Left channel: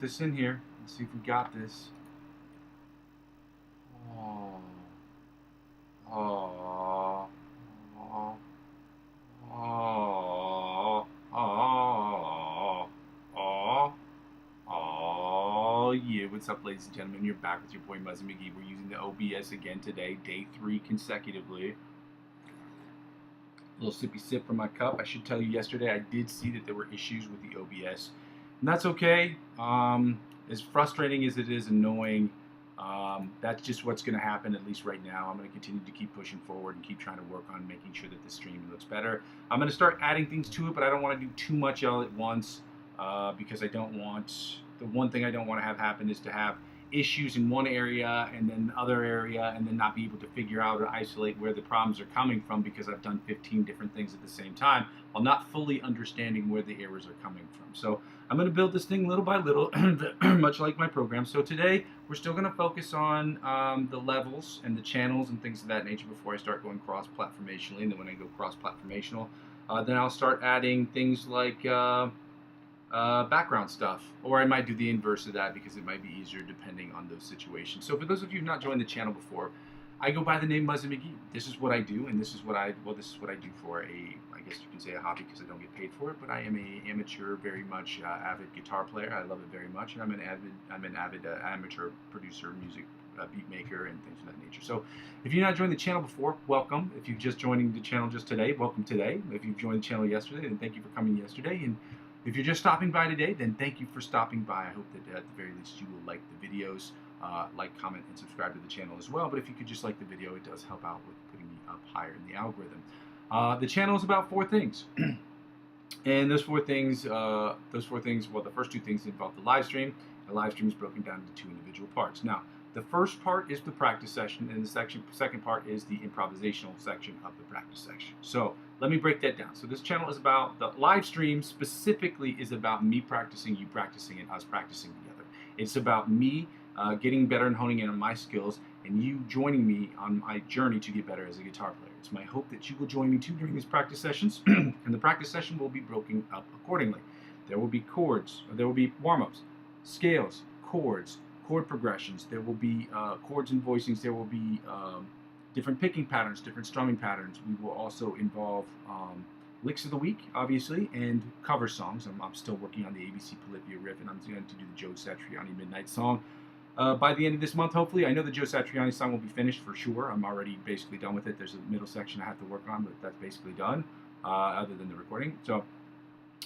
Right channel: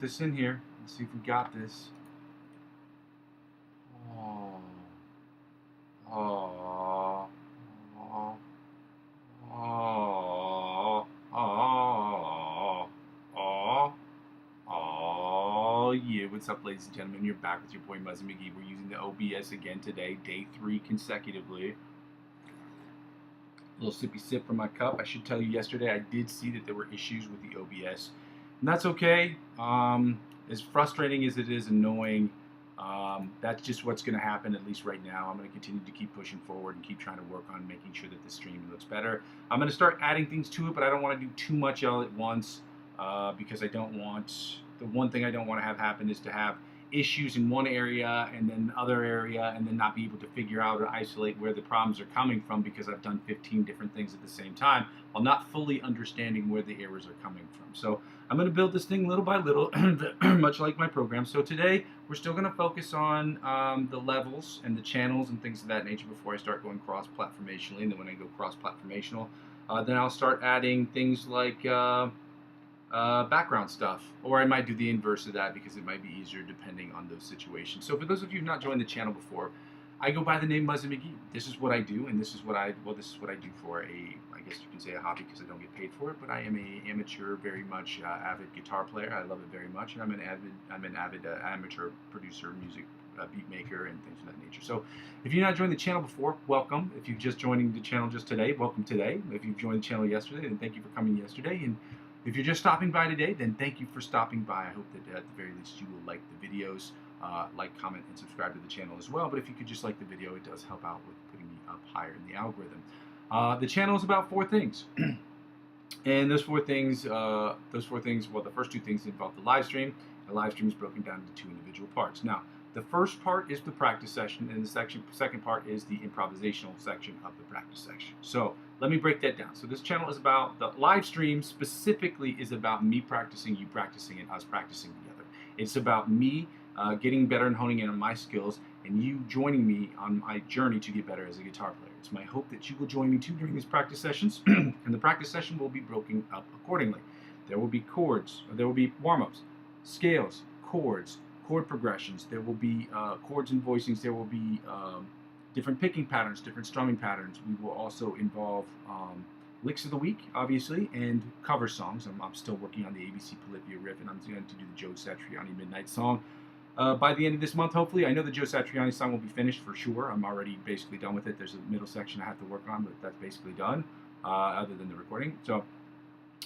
This in here. Let's see if we got this. Oh, oh, oh, oh, oh, oh, oh, yeah. What's up, ladies and gentlemen? You're back with your boy Muzzy McGee. We're using the OBS again today, day 3 consecutively. A little sippy sip from my cup. I should tell you, yesterday I did see that there were issues with the OBS, and that's okay. As frustrating as it is annoying, that's just what's going to happen, at least right now. I'm going to continue to keep pushing forward and keep trying to work on making sure that the stream looks better. I'm going to start adding things to it, but I don't want to do too much all at once because I don't want, the one thing I don't want to have happen is to have issues in one area and then other area and then not be able to figure out or isolate where the problems are coming from because I've done 15 different things at the same time while not fully understanding where the errors are coming from. So I'm going to build this thing little by little, much like my program. So today we're still going to focus on the levels and the channels and things of that nature before I start going cross-platformationally. And then when I go cross-platformational, then I'll start adding things like background stuff, or I might do the inverse of that because it might be easier depending on those situations. So for those of you who've not joined the channel before, I go by the name Muzzy McGee. This is what I do, and this is what I do for I guess you can say a hobby because I don't get paid for it, but I am a amateur, very much avid guitar player. I love it very much, and I'm an avid amateur producer, music beat maker, and things of that nature. So if you've not joined the channel before, welcome. If you've just joining the channel just today, welcome today. If you've joined the channel yesterday, then thank you for coming yesterday. And if you're just stopping by today, then thank you for stopping by. I hope that at the very least you will like the videos, like, comment, and subscribe to the channel as well. But if you could just like the video, it does help out with putting me up higher in the algorithm. The channel is about 4 things. And those four things, well, the first 2 things involve the live stream. The live stream is broken down into 2 individual parts. Now, the first part is the practice session, and the second part is the improvisational section of the practice section. So let me break that down. So this channel is about, the live stream specifically is about me practicing, you practicing, and us practicing together. It's about me getting better and honing in on my skills, and you joining me on my journey to get better as a guitar player. It's my hope that you will join me too during these practice sessions, and the practice session will be broken up accordingly. There will be chords, there will be warm-ups, scales, chords, chord progressions, there will be chords and voicings, there will be different picking patterns, different strumming patterns. We will also involve licks of the week, obviously, and cover songs. I'm still working on the ABC Polyphia riff, and I'm going to do the Joe Satriani Midnight song by the end of this month, hopefully. I know the Joe Satriani song will be finished for sure. I'm already basically done with it. There's a middle section I have to work on, but that's basically done, other than the recording. So,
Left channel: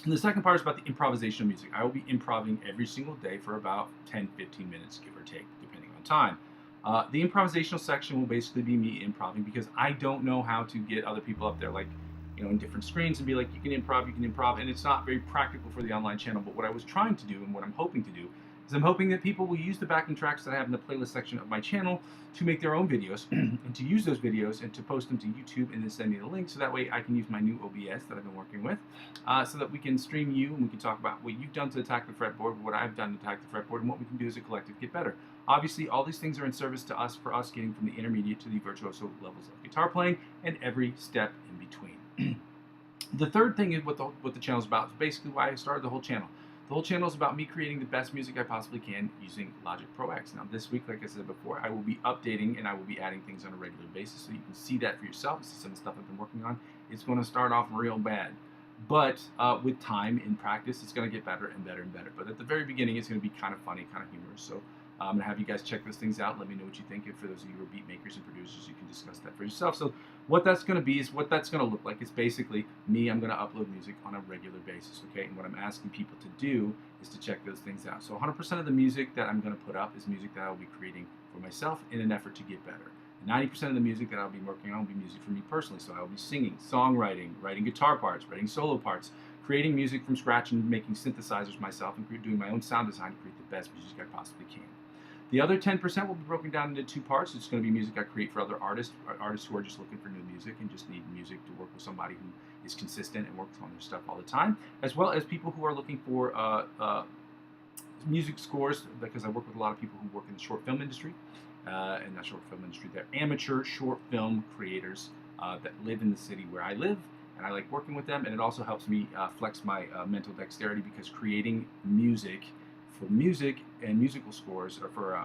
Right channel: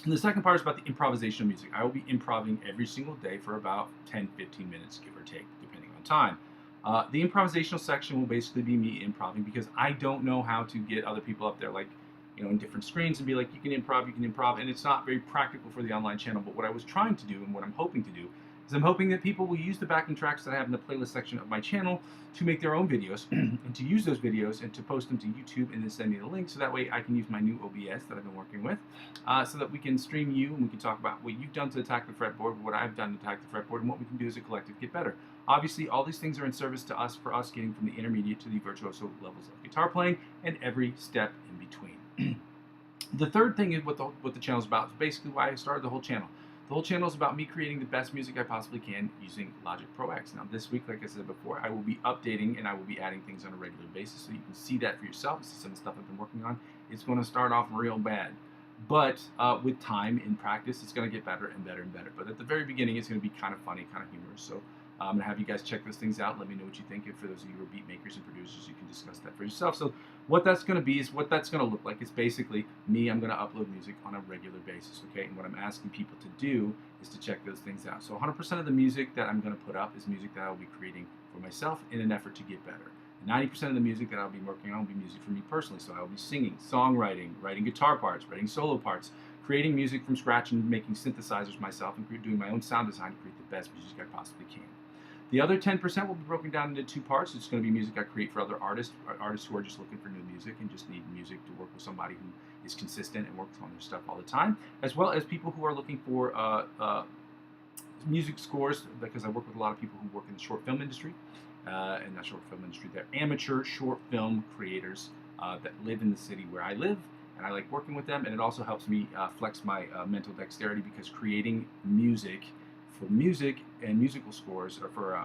and the second part is about the improvisational music. I will be improving every single day for about 10-15 minutes, give or take, depending on time. The improvisational section will basically be me improving because I don't know how to get other people up there, like, you know, in different screens and be like, you can improv, and it's not very practical for the online channel. But what I was trying to do and what I'm hoping to do is I'm hoping that people will use the backing tracks that I have in the playlist section of my channel to make their own videos and to use those videos and to post them to YouTube and then send me the link so that way I can use my new OBS that I've been working with so that we can stream you and we can talk about what you've done to attack the fretboard, what I've done to attack the fretboard, and what we can do as a collective get better. Obviously, all these things are in service to us for us getting from the intermediate to the virtuoso levels of guitar playing and every step in between. The third thing is what the channel is about. It's basically why I started the whole channel. The whole channel is about me creating the best music I possibly can using Logic Pro X. Now this week, like I said before, I will be updating and I will be adding things on a regular basis so you can see that for yourself. See some of the stuff I've been working on. It's going to start off real bad. But with time and practice, it's going to get better and better and better. But at the very beginning, it's going to be kind of funny, kind of humorous. So I'm going to have you guys check those things out. Let me know what you think. And for those of you who are beat makers and producers, you can discuss that for yourself. So what that's going to be is what that's going to look like. It's basically me. I'm going to upload music on a regular basis, okay? And what I'm asking people to do is to check those things out. So 100% of the music that I'm going to put up is music that I'll be creating for myself in an effort to get better. 90% of the music that I'll be working on will be music for me personally. So I'll be singing, songwriting, writing guitar parts, writing solo parts, creating music from scratch and making synthesizers myself and doing my own sound design to create the best music I possibly can. The other 10% will be broken down into 2 parts. It's going to be music I create for other artists who are just looking for new music and just need music to work with somebody who is consistent and works on their stuff all the time, as well as people who are looking for music scores, because I work with a lot of people who work in the short film industry. In that short film industry, they're amateur short film creators that live in the city where I live, and I like working with them, and it also helps me flex my mental dexterity because creating music for music and musical scores, or for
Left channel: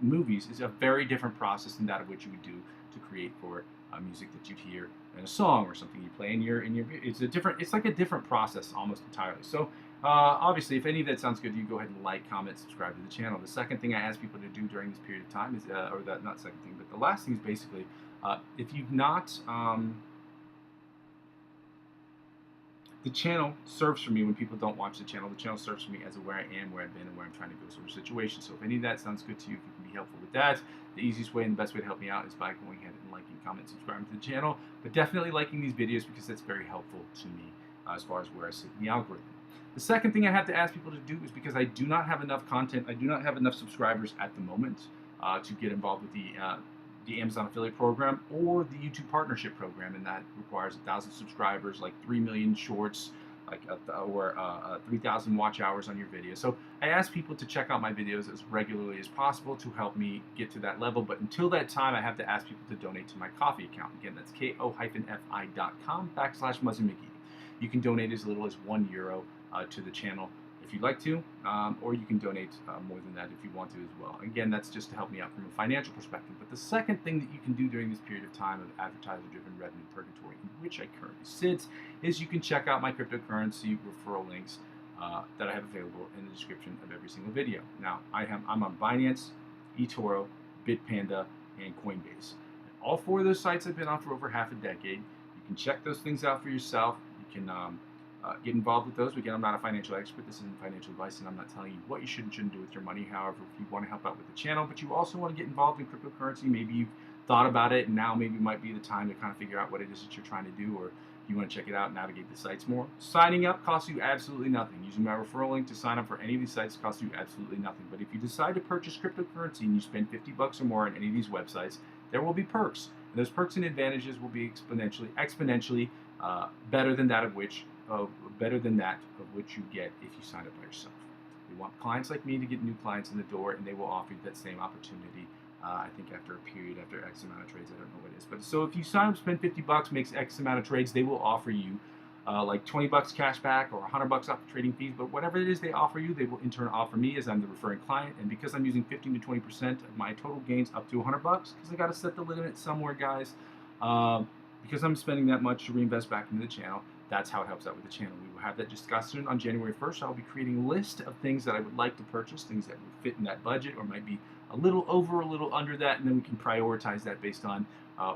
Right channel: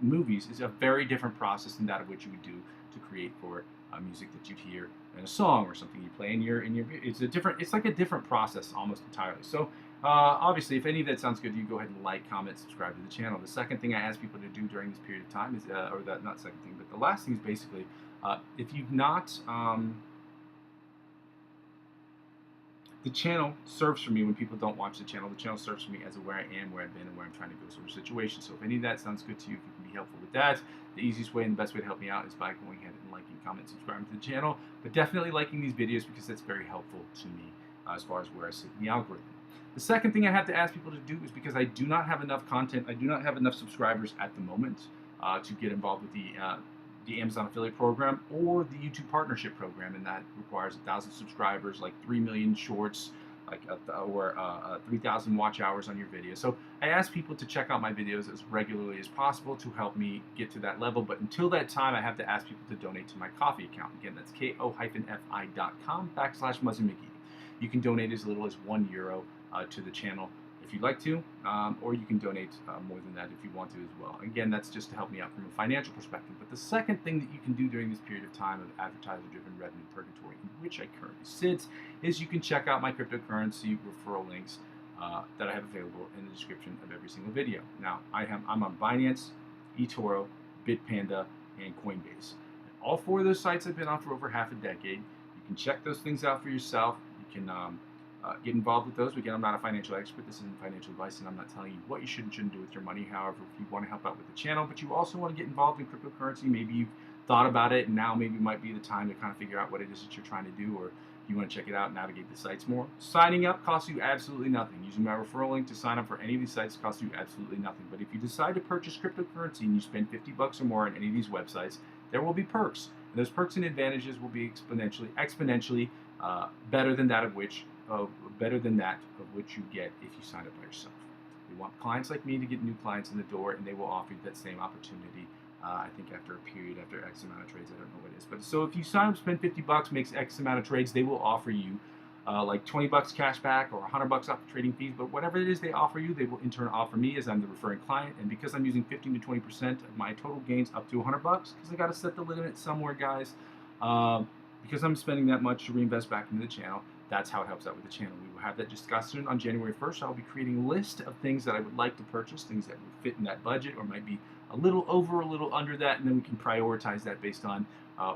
movies, is a very different process than that of what you would do to create for music that you'd hear in a song or something you play in your it's like a different process almost entirely. So obviously, if any of that sounds good to you, go ahead and like, comment, subscribe to the channel. The second thing I ask people to do during this period of time is, or that not second thing, but the last thing is basically, if you've not the channel serves for me when people don't watch the channel. The channel serves for me as a where I am, where I've been, and where I'm trying to go sort of situation. So if any of that sounds good to you, if you can be helpful with that, the easiest way and the best way to help me out is by going ahead and liking, comment, subscribing to the channel. But definitely liking these videos, because that's very helpful to me as far as where I sit in the algorithm. The second thing I have to ask people to do is, because I do not have enough content, I do not have enough subscribers at the moment to get involved with the Amazon affiliate program or the YouTube partnership program, and that requires 1,000 subscribers, like 3 million shorts, like or 3,000 watch hours on your video. So I ask people to check out my videos as regularly as possible to help me get to that level. But until that time, I have to ask people to donate to my Ko-fi account. Again, that's ko-fi.com/Muzzy McGee. You can donate as little as €1 to the channel if you'd like to, or you can donate more than that if you want to as well. Again, that's just to help me out from a financial perspective. But the second thing that you can do during this period of time of advertiser-driven revenue purgatory, in which I currently sit, is you can check out my cryptocurrency referral links that I have available in the description of every single video. Now, I'm on Binance, eToro, Bitpanda, and Coinbase. And all 4 of those sites I've been on for over half a decade. You can check those things out for yourself. You can get involved with those. Again, I'm not a financial expert. This isn't financial advice, and I'm not telling you what you should and shouldn't do with your money. However, if you want to help out with the channel, but you also want to get involved in cryptocurrency, maybe you've thought about it, and now maybe might be the time to kind of figure out what it is that you're trying to do, or you want to check it out and navigate the sites more. Signing up costs you absolutely nothing. Using my referral link to sign up for any of these sites costs you absolutely nothing. But if you decide to purchase cryptocurrency and you spend $50 or more on any of these websites, there will be perks. And those perks and advantages will be exponentially better than that of which you get if you sign up by yourself. We want clients like me to get new clients in the door, and they will offer you that same opportunity. I think after a period, after X amount of trades, I don't know what it is, but so if you sign up, spend $50, makes X amount of trades, they will offer you like $20 cash back or $100 off the trading fees. But whatever it is they offer you, they will in turn offer me, as I'm the referring client. And because I'm using 15 to 20% of my total gains up to $100, because I got to set the limit somewhere, guys. Because I'm spending that much to reinvest back into the channel, that's how it helps out with the channel. We will have that discussion on January 1st. I'll be creating a list of things that I would like to purchase, things that would fit in that budget or might be a little over, a little under that, and then we can prioritize that based on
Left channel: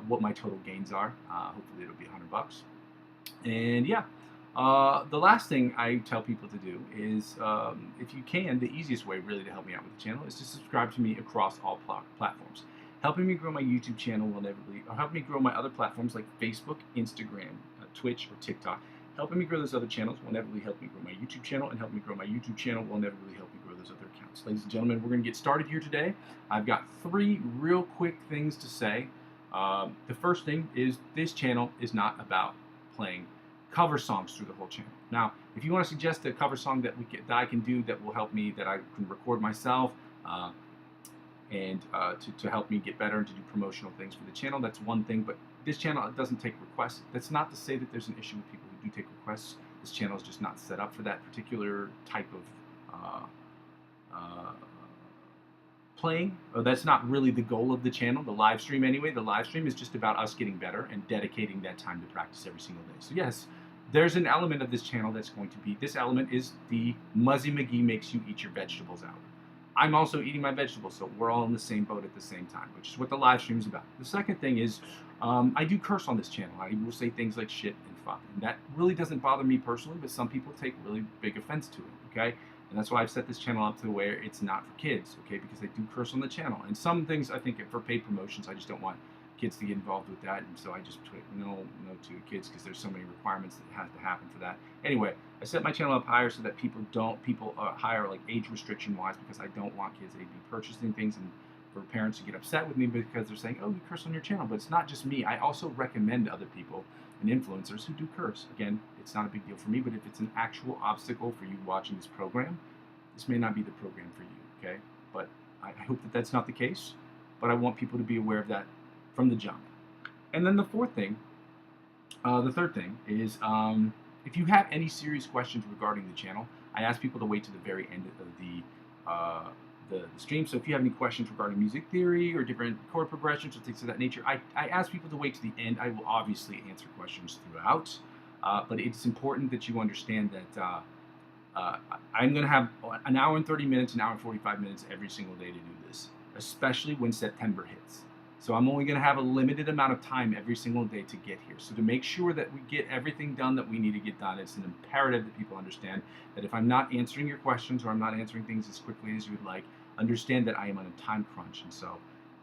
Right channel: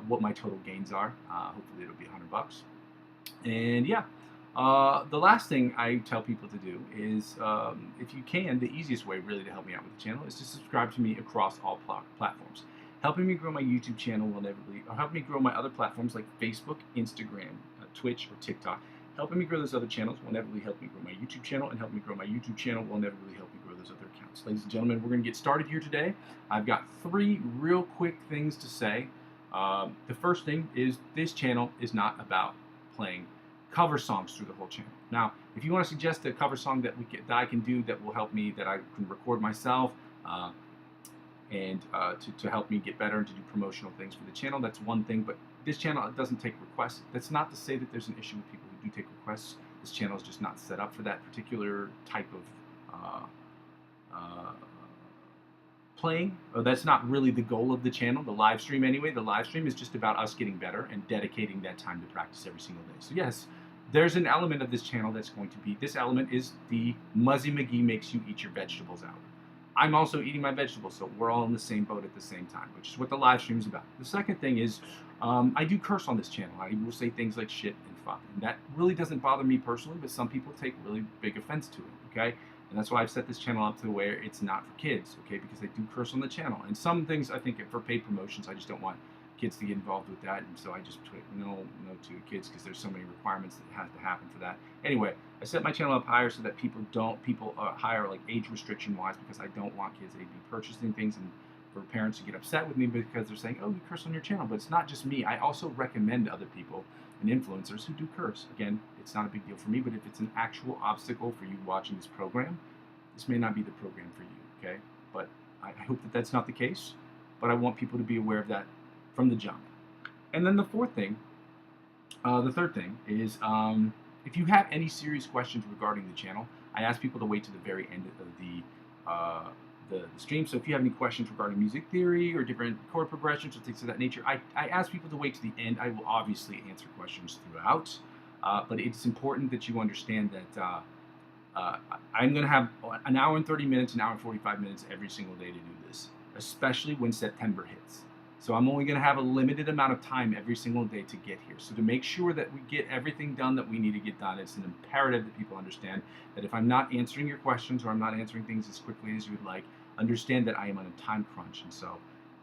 what my total gains are. Hopefully it'll be $100. And yeah, the last thing I tell people to do is, if you can, the easiest way really to help me out with the channel is to subscribe to me across all platforms. Helping me grow my YouTube channel will inevitably, or help me grow my other platforms like Facebook, Instagram, Twitch, or TikTok. Helping me grow those other channels will inevitably help me grow my YouTube channel, and help me grow my YouTube channel will inevitably help me grow those other accounts. Ladies and gentlemen, we're going to get started here today. I've got 3 real quick things to say. The first thing is, this channel is not about playing cover songs through the whole channel. Now, if you want to suggest a cover song that I can do that will help me, that I can record myself, and to help me get better and to do promotional things for the channel, that's one thing. But this channel doesn't take requests. That's not to say that there's an issue with people who do take requests. This channel is just not set up for that particular type of playing. That's not really the goal of the channel, the live stream anyway. The live stream is just about us getting better and dedicating that time to practice every single day. So yes, there's an element of this channel that's going to be, this element is the Muzzy McGee makes you eat your vegetables hour. I'm also eating my vegetables, so we're all in the same boat at the same time, which is what the live stream is about. The second thing is, I do curse on this channel. I will say things like shit and fuck, and that really doesn't bother me personally, but some people take really big offense to it, okay? And that's why I've set this channel up to where it's not for kids, okay? Because I do curse on the channel. And some things, I think, for paid promotions, I just don't want kids to get involved with that, and so I just put no to kids, because there's so many requirements that have to happen for that. Anyway, I set my channel up higher so that people higher, like age restriction wise, because I don't want kids to be purchasing things and for parents to get upset with me because they're saying, oh, you curse on your channel. But it's not just me. I also recommend other people and influencers who do curse. Again, it's not a big deal for me, but if it's an actual obstacle for you watching this program, this may not be the program for you, okay? But I hope that that's not the case, but I want people to be aware of that from the jump. And then the third thing is, if you have any serious questions regarding the channel, I ask people to wait to the very end of the the stream. So if you have any questions regarding music theory or different chord progressions or things of that nature, I ask people to wait to the end. I will obviously answer questions throughout, but it's important that you understand that I'm going to have an hour and 30 minutes, an hour and 45 minutes every single day to do this, especially when September hits. So I'm only going to have a limited amount of time every single day to get here. So to make sure that we get everything done that we need to get done, it's an imperative that people understand that if I'm not answering your questions or I'm not answering things as quickly as you would like, understand that I am on a time crunch. And so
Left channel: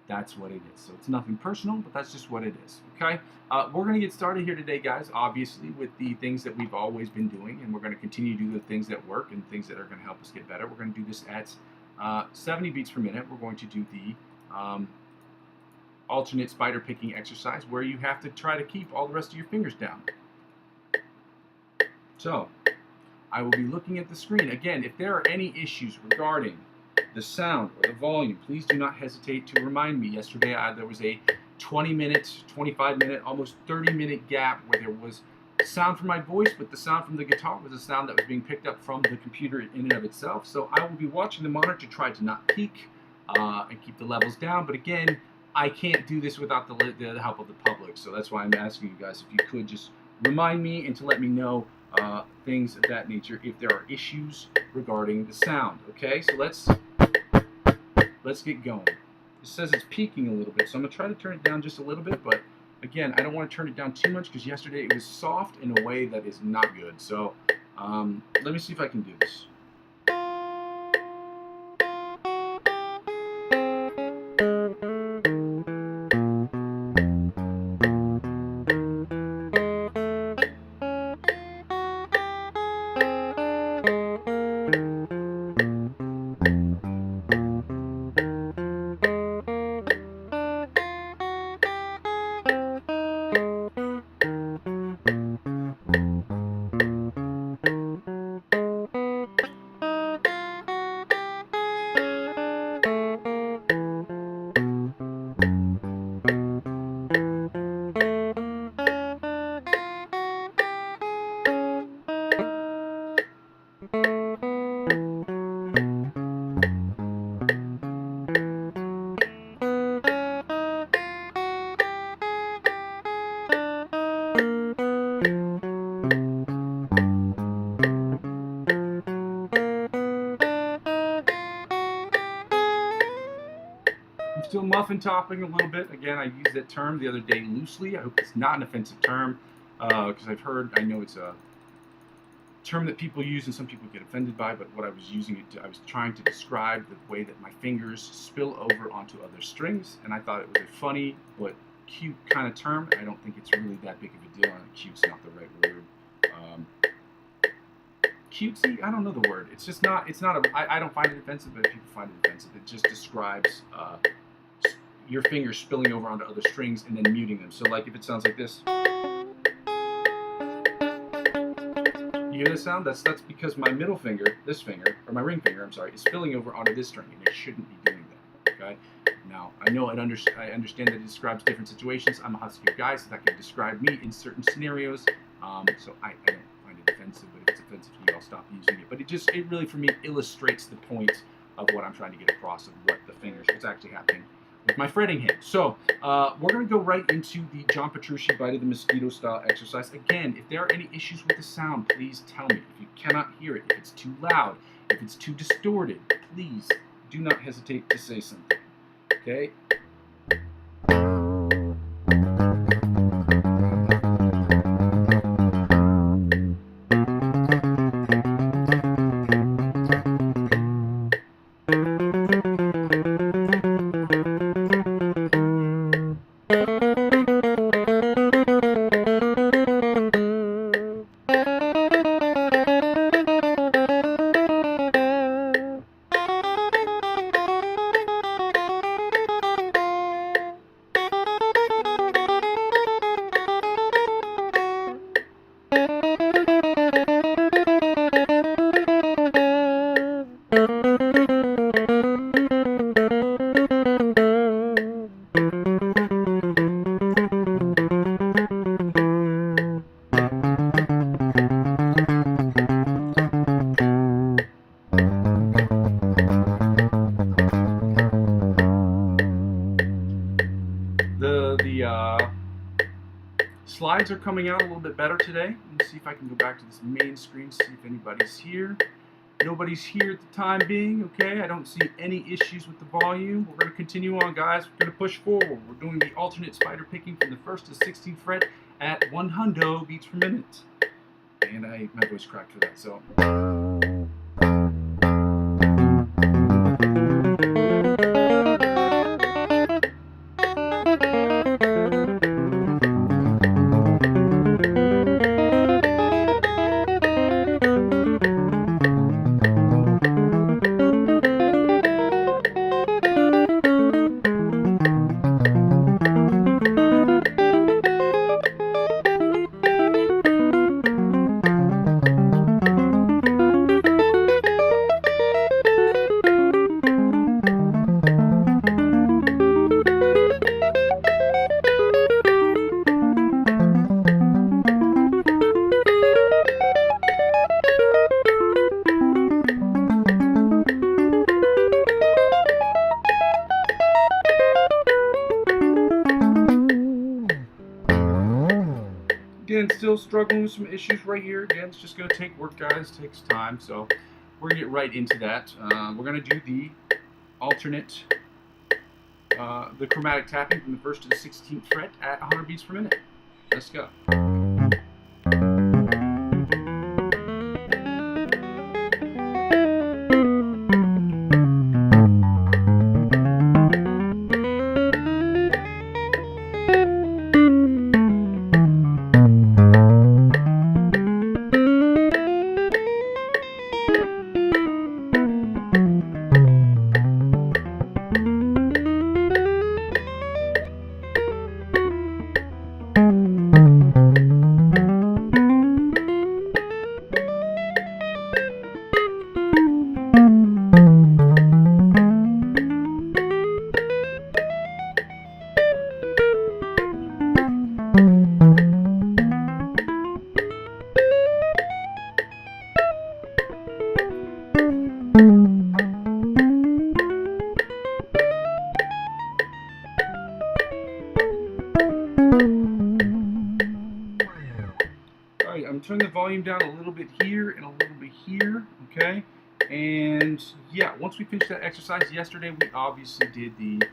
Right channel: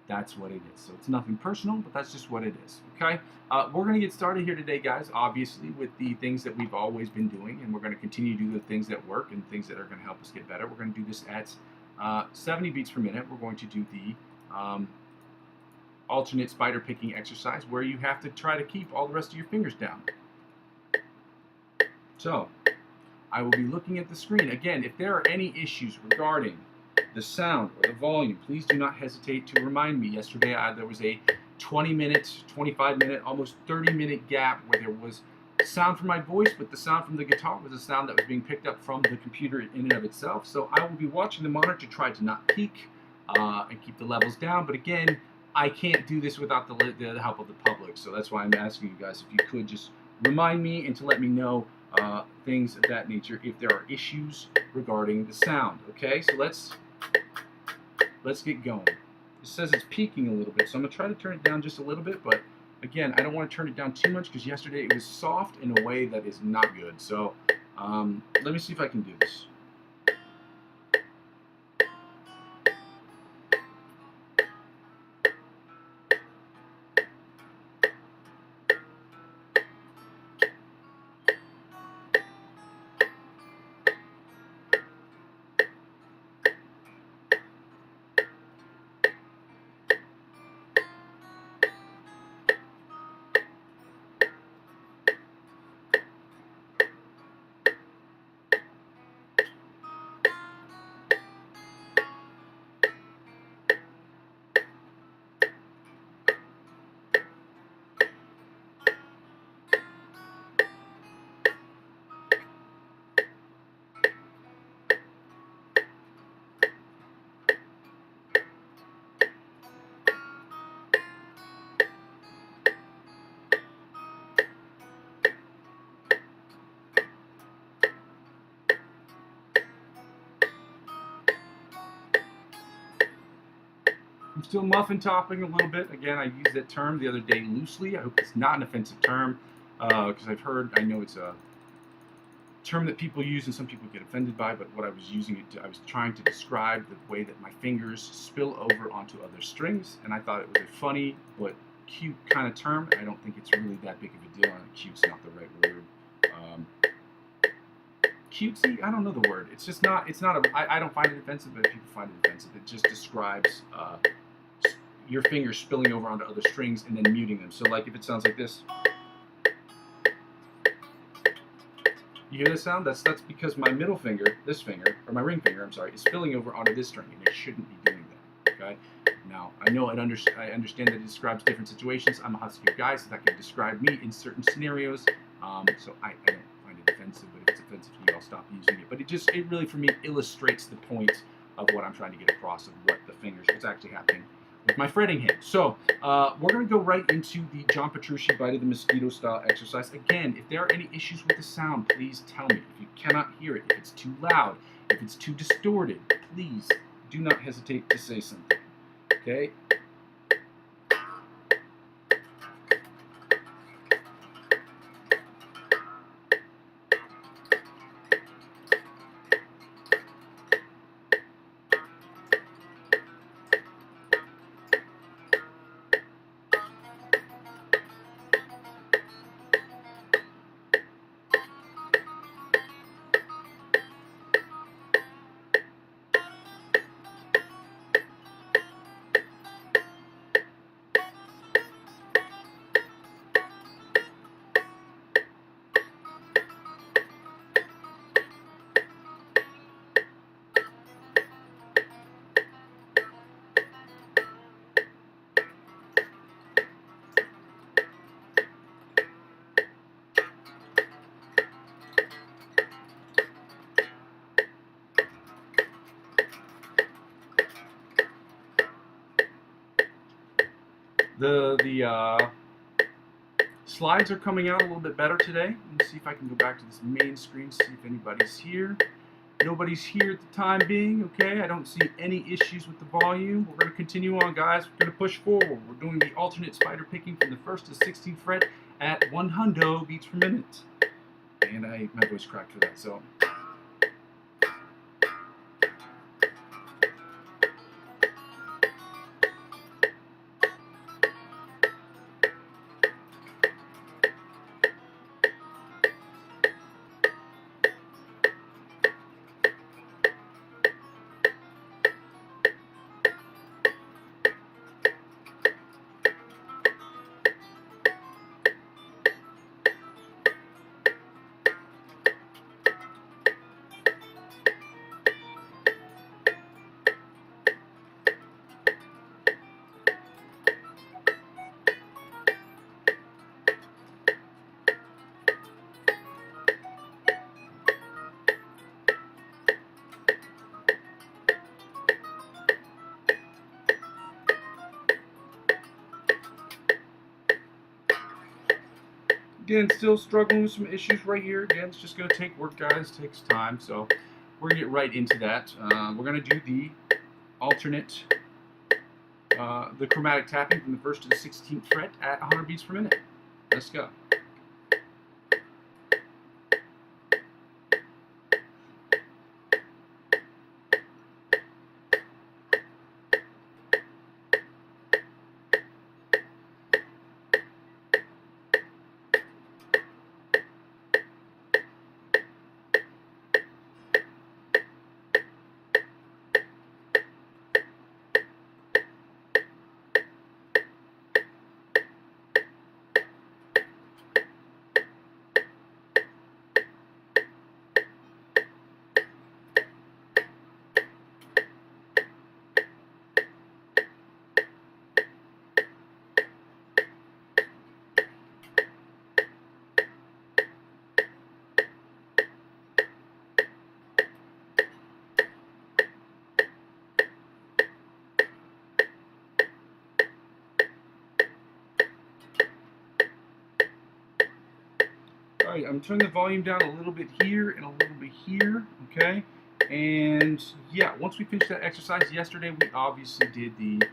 that's what it is. So it's nothing personal, but that's just what it is. Okay? We're going to get started here today, guys, obviously, with the things that we've always been doing. And we're going to continue to do the things that work and things that are going to help us get better. We're going to do this at 70 beats per minute. We're going to do the alternate spider picking exercise where you have to try to keep all the rest of your fingers down. So I will be looking at the screen. Again, if there are any issues regarding the sound or the volume, please do not hesitate to remind me. Yesterday there was a 20-minute, 25-minute, almost 30-minute gap where there was sound from my voice, but the sound from the guitar was a sound that was being picked up from the computer in and of itself. So I will be watching the monitor to try to not peak and keep the levels down. But again, I can't do this without the help of the public. So that's why I'm asking you guys if you could just remind me and to let me know things of that nature if there are issues regarding the sound. Okay, so let's get going. It says it's peaking a little bit, so I'm going to try to turn it down just a little bit, but again, I don't want to turn it down too much because yesterday it was soft in a way that is not good. So let me see if I can do this. I'm still muffin topping a little bit. Again, I used that term the other day loosely. I hope it's not an offensive term because I know it's a term that people use and some people get offended by, but what I was using it to, I was trying to describe the way that my fingers spill over onto other strings, and I thought it was a funny but cute kind of term. I don't think it's really that big of a deal, and cute's not the right word. Cutesy? I don't know the word. It's just not, I don't find it offensive, but people find it offensive. It just describes your fingers spilling over onto other strings and then muting them. So like if it sounds like this. You hear this sound? That's because my middle finger, this finger, or my ring finger, I'm sorry, is spilling over onto this string, and it shouldn't be doing that, okay? Now, I know I understand that it describes different situations. I'm a huskier guy, so that can describe me in certain scenarios. So I don't find it offensive, but if it's offensive to you, I'll stop using it. But it really, for me, illustrates the point of what I'm trying to get across of what's actually happening with my fretting hand. So we're going to go right into the John Petrucci Bite of the Mosquito style exercise. Again, if there are any issues with the sound, please tell me. If you cannot hear it, if it's too loud, if it's too distorted, please do not hesitate to say something. Okay? the slides are coming out a little bit better today. Let me see if I can go back to this main screen, see if anybody's here. Nobody's here at the time being, okay? I don't see any issues with the volume. We're going to continue on, guys. We're going to push forward. We're doing the alternate spider picking from the 1st to the 16th fret at 100 beats per minute. And my voice cracked for that, so... Again, still struggling with some issues right here. Again, it's just going to take work, guys. It takes time, so we're going to get right into that. We're going to do the alternate, the chromatic tapping from the 1st to the 16th fret at 100 beats per minute. Let's go. I'm turning the volume down a little bit here and a little bit here, okay? And yeah, once we finished that exercise yesterday, we obviously did the,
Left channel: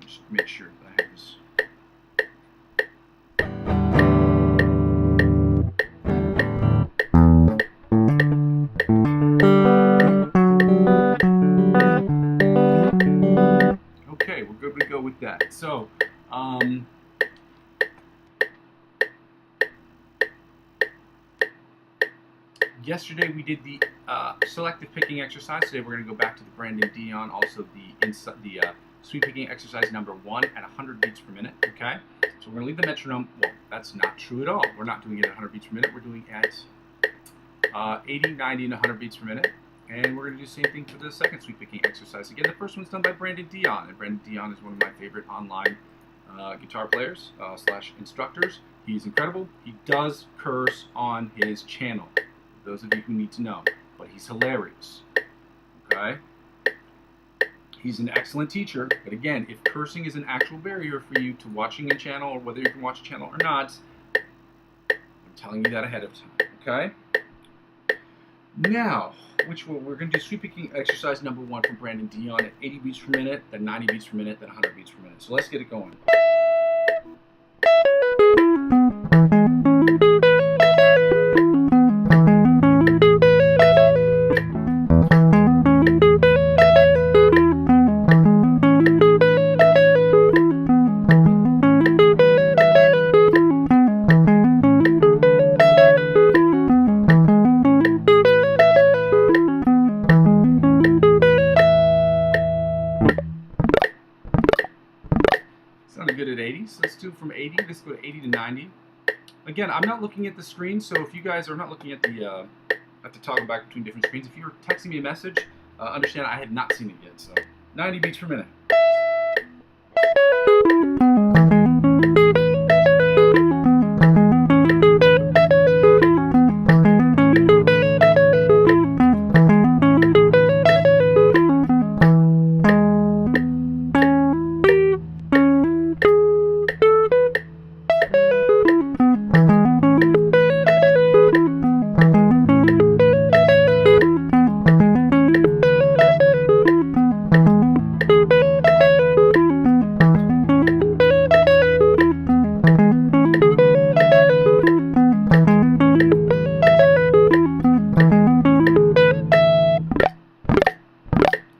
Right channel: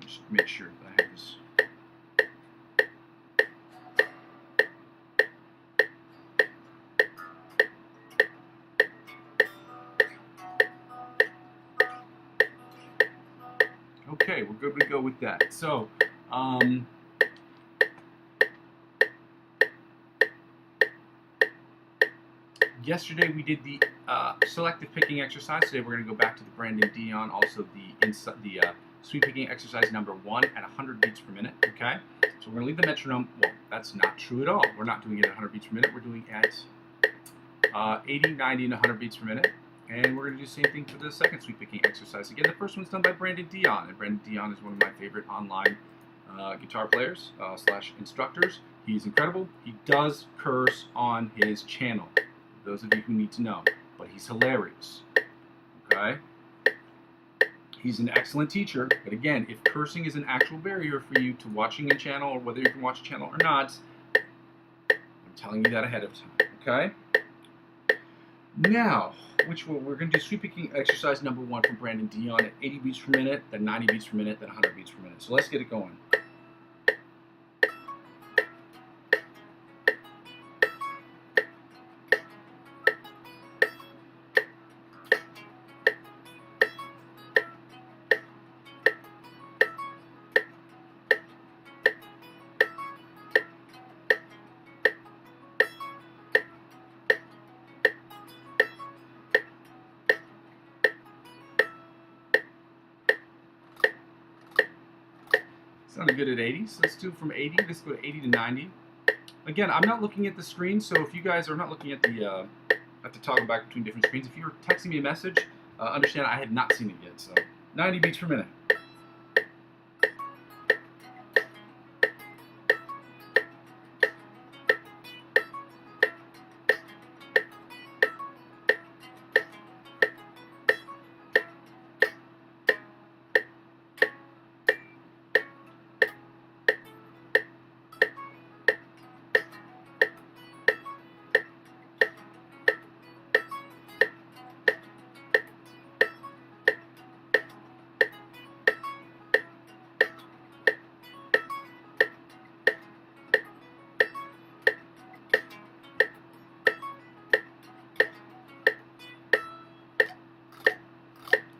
just make sure that I have this. Okay, we're good to go with that. So, yesterday we did the selective picking exercise. Today we're going to go back to the Brandon Dion, also the sweep picking exercise number 1 at 100 beats per minute. Okay, so we're going to leave the metronome. Well, that's not true at all. We're not doing it at 100 beats per minute. We're doing it at 80, 90, and 100 beats per minute. And we're going to do the same thing for the second sweep picking exercise. Again, the first one's done by Brandon Dion, and Brandon Dion is one of my favorite online guitar players / instructors. He's incredible. He does curse on his channel. Those of you who need to know, but he's hilarious, okay? He's an excellent teacher, but again, if cursing is an actual barrier for you to watching a channel, or whether you can watch a channel or not, I'm telling you that ahead of time, okay? Now, we're going to do sweep picking exercise number 1 from Brandon Dion at 80 beats per minute, then 90 beats per minute, then 100 beats per minute. So let's get it going. Sounded good at 80, so let's do from 80, let's go to 80 to 90. Again, I'm not looking at the screen, so if you guys are not looking at the toggle back between different screens, if you're texting me a message, understand I had not seen it yet, so 90 beats per minute.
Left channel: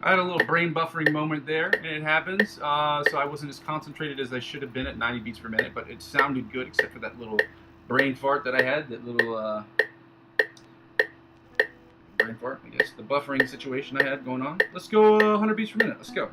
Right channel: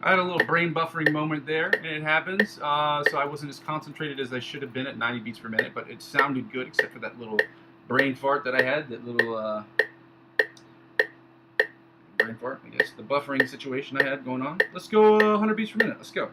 I had a little brain buffering moment there, and it happens. So I wasn't as concentrated as I should have been at 90 beats per minute, but it sounded good except for that little brain fart that I had, that little brain fart, I guess, the buffering situation I had going on. Let's go 100 beats per minute. Let's go.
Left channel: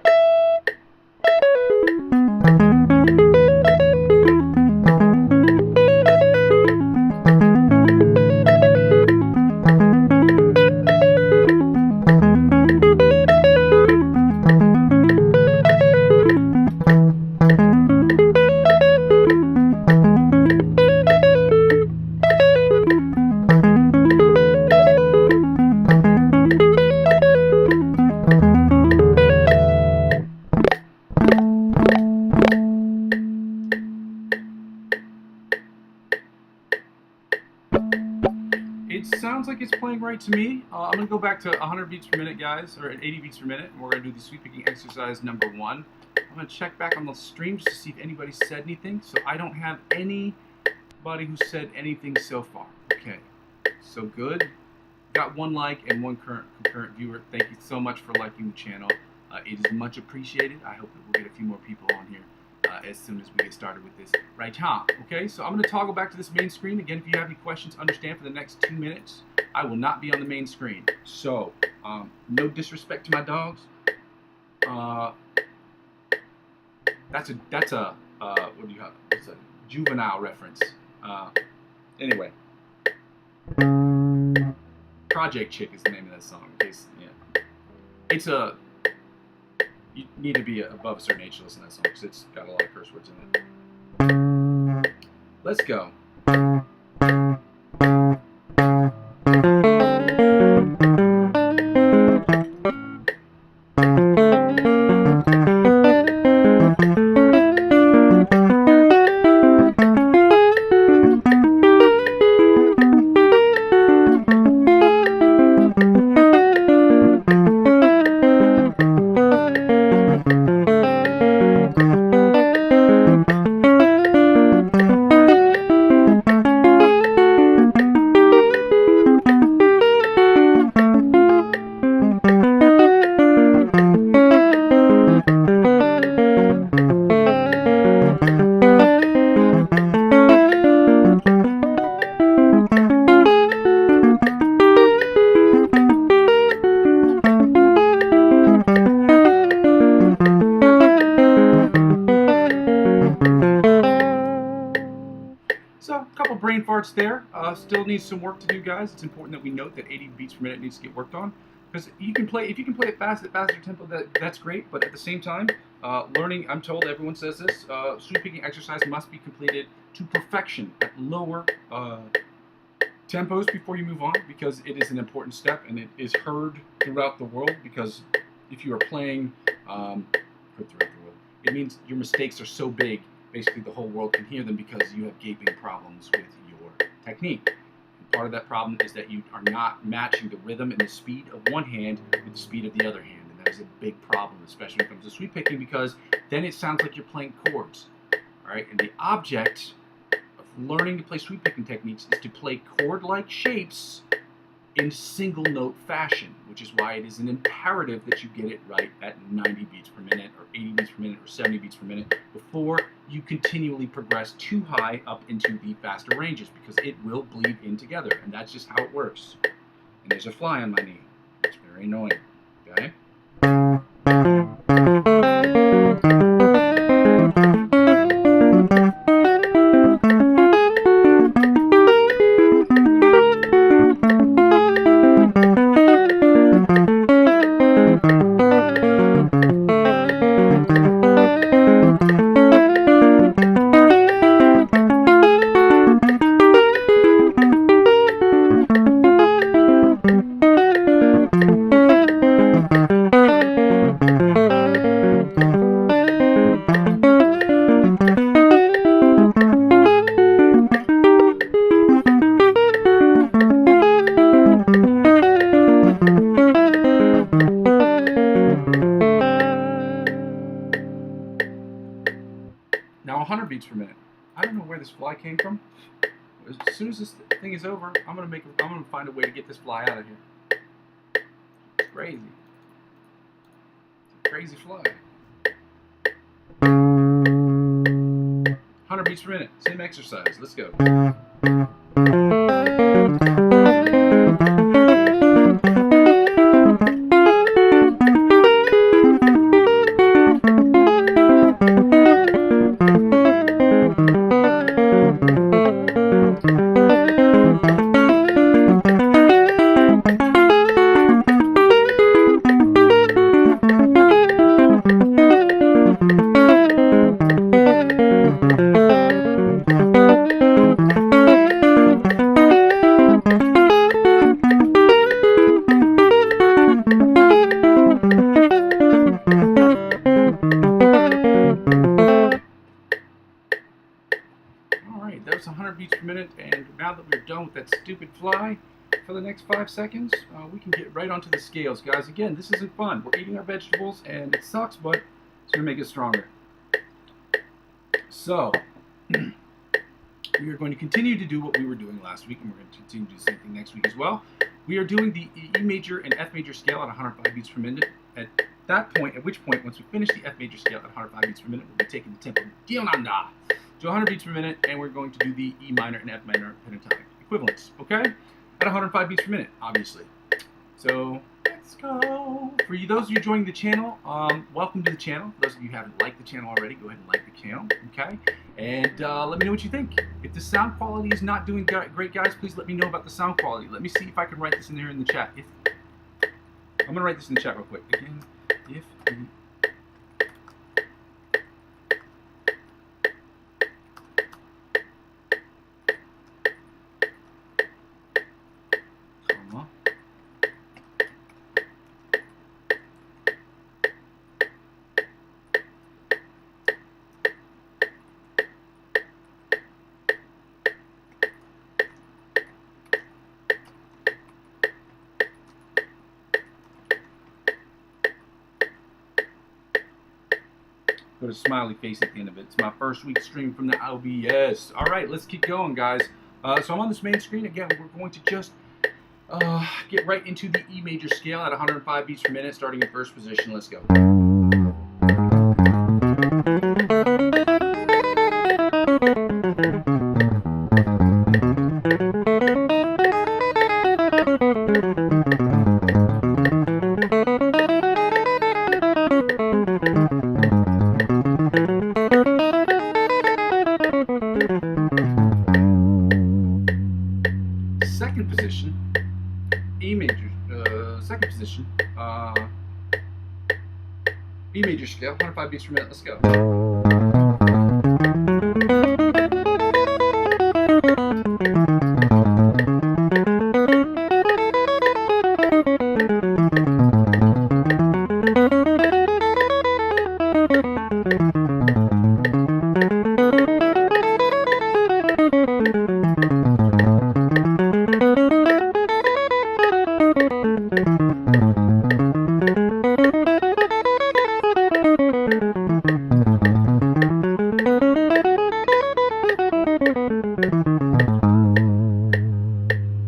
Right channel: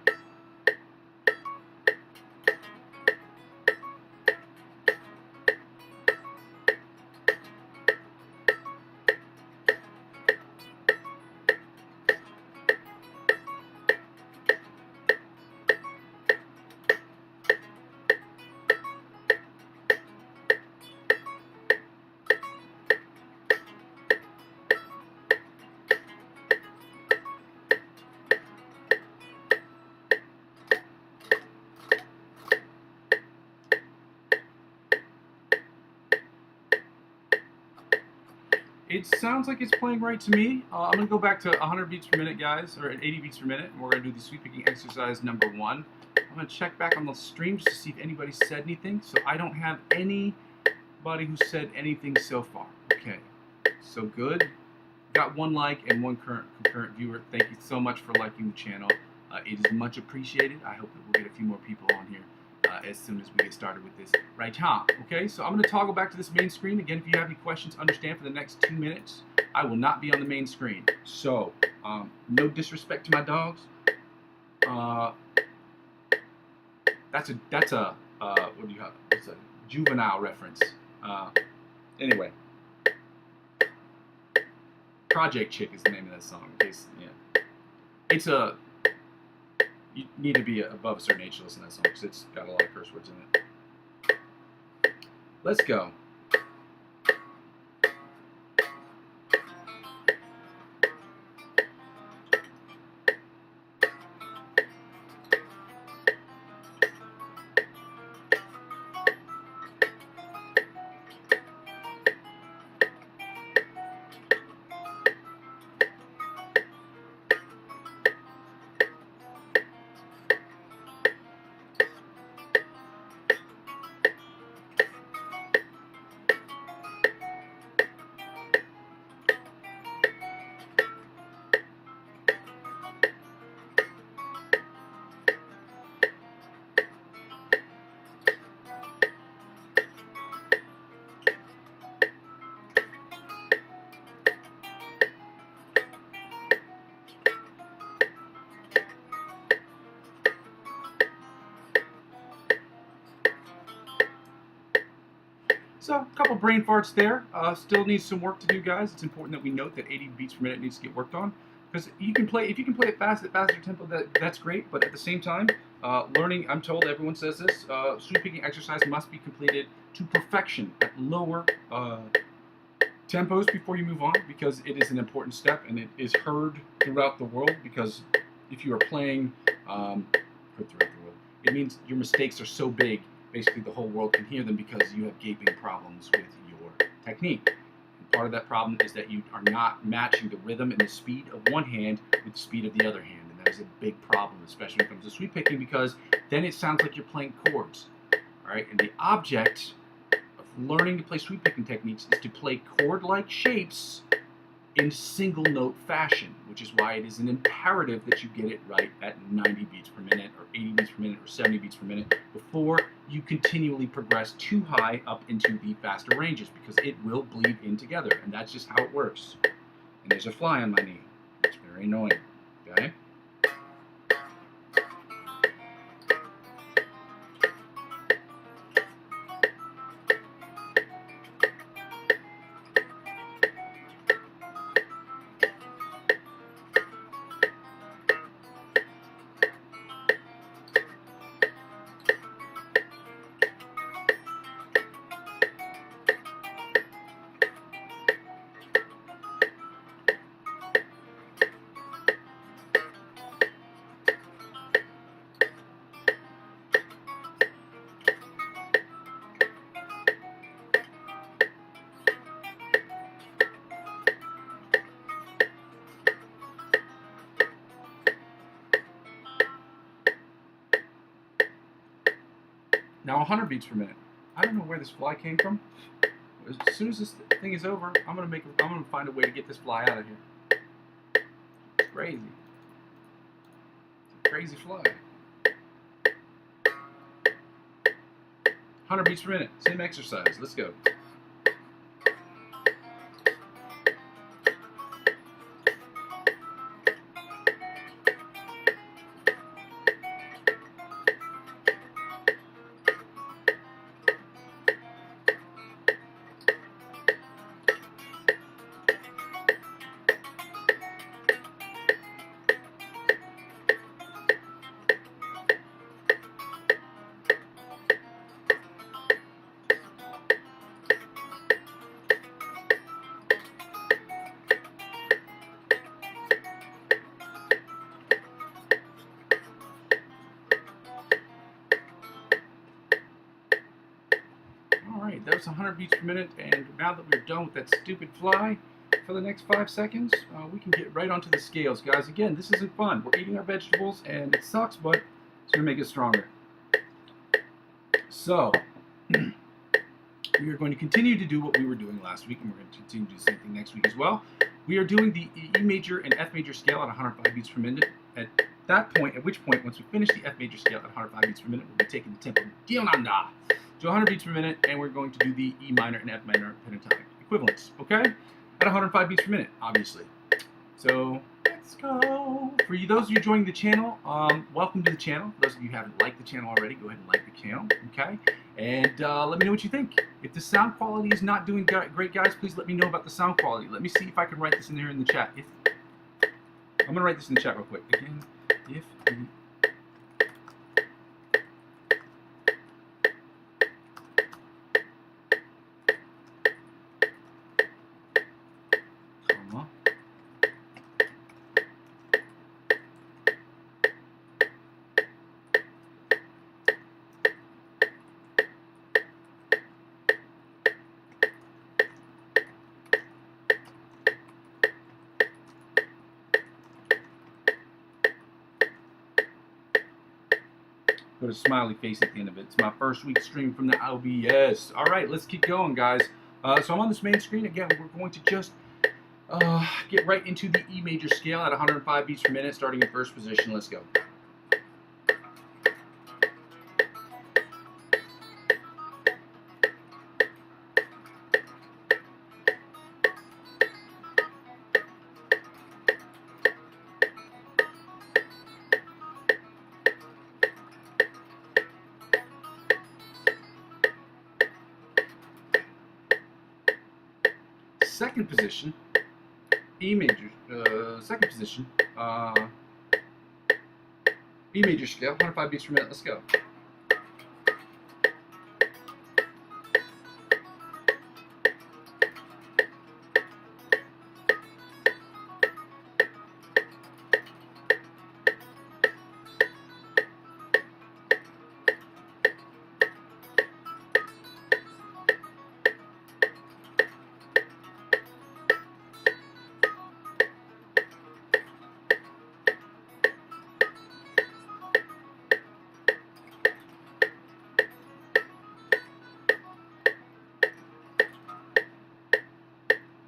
It sounds like it's playing right to me. I'm going to go back to 100 beats per minute, guys, or at 80 beats per minute, and we're going to do the sweep picking exercise number 1. I'm going to check back on the stream just to see if anybody said anything. So I don't have anybody who said anything so far. Okay, so good. Got 1 like and 1 concurrent viewer. Thank you so much for liking the channel. It is much appreciated. I hope that we'll get a few more people on here as soon as we get started with this right now. Okay, so I'm going to toggle back to this main screen. Again, if you have any questions, understand for the next 2 minutes, I will not be on the main screen. So, no disrespect to my dogs. That's a what do you have? It's a juvenile reference. Anyway, Project Chick is the name of that song. In case, yeah, it's a. You need to be above a certain age to listen to that song because it's got a lot of curse words in it. Let's go. So, a couple brain farts there. Still needs some work to do, guys. It's important that we note that 80 beats per minute needs to get worked on, because you can play, if you can play it fast at faster tempo, that's great. But at the same time, learning, I'm told everyone says this, sweep picking exercise must be completed to perfection at lower tempos before you move on, because it is an important step and it is heard throughout the world. Because if you are playing heard throughout the world, it means your mistakes are so big. Basically, the whole world can hear them because you have gaping problems with your technique. And part of that problem is that you are not matching the rhythm and the speed of one hand with the speed of the other hand. And that is a big problem, especially when it comes to sweep picking, because then it sounds like you're playing chords. All right? And the object of learning to play sweep picking techniques is to play chord-like shapes in single note fashion, which is why it is an imperative that you get it right at 90 beats per minute or 80 beats per minute or 70 beats per minute before you continually progress too high up into the faster ranges, because it will bleed in together, and that's just how it works. And there's a fly on my knee. It's very annoying. Okay? Now 100 beats per minute. I don't know where this fly came from. As soon as this thing is over, I'm gonna find a way to get this fly out of here. It's crazy. crazy fly. 100 beats per minute. Same exercise. Let's go. That was 100 beats per minute, and now that we're done with that stupid fly for the next 5 seconds, we can get right onto the scales, guys. Again, this isn't fun. We're eating our vegetables, and it sucks, but it's going to make us stronger. So, we are going to continue to do what we were doing last week, and we're going to continue to do the same thing next week as well. We are doing the E major and F major scale at 105 beats per minute. At which point, once we finish the F major scale at 105 beats per minute, we'll be taking the tempo down to 100 beats per minute, and we're going to do the E minor and F minor pentatonic equivalents, okay? At 105 beats per minute, obviously. So, let's go. For you, those of you joining the channel, welcome to the channel. For those of you who haven't liked the channel already, go ahead and like the channel, okay? And let me know what you think. If the sound quality is not doing great, guys, please let me know about the sound quality. Let me see if I can write this in there in the chat. I'm going to write this in the chat real quick. Again, if the put a smiley face at the end of it. It's my first week stream from the OBS. All right, let's keep going, guys. So I'm on this main screen. Again, we're going to just get right into the E major scale at 105 beats per minute, starting in first position. Let's go. Second position, E major, second position, E major scale, 105 beats per minute, let's go.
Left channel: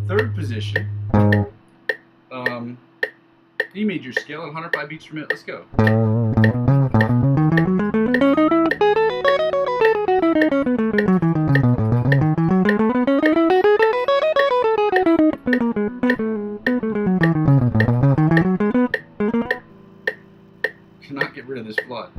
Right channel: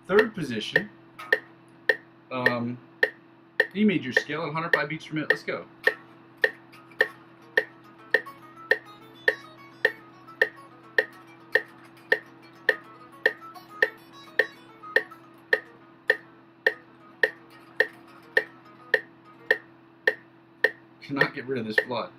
Third position, E major scale at 105 beats per minute, let's go. Cannot get rid of this flood.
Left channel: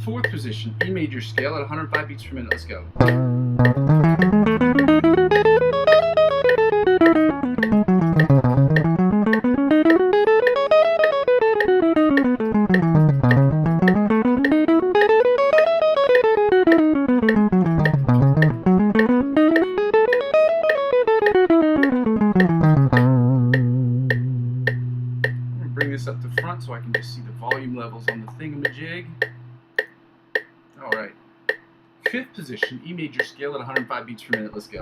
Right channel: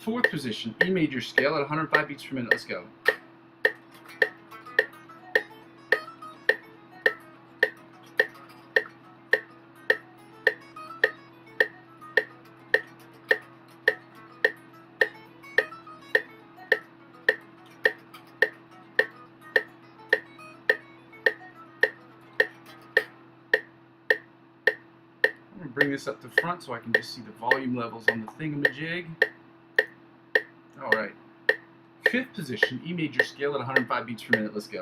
Fourth position, E major scale at 105 beats per minute, let's go. Bring this up to front so I can just see the volume levels on the thingamajig. Alright. Fifth position, E major scale at 105 beats per minute, let's go.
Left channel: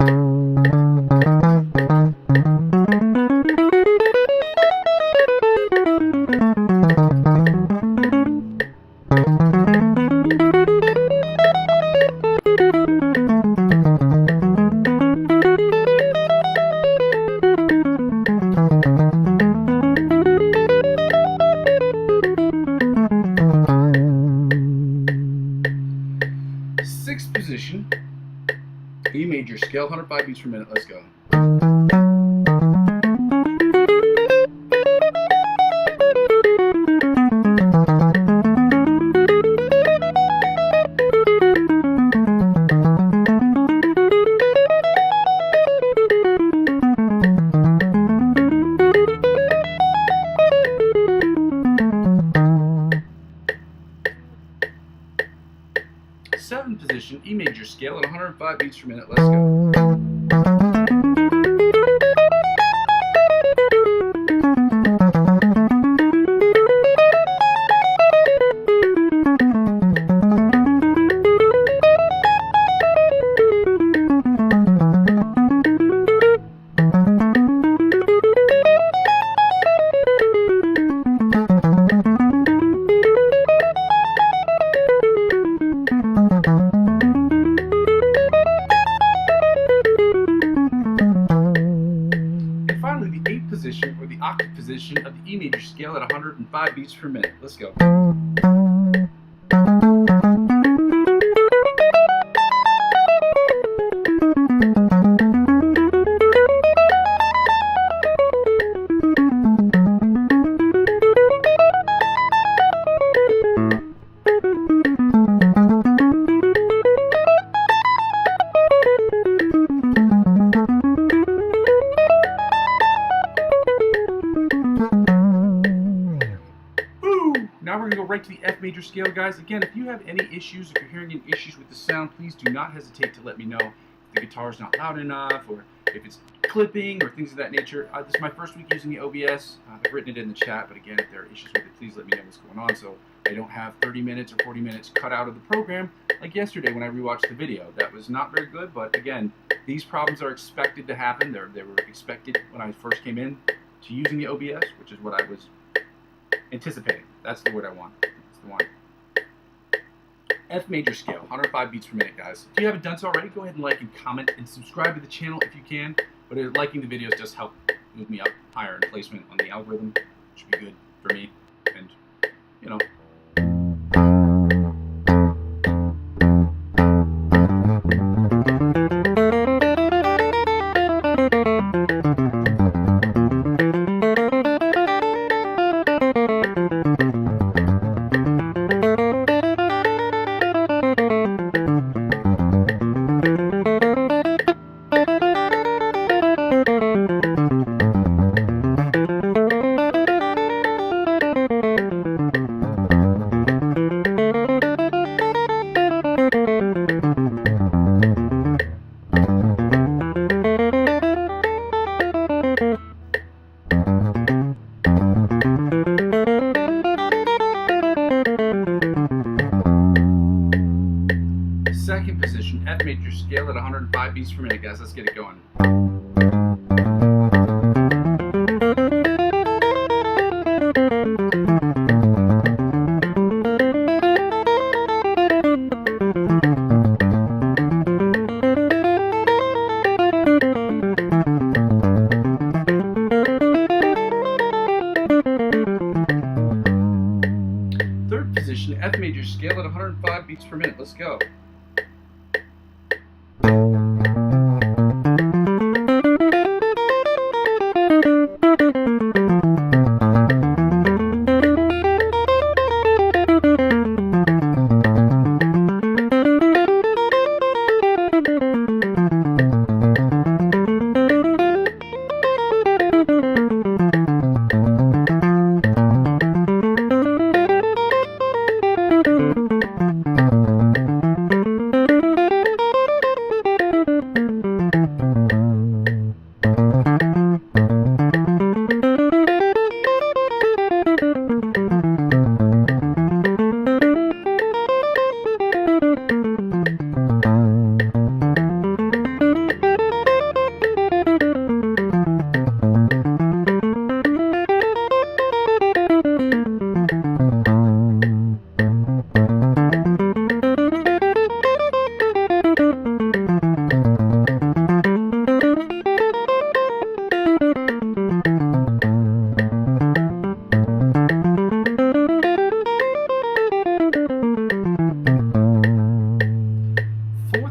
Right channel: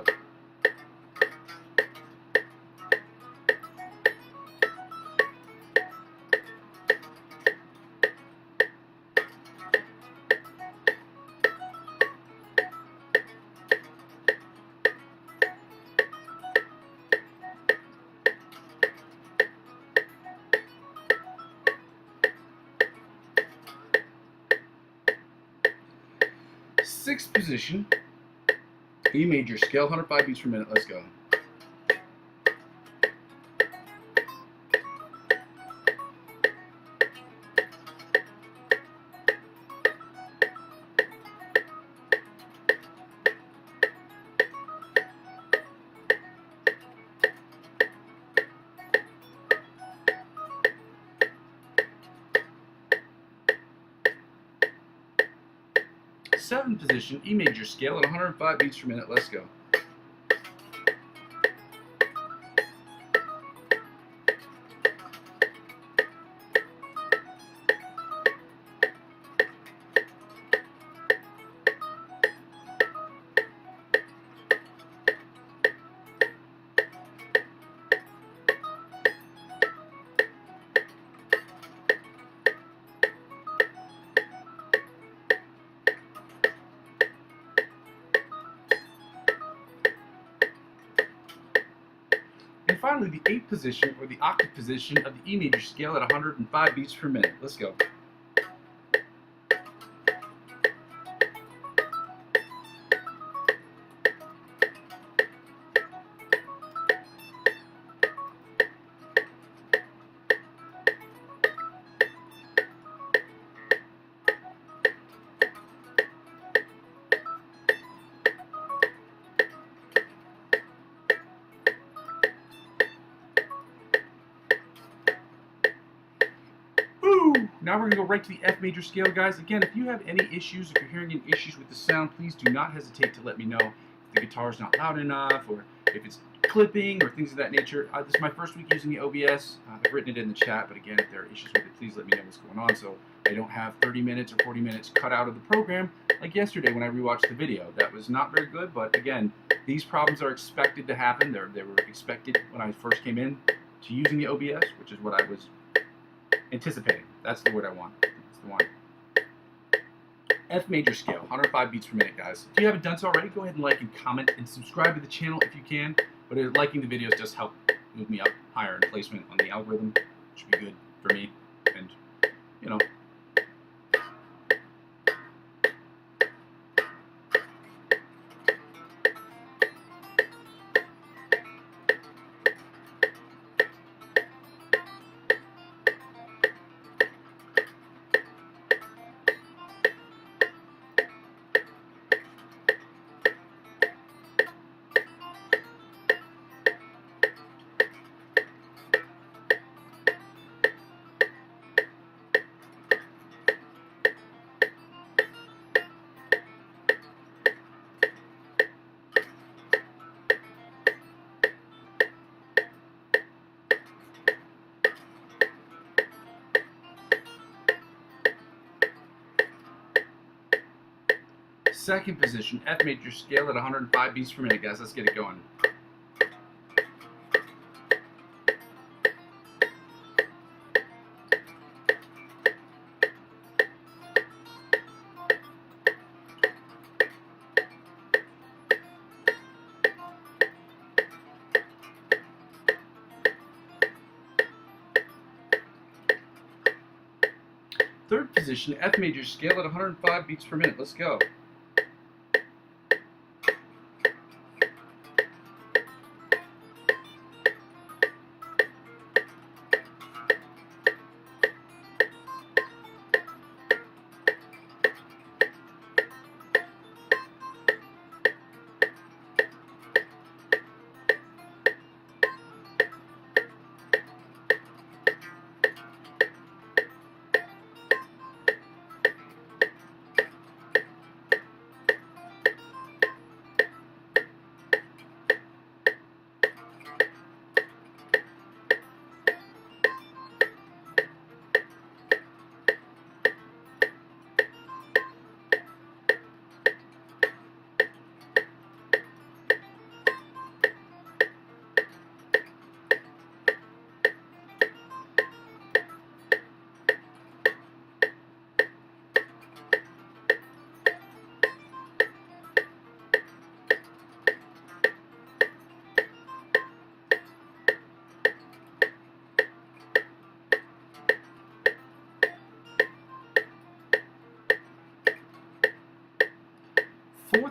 position, E major scale, 105 beats per minute. Let's go. Seventh position, E major scale at 105 beats per minute. Let's go. Finally, the eighth position, or the octave position of the E major scale at 105 beats per minute. Let's go. Now we're going to go right to the F major scale, guys. Again, if you have any issues, if you're hearing any issues with the sound, please do not hesitate to let me know if the guitar is not loud enough, or if it's clipping, or things of that nature. This is my first week using the OBS. I've written it in the chat, but again, if there are issues with it, please let me know what's going on, so I don't have 30 minutes or 40 minutes cut out of the program like yesterday when I rewatched the video. That was not very good, but again, these problems are expected to happen. They were expected when I first came in to using the OBS, which is what I was anticipating. That's the word I want. That's the one. F major scale, 105 beats per minute, guys. If you haven't done so already, go ahead and like and comment and subscribe to the channel if you can. But liking the videos does help move me up higher in placement on the algorithm, which would be good for me. And, you know. Second position, F major scale at 105 beats per minute, guys. Let's get it going. Third position, F major scale at 105 beats per minute. Let's go.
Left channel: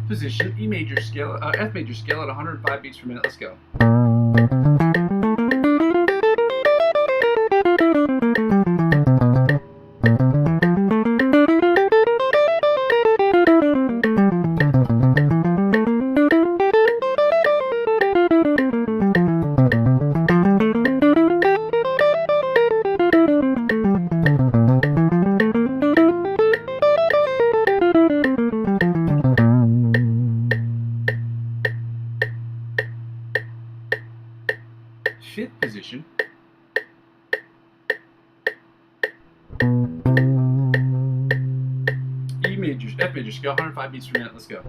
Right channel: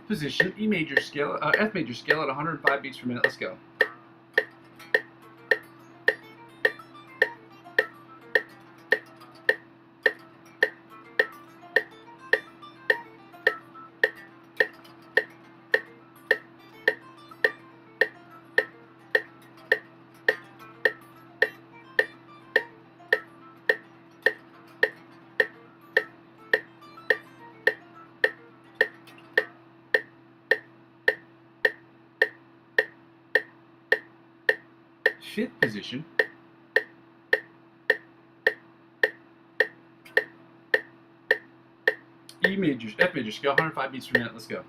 position, F major scale at 105 beats per minute. Let's go. Fifth position, F major scale, 105 beats per minute. Let's go.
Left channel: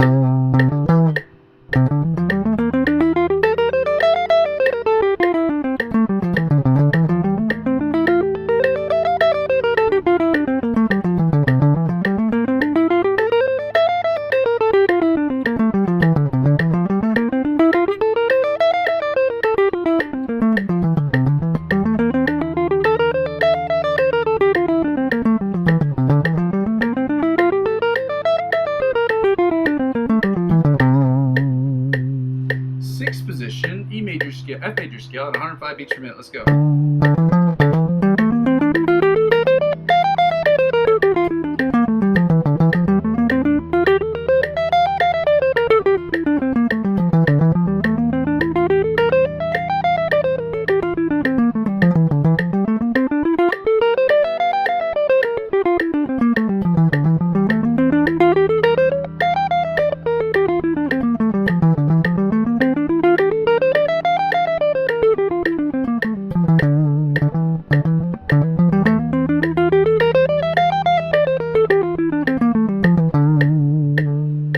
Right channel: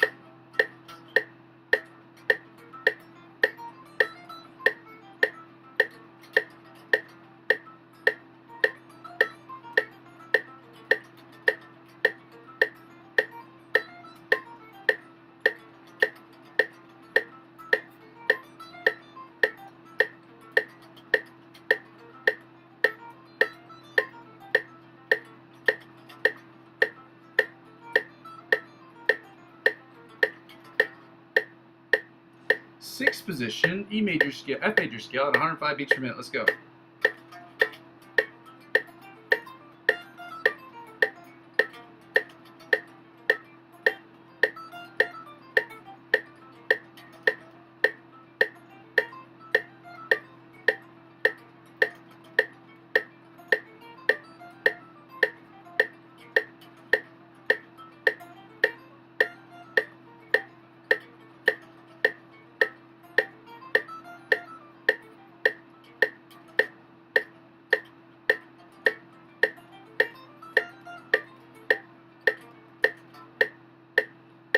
Sixth position, F major scale at 105 beats per minute. Let's go.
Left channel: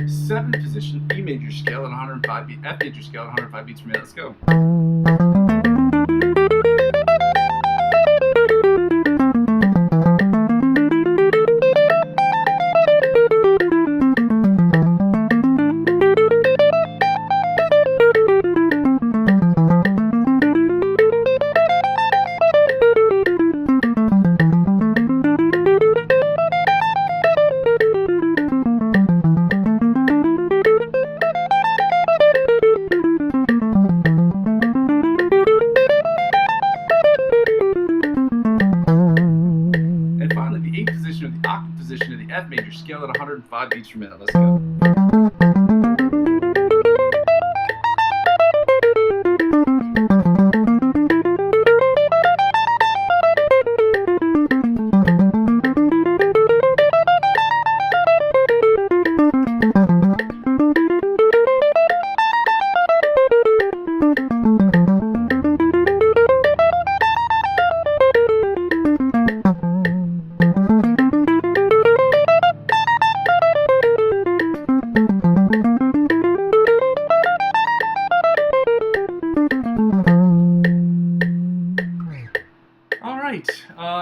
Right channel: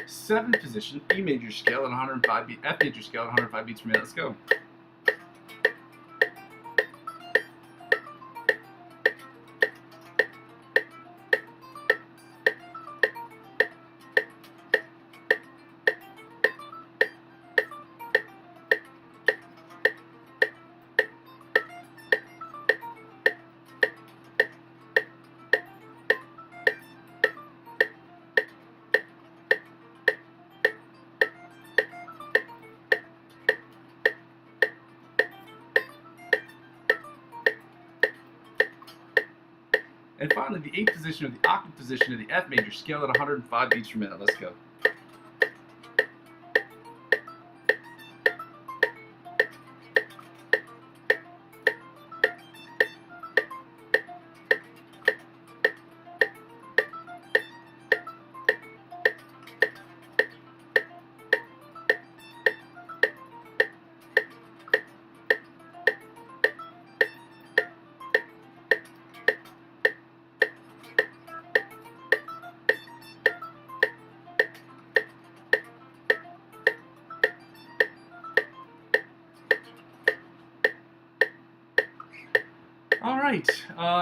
Seventh position, F major scale at 105 beats per minute. Let's go. And finally, the eighth position, or the octave position of the F major scale at 105 beats per minute. Let's go.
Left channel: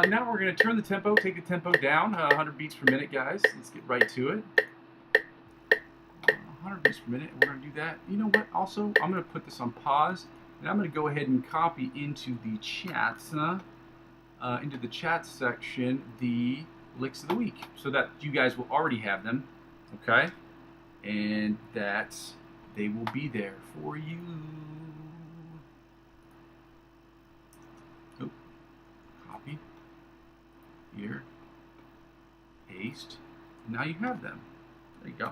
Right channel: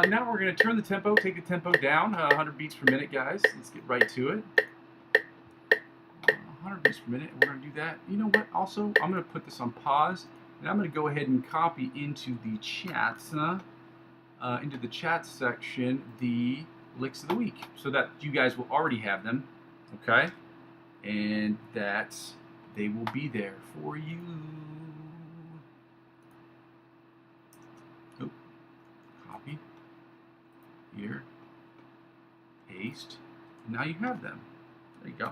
Now we're going to turn the tempo, take the tempo down, 100 beats per minute, guys. Let's get right to it. 100 beats per minute, we're going to do that. You know what, also, I'm going to put this on pause, and I'm going to go ahead and copy into the chats, section, the licks of the week, so that you guys will already have them, okay? And that they will be there for you. Oh, copy. Here, paste, now you have them. There you go.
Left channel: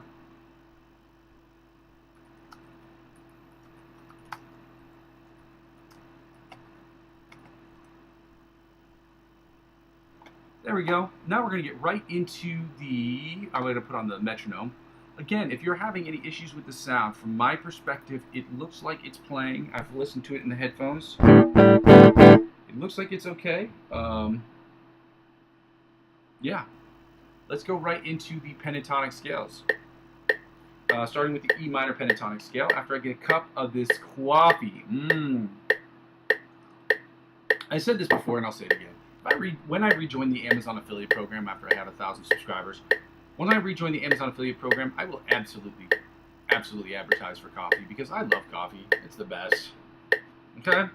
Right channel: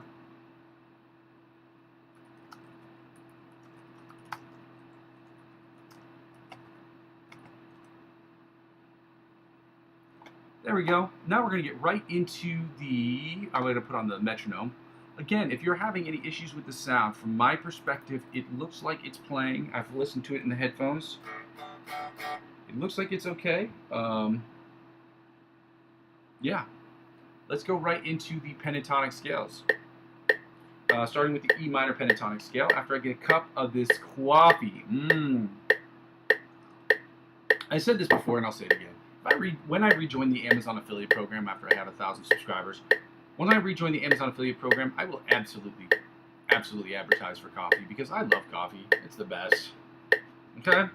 There we go. Now we're going to get right into the, I'm going to put on the metronome. Again, if you're having any issues with the sound, from my perspective, it looks like it's playing. I've listened to it in the headphones. It looks like it's okay. Yeah, let's go right into the pentatonic scales. Starting with the E minor pentatonic scale, after I get a cup of this coffee. I said this before and I'll say it again. When I rejoin the Amazon affiliate program after I have 1,000 subscribers, when I rejoin the Amazon affiliate program, I will absolutely advertise for coffee, because I love coffee. It's the best. Okay?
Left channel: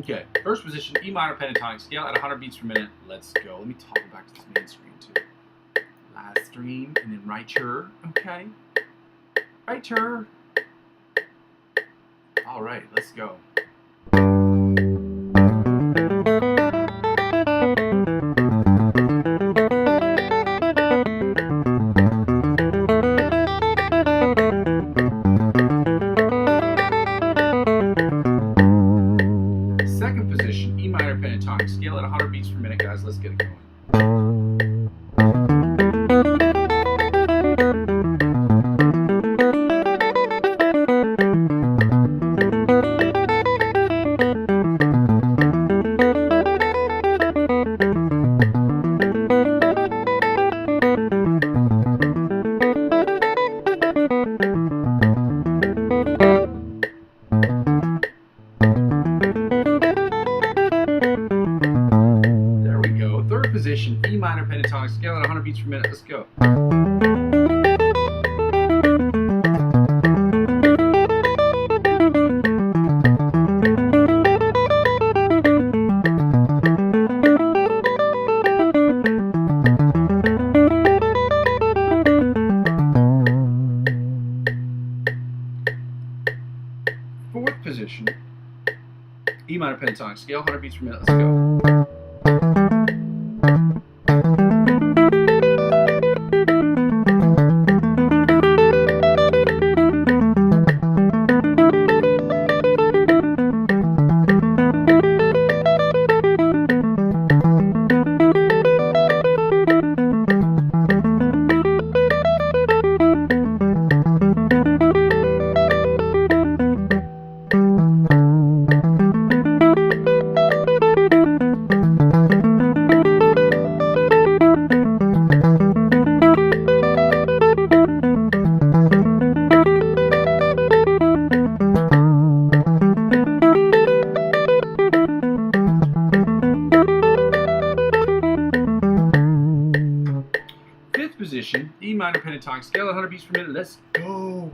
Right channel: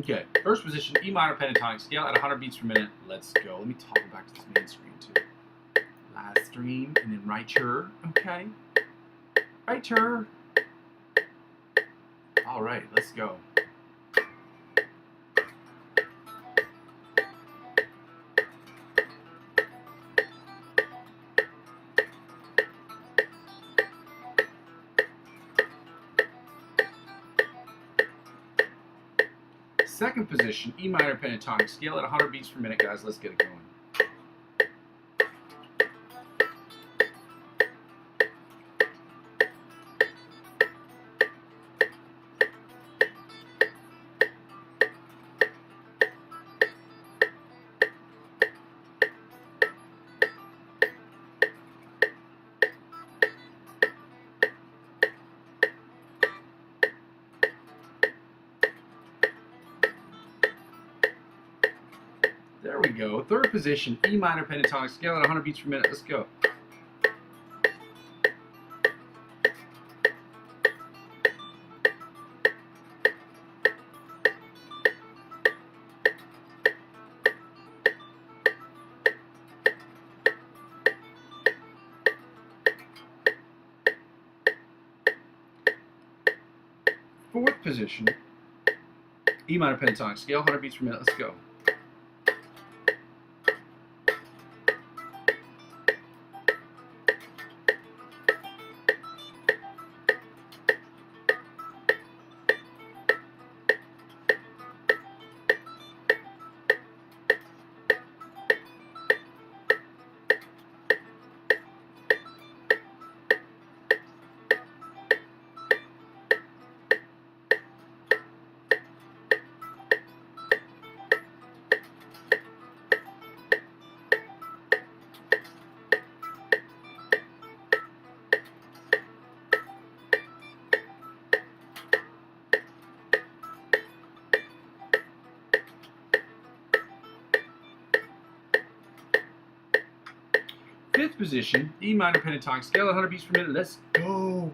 Okay, first position, E minor pentatonic scale at 100 beats per minute. Let's go. Let me toggle back to this main screen too. Last stream, and then right chur. Okay. Right chur. All right, let's go. Second position, E minor pentatonic scale at 100 beats per minute, guys. Let's get it going. Third position, E minor pentatonic scale at 100 beats per minute. Let's go. Fourth position, E minor pentatonic scale, 100 beats per minute. Let's go. Fifth position, E minor pentatonic scale at 100 beats per minute. Let's go.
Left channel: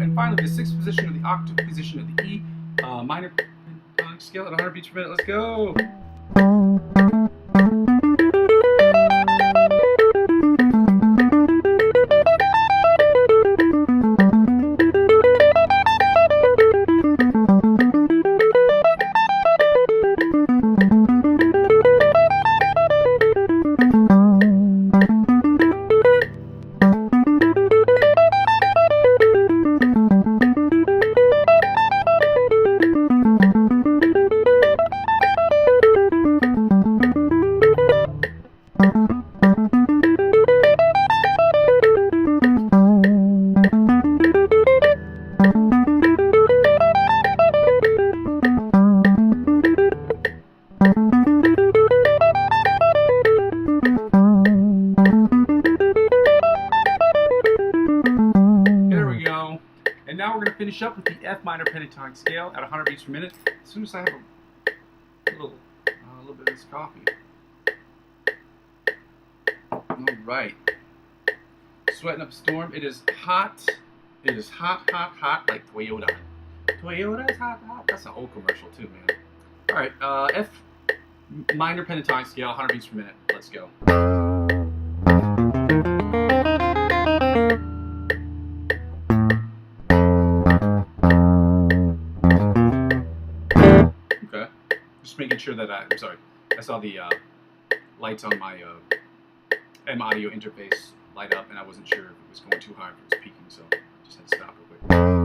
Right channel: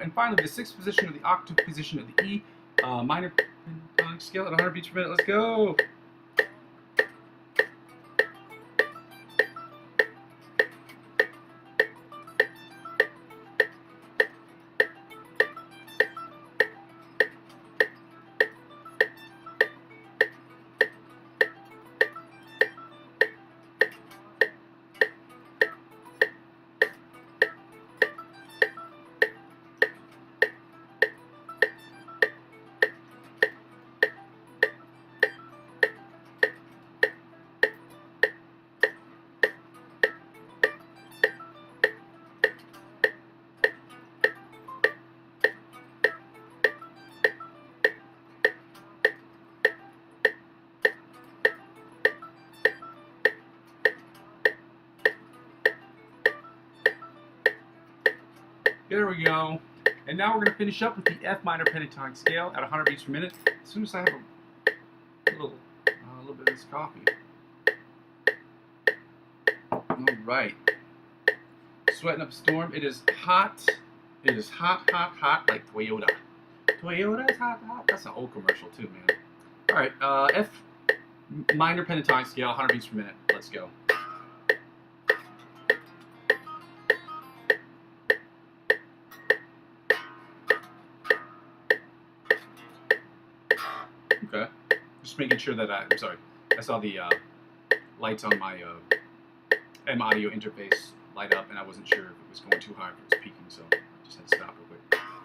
And finally, the sixth position of the octave position of the E minor pentatonic scale at 100 beats per minute. Let's go. And now we're going to finish up with the F minor pentatonic scale at 100 beats per minute. As soon as I have a little bit of this coffee. All right. Sweating up a storm. It is hot. It is hot, hot, hot like Toyota. Toyota is hot, hot. That's an old commercial too, man. All right. F minor pentatonic scale, 100 beats per minute. Let's go. Making sure that I'm sorry, I saw the lights on my M audio interface light up, and I wasn't sure if it was going too high, if it was peaking, so I just had to stop real quick.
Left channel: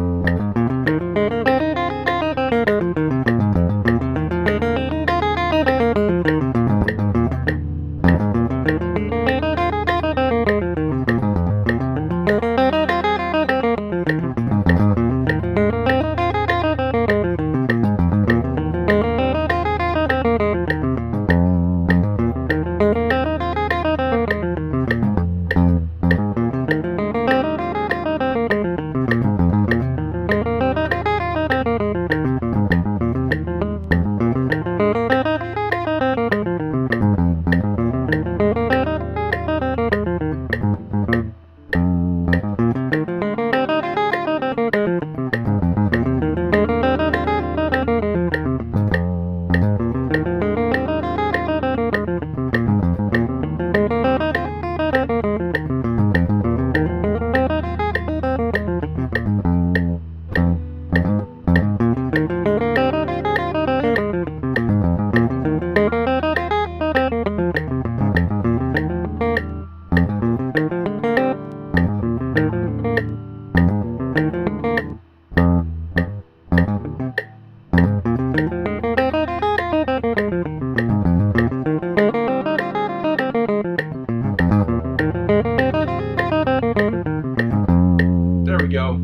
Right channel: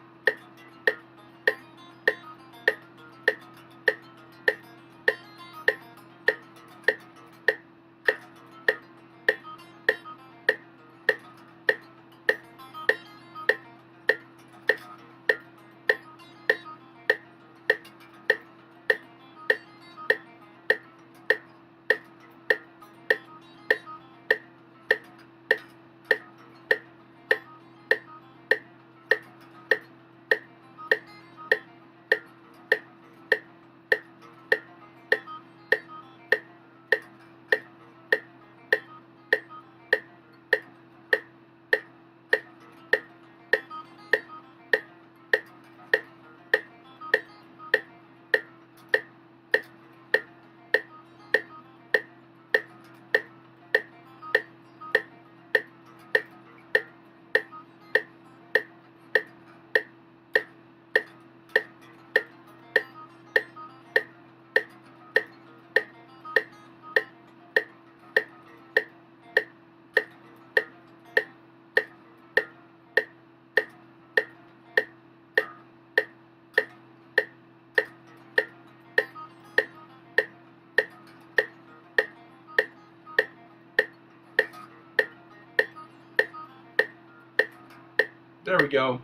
There we go.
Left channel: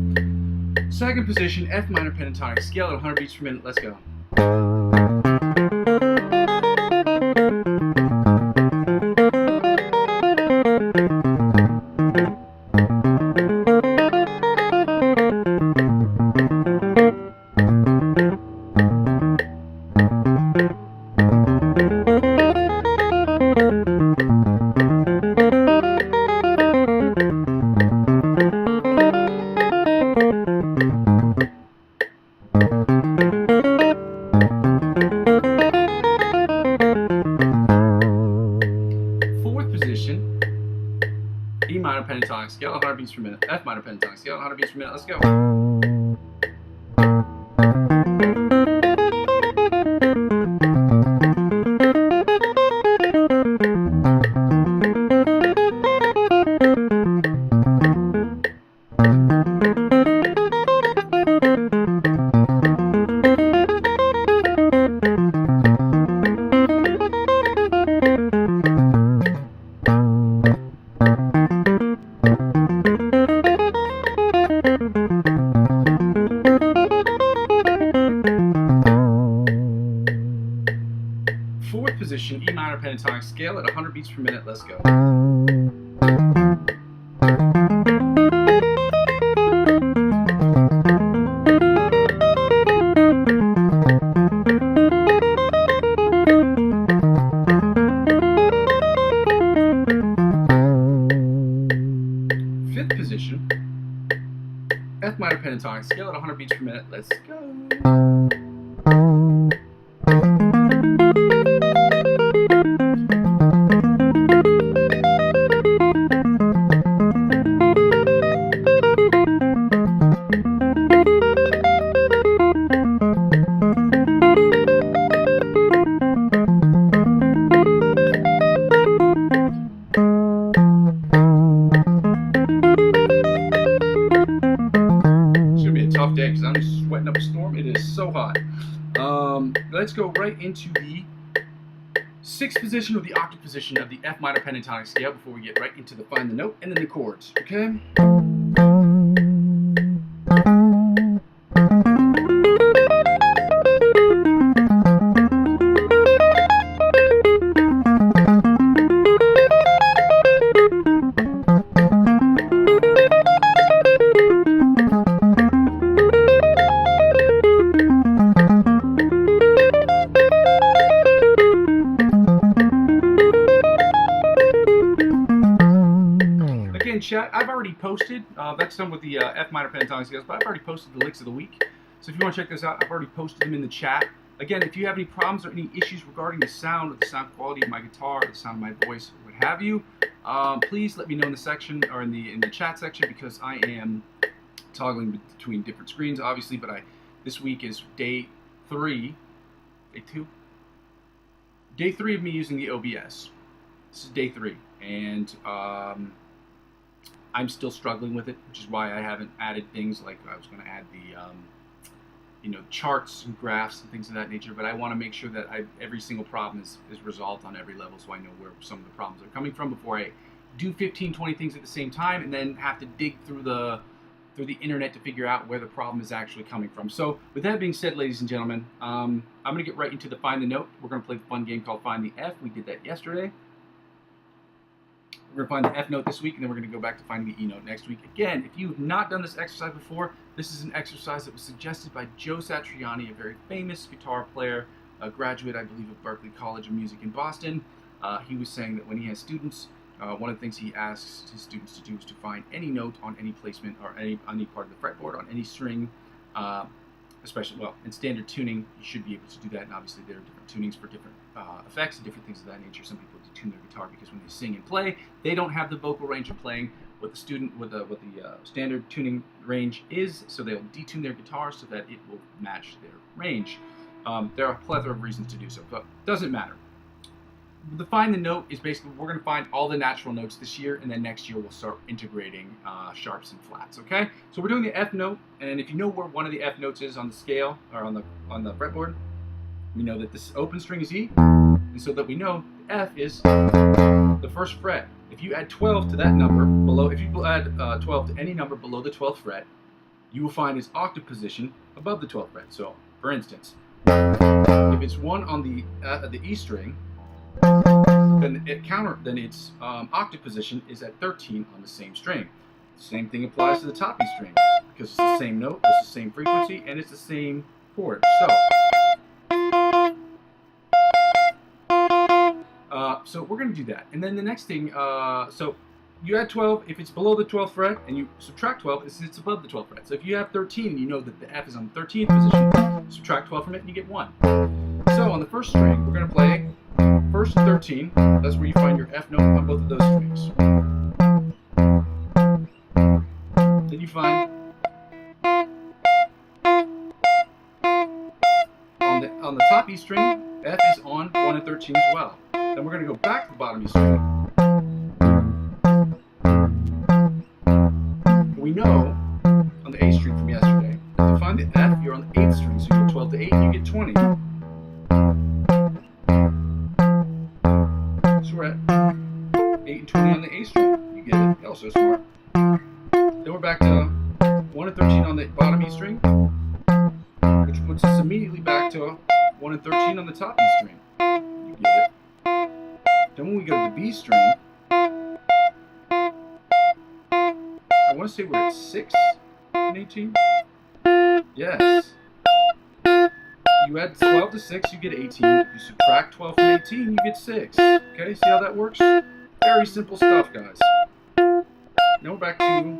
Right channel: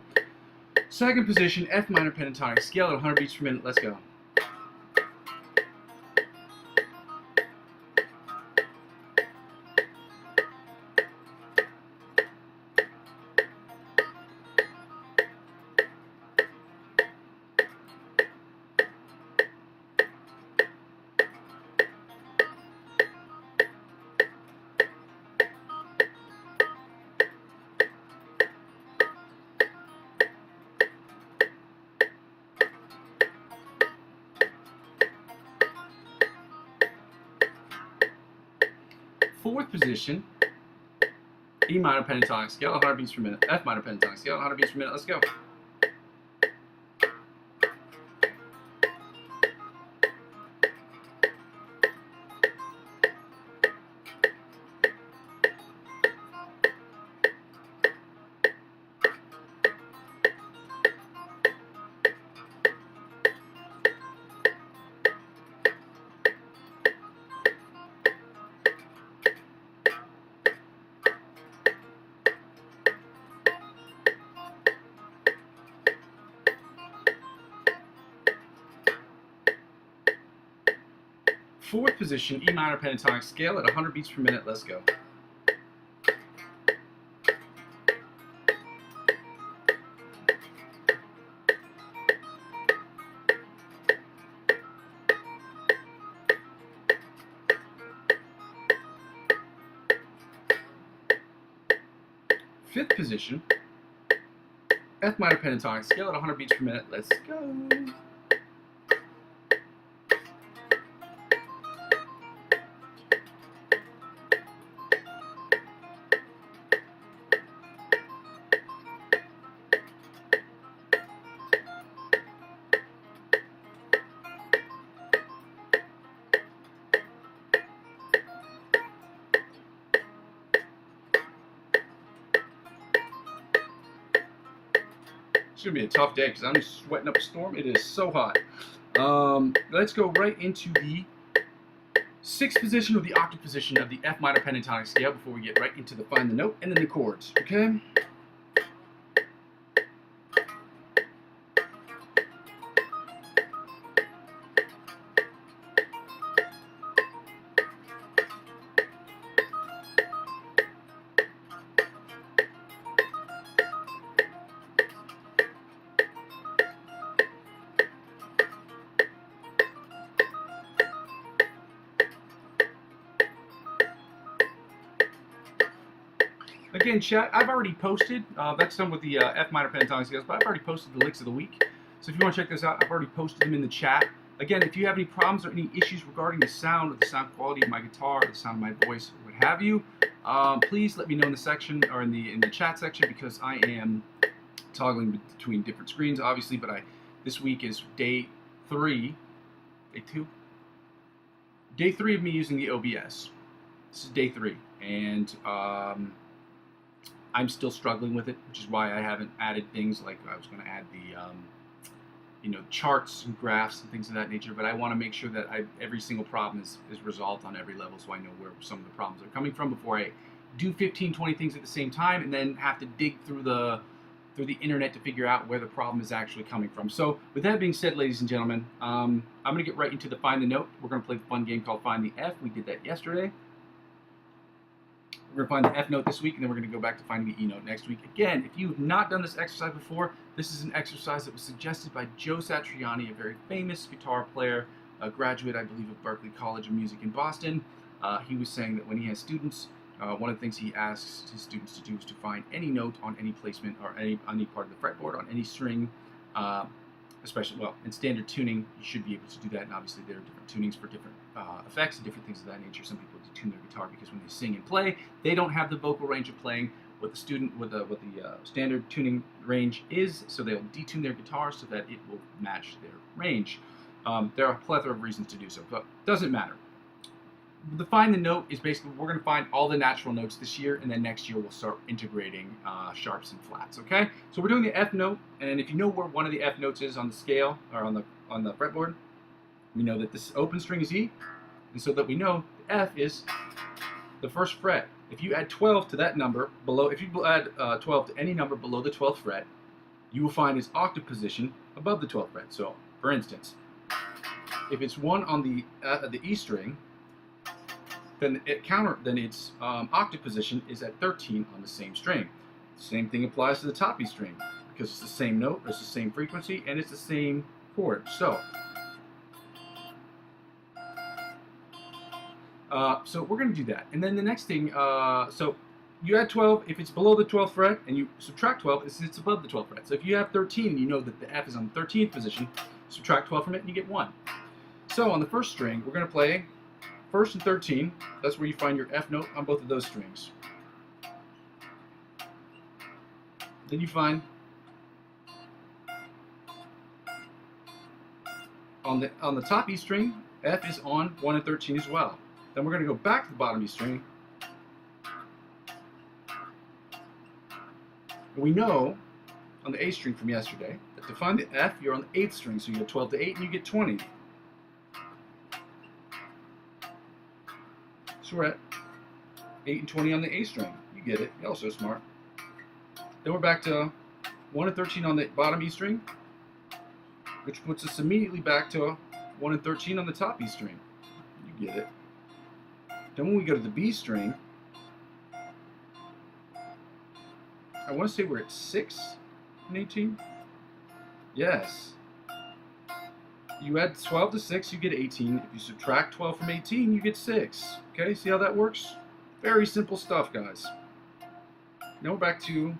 Second position, F minor pentatonic scale at 100 beats per minute. Let's go. Position, E minor pentatonic scale, 100 beats per minute. F minor pentatonic scale, 100 beats per minute. Let's go. Fourth position, E minor pentatonic scale at 100 beats per minute. Let's go. Fifth position, F minor pentatonic scale at 100 beats per minute. Let's go. Tough day because I'm just sweating up a storm. It is so hot. Let's go right into the sixth position or the octave position of the F minor pentatonic scale before we get right into the find the note and then the chords. Okay. Again, chat, I've already posted, that's done with the F minor pentatonic scales, but I've already posted the licks of the week. So if you want to check this out, I've already posted them in the chat. Again, if you have any problems or any issues regarding the sound or the sound quality of my guitar, or the sound of my voice, or what have you, please let me know in the section or in the chat section, because I am toggling between different screens, obviously. But this week is day 3 of me using the OBS. This is day 3, and I'm still struggling with it, which is why I haven't added things like I was going to add the charts and graphs and things of that nature. But I want to make sure that every single problem is resolved on every level, so I know where some of the problems are coming from before I do 15, 20 things at the same time and then have to dig through the internet to figure out where the problem is actually coming from. So with that being said, ladies and gentlemen, I'm going to get right into the Find the Note. We're going to play the fun game called Find the F. We did that yesterday. We're going to find the F note this week, and then we're going to go back to finding the E note next week. Again, if you've not done this exercise before, this is an exercise that was suggested by Joe Satriani, a very famous guitar player, a graduate, I believe, of Berklee College of Music in Boston. He was saying that when he has students, one of the things he asks his students to do is to find any note on any placement or on any part of the fretboard, on any string, especially, well, in standard tuning, you should be able to do that, and obviously there are different tunings for different effects and different things of that nature. Some people detune their guitar because when they sing and play, they don't have the vocal range of playing what the standard tuning range is, so they'll detune their guitar so that it will match their range. There are a plethora of reasons to do so, but it doesn't matter. The Find the Note is basically, we're going to find all the natural notes this year, and then next year we'll start integrating sharps and flats, okay? So we're doing the F note, and if you know where one of the F notes is on the scale, or on the fretboard, we know that this open string is E, and so that we know the F is the first fret if you add 12 to that number below, if you add 12 to any number below the 12th fret, you will find its octave position above the 12th fret. So, for instance, if it's 1 on the E string, then its octave position is at 13 on the same string. The same thing applies to the top E string because it's the same note, it's the same frequency, and it's the same chord. So we're going to do that. And then the next thing, so you add 12 if it's below the 12th fret, and you subtract 12 if it's above the 12th fret. So if you have 13, you know that the F is on the 13th position, subtract 12 from it, and you get 1. So on the first string, we're going to play first and 13. That's where you find your F note on both of those strings. Then you find on the top E string, F is on 1 and 13 as well. Then we're going to go back to the bottom E string. We know on the A string from yesterday that to find the F, you're on the 8th string, so you get 12 to 8 and you get 20. So we're at 8 and 20 on the A string. You get it. You're also smart. Then we're back to 1 and 13 on the bottom E string, which puts us immediately back to 1 and 13 on the top E string. You get it. Then when we go to the B string, I want to say we're at 6 and 18. Yes. You add 12 to 6, you get 18. If you subtract 12 from 18, you get 6. Okay, see how that works? Very simple stuff, guys. Now we're back to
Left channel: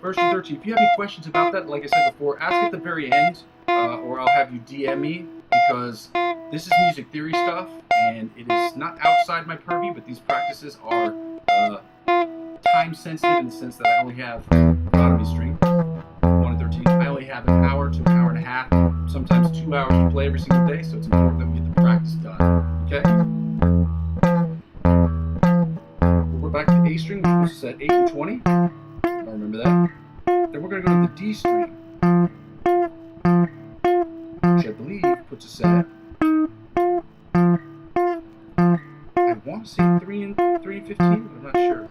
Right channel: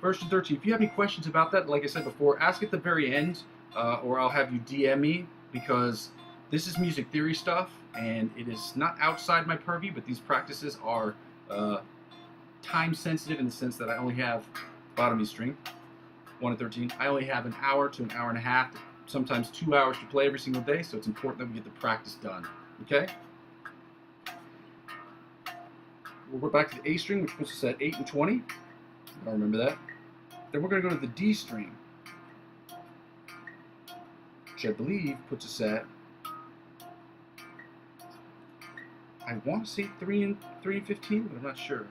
first and 13. If you have any questions about that, like I said before, ask at the very end, or I'll have you DM me, because this is music theory stuff, and it is not outside my purview, but these practices are time sensitive in the sense that I only have bottom E string, 1 and 13. I only have an hour to an hour and a half, sometimes 2 hours to play every single day, so it's important that we get the practice done. Okay? We're back to the A string, which puts us at 8 and 20. I remember that. Then we're going to go to the D string, which I believe puts us at, I want to say 3 and 15, but I'm not sure.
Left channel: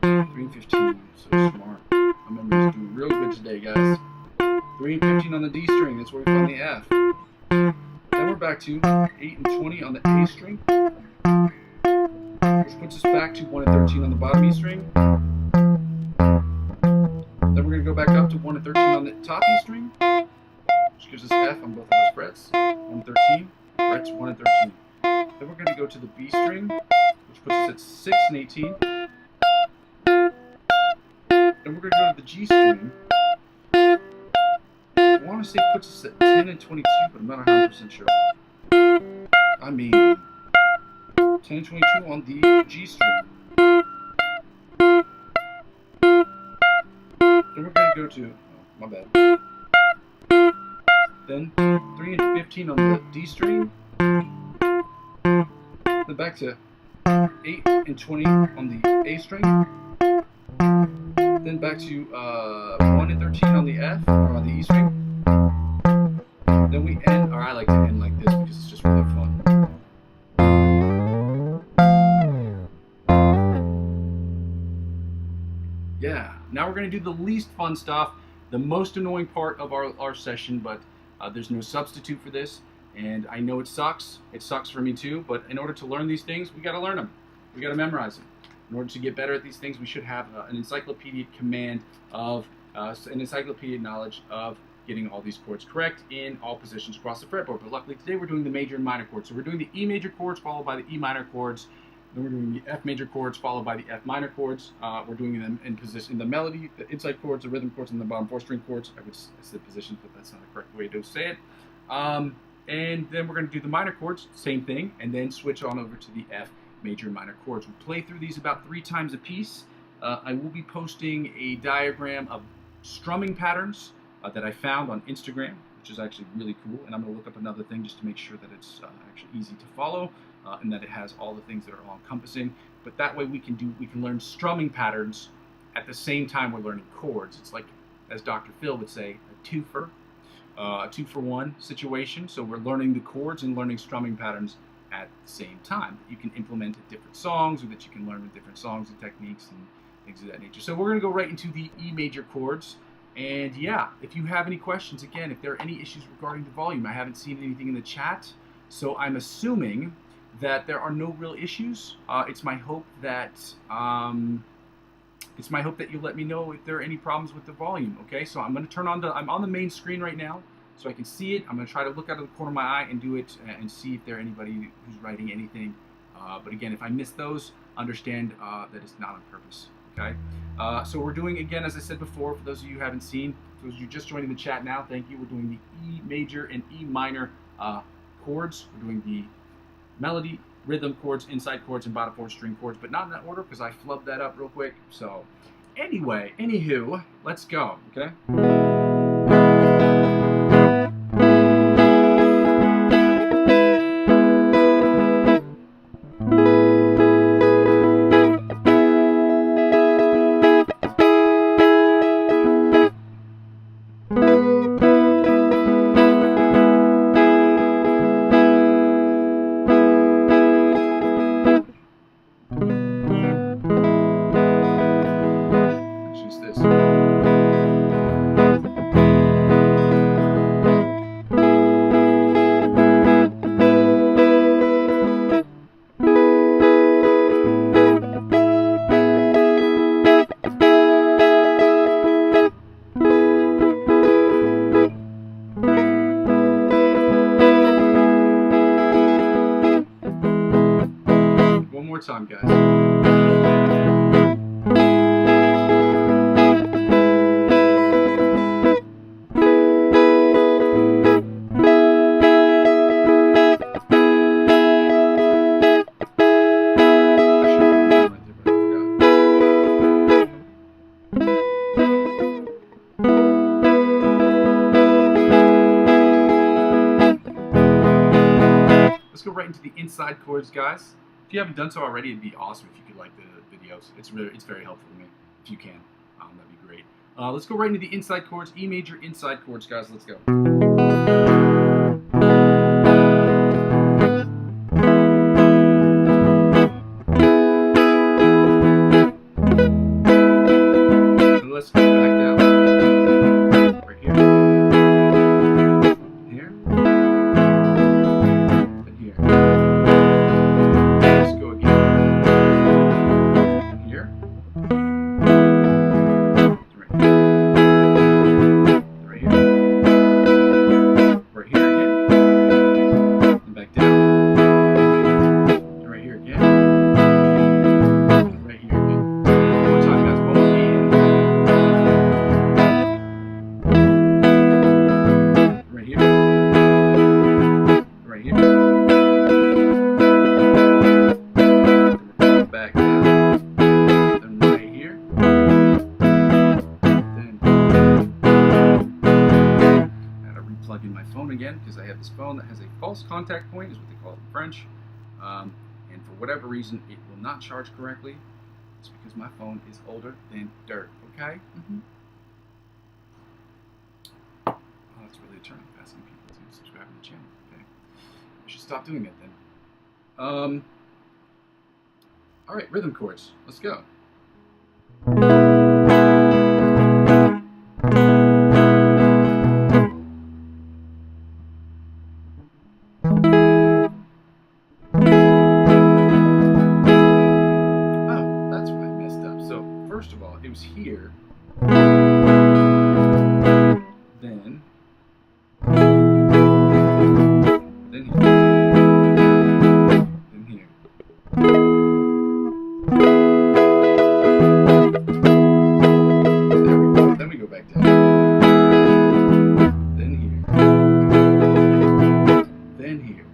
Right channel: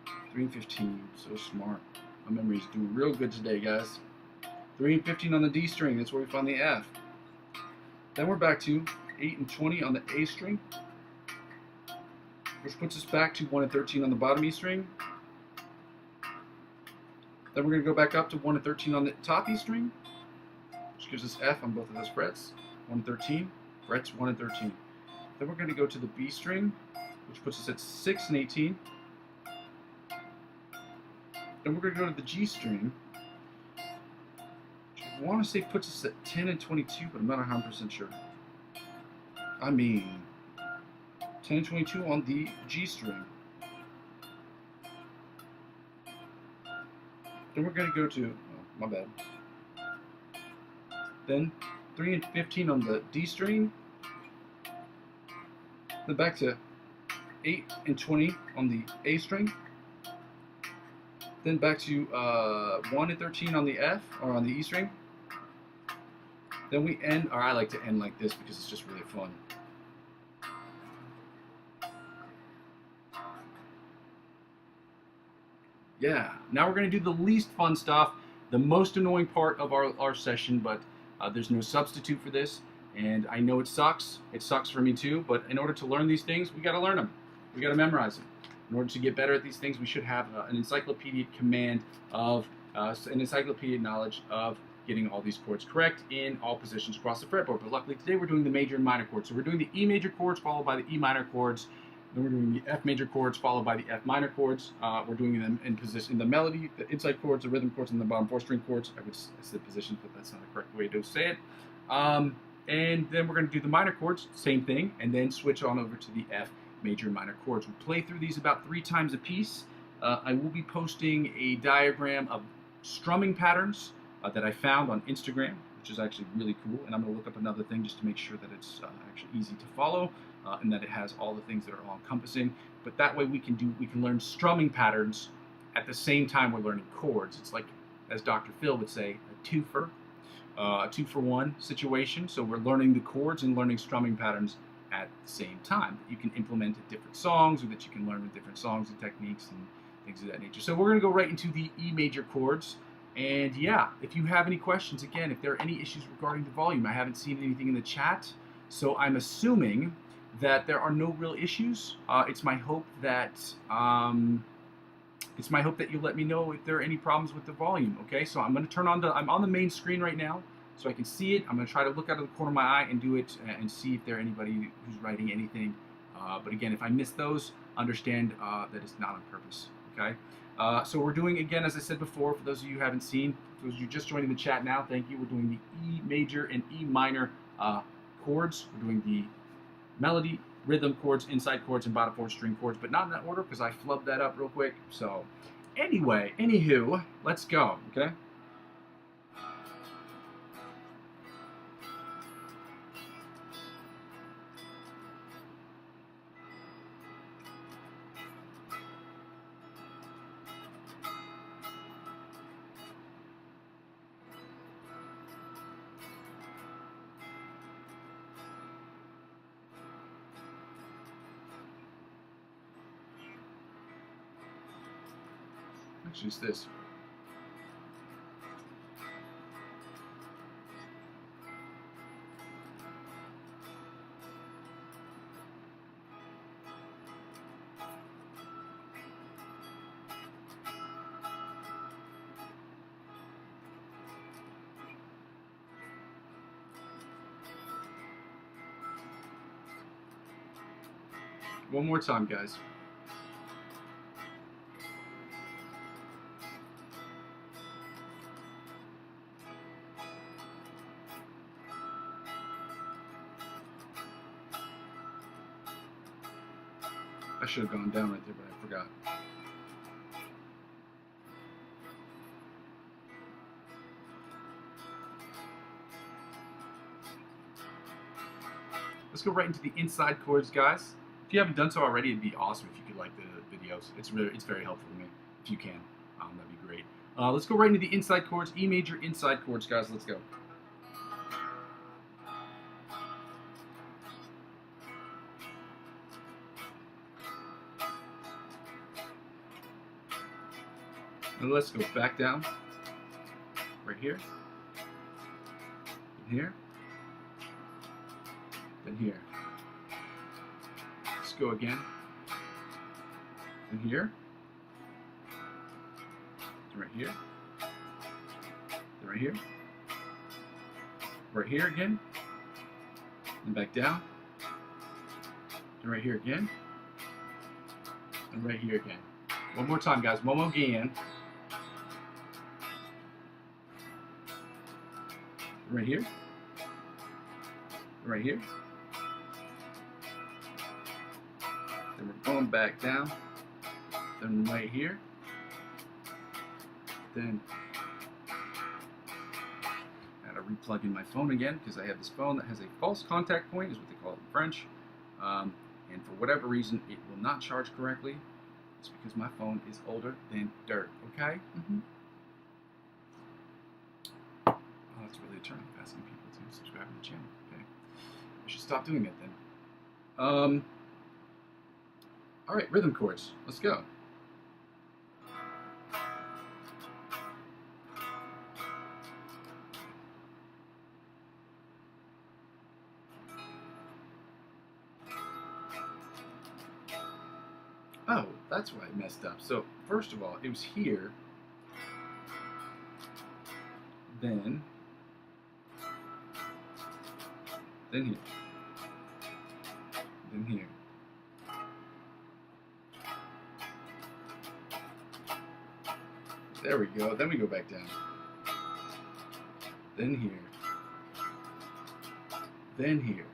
3 and 15, so smart. My memory's doing real good today, guys. 3 and 15 on the D string, that's where we find the F. Then we're back to 8 and 20 on the A string, which puts us back to 1 and 13 on the bottom E string. Then we're going to go back up to 1 and 13 on the top E string, which gives us F on both of those frets. 1 and 13, frets 1 and 13. Then we're going to go to the B string, which puts us at 6 and 18. Then we're going to go to the G string. I want to say puts us at 10 and 22, but I'm not 100% sure. I mean, 10 and 22 on the G string. Then we're going to go to, oh, my bad. Then 3 and 15 on the D string. Then back to 8 and 20 on the A string. Then back to 1 and 13 on the F, or on the E string. Then we end, or I like to end like this because it's just really fun. Yeah, now we're going to do the least fun stuff, the most annoying part of our session, but there's no substitute for this, and I know it sucks for me too, but in order to learn these things, we got to learn them, we got to memorize them. In order to get better at these things, we should have an encyclopedic command of, an encyclopedic knowledge of getting all these chords correct in all positions across the fretboard. But luckily today we're doing the major and minor chords. So we're doing the E major chords followed by the E minor chords. Then we're doing the F major chords followed by the F minor chords. We're doing them in position, in the melody, the inside chords, the rhythm chords, and the bottom 4 string chords. I said positions, but that's not the correct way to say it. And then we're going to do the minor chords, same thing, and then switch on over to the F major and minor chords. We'll play through these about 3 times a piece. I will be posting a diagram of strumming patterns that I found on Instagram, which is actually really cool, and I'm going to look up another thing just to make sure that it's actually easy to follow, and that it has all the things that are all encompassing. But that way we can learn strumming patterns at the same time we're learning chords. It's like, as Dr. Phil would say, a two-for-one situation. So we're learning the chords and learning strumming patterns at the same time. That you can implement at different songs, or that you can learn with different songs and techniques and things of that nature. So we're going to go right into the E major chords. And yeah, if you have any questions, again, if there are any issues regarding the volume, I haven't seen anything in the chat, so I'm assuming that there are no real issues. It's my hope that you'll let me know if there are any problems with the volume. Okay, so I'm going to turn on I'm on the main screen right now, so I can see it. I'm going to try to look out of the corner of my eye and do it and see if there's anybody who's writing anything. But again, if I miss those, understand that it's not on purpose. Okay, so we're doing, again, as I said before, for those of you who haven't seen, for those of you just joining the chat now, thank you. We're doing the E major and E minor chords. We're doing the melody, rhythm chords, inside chords, and bottom 4 string chords, but not in that order because I flubbed that up real quick. So anyway, anywho, let's go, okay? One more time, guys. Let's go right into the inside chords, guys. If you haven't done so already, it'd be awesome if you could like the videos. It's very helpful to me if you can. That'd be great. Let's go right into the inside chords, E major inside chords, guys. Let's go. And let's go back down. Right here. Here. And here. Let's go again. And here. Right here. Right here. Right here again. And back down. And right here again. And right here again. One more time, guys. One more again. Right here. Right here. Then we're going back down. Then right here. Then I gotta replug in my phone again because I have this phone that has a false contact point, is what they call it in French. And for whatever reason, it will not charge correctly. It's because my phone is older than dirt. Okay. Oh, that's really a turn off, asking people to subscribe to the channel. Okay, I should stop doing that then. All right, rhythm chords. Let's go. Oh, that's where I messed up. So first of all, it was here. Then here. Then here. There we go. Then we go back down. Then here. Then here.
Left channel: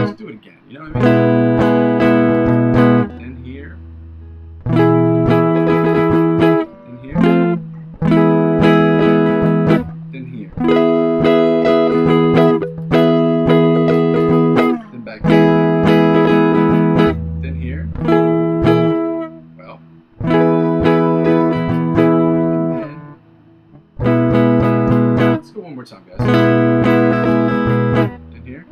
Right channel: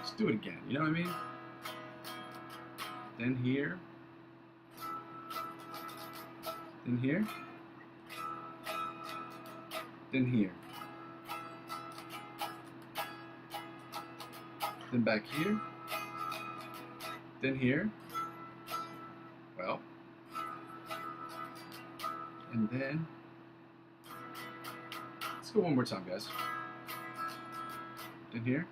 Let's do it again. You know what I mean? Then here. Then here. Then here. Then back here. Then here. Well. And then. Let's go one more time, guys. Then here.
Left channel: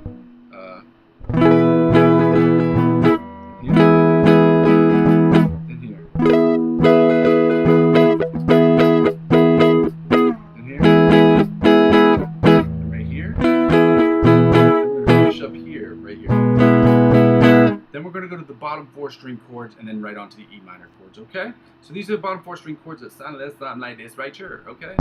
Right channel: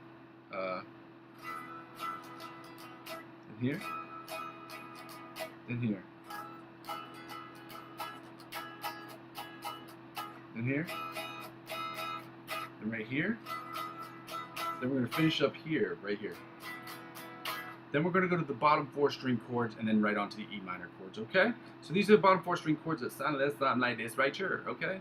bottom 4 string chords and then right onto the E minor chords, okay? So these are the bottom 4 string chords that sound like this right here, okay?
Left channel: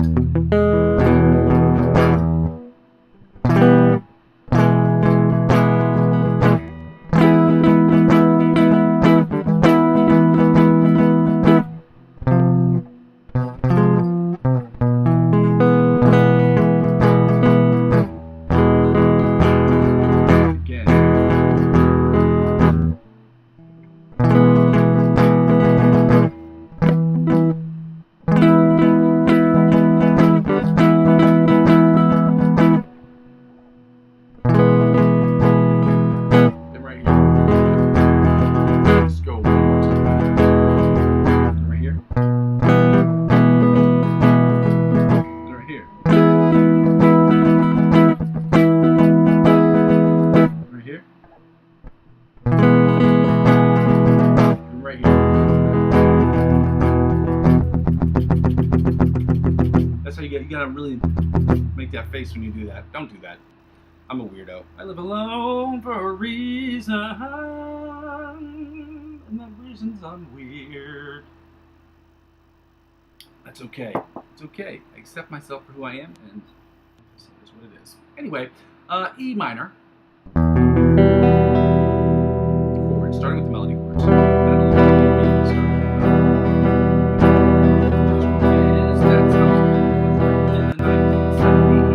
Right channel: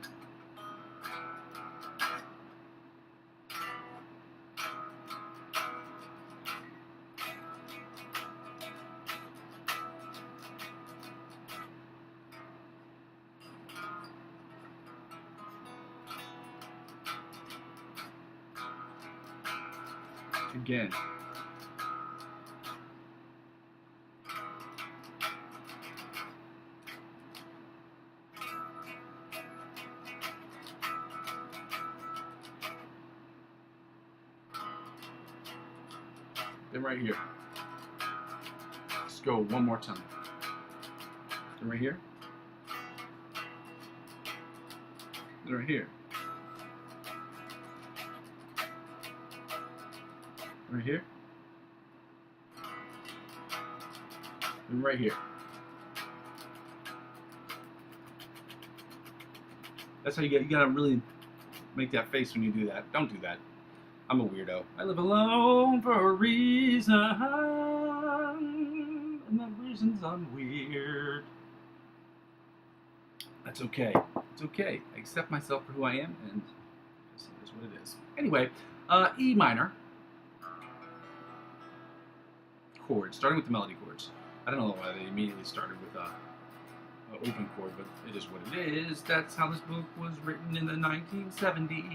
Right here. That's how you gotta really make that face when you do that. Don't do that. I'm a weirdo. I live alone for a reason, and that reason's I'm weird. That's okay. It's okay. I accept myself for who I am, and this is what it is. Anyway, E minor chords, starting with the melody chords. I don't know if I immediately started with that's how it was written in the 1970s.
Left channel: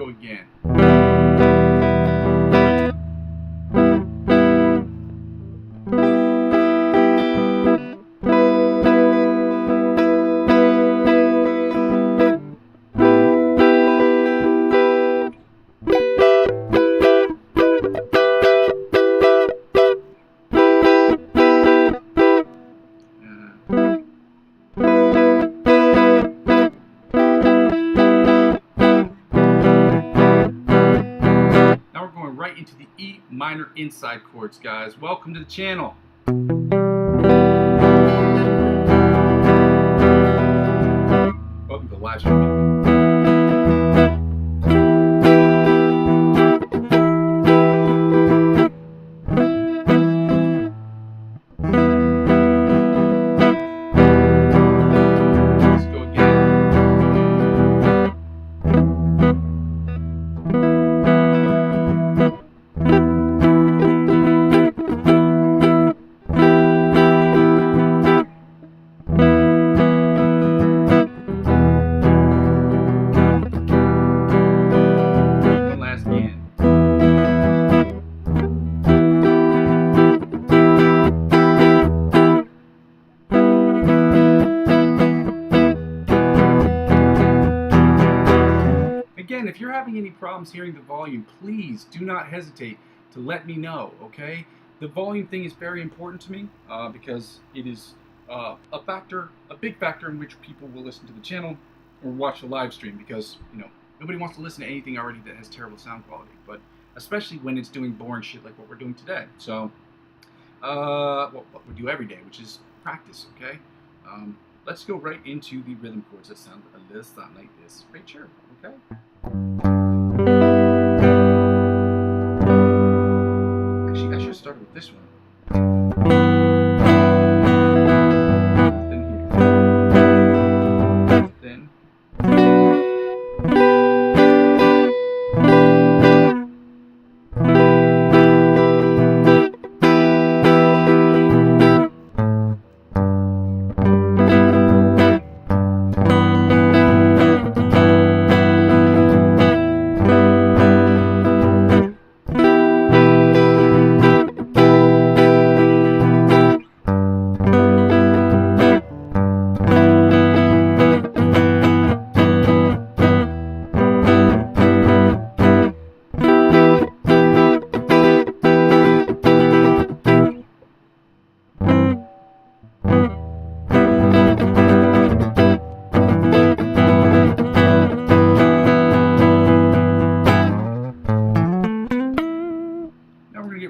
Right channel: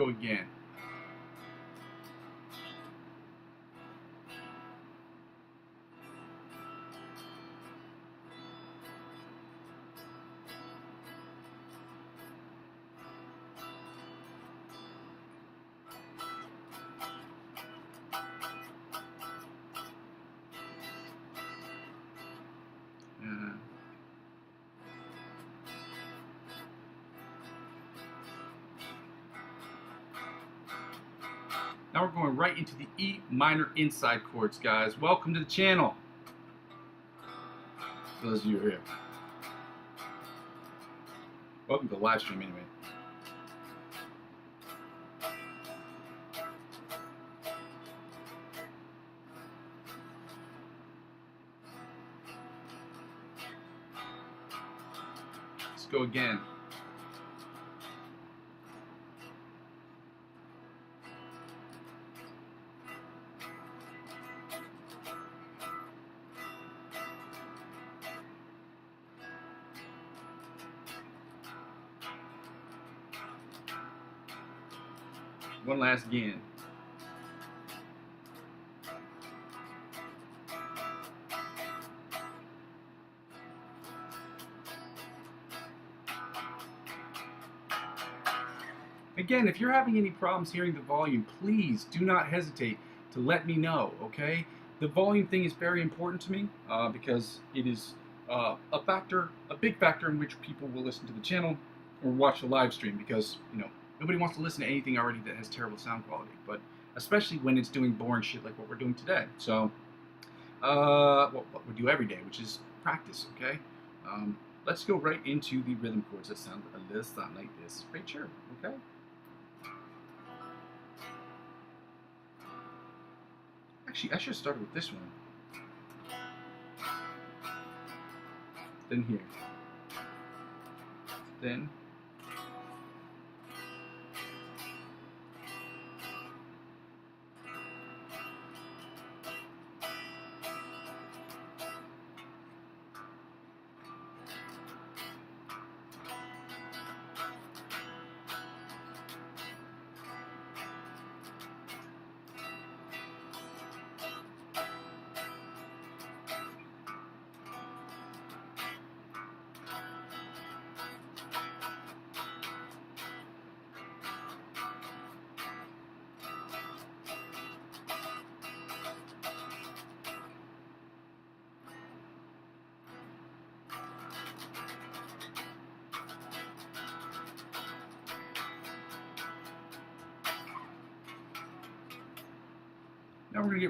Again. Into the E minor inside chords, guys. Welcome to the channel. Welcome to the live stream. Let's go again. Again, if you're having any problems hearing the volume, please do not hesitate to let me know, okay? The volume thing is very important to me because it is a big factor in which people will listen to the channel or watch the live stream because, you know, nobody wants to listen to anything already that has terrible sound quality, but especially when it's doing boring shit like what we're doing today. So, what we do every day, which is practice, okay? Let's go right into the rhythm chords that sound a little something like this right here, okay? Actually, I should have started with this one. Then here. Then.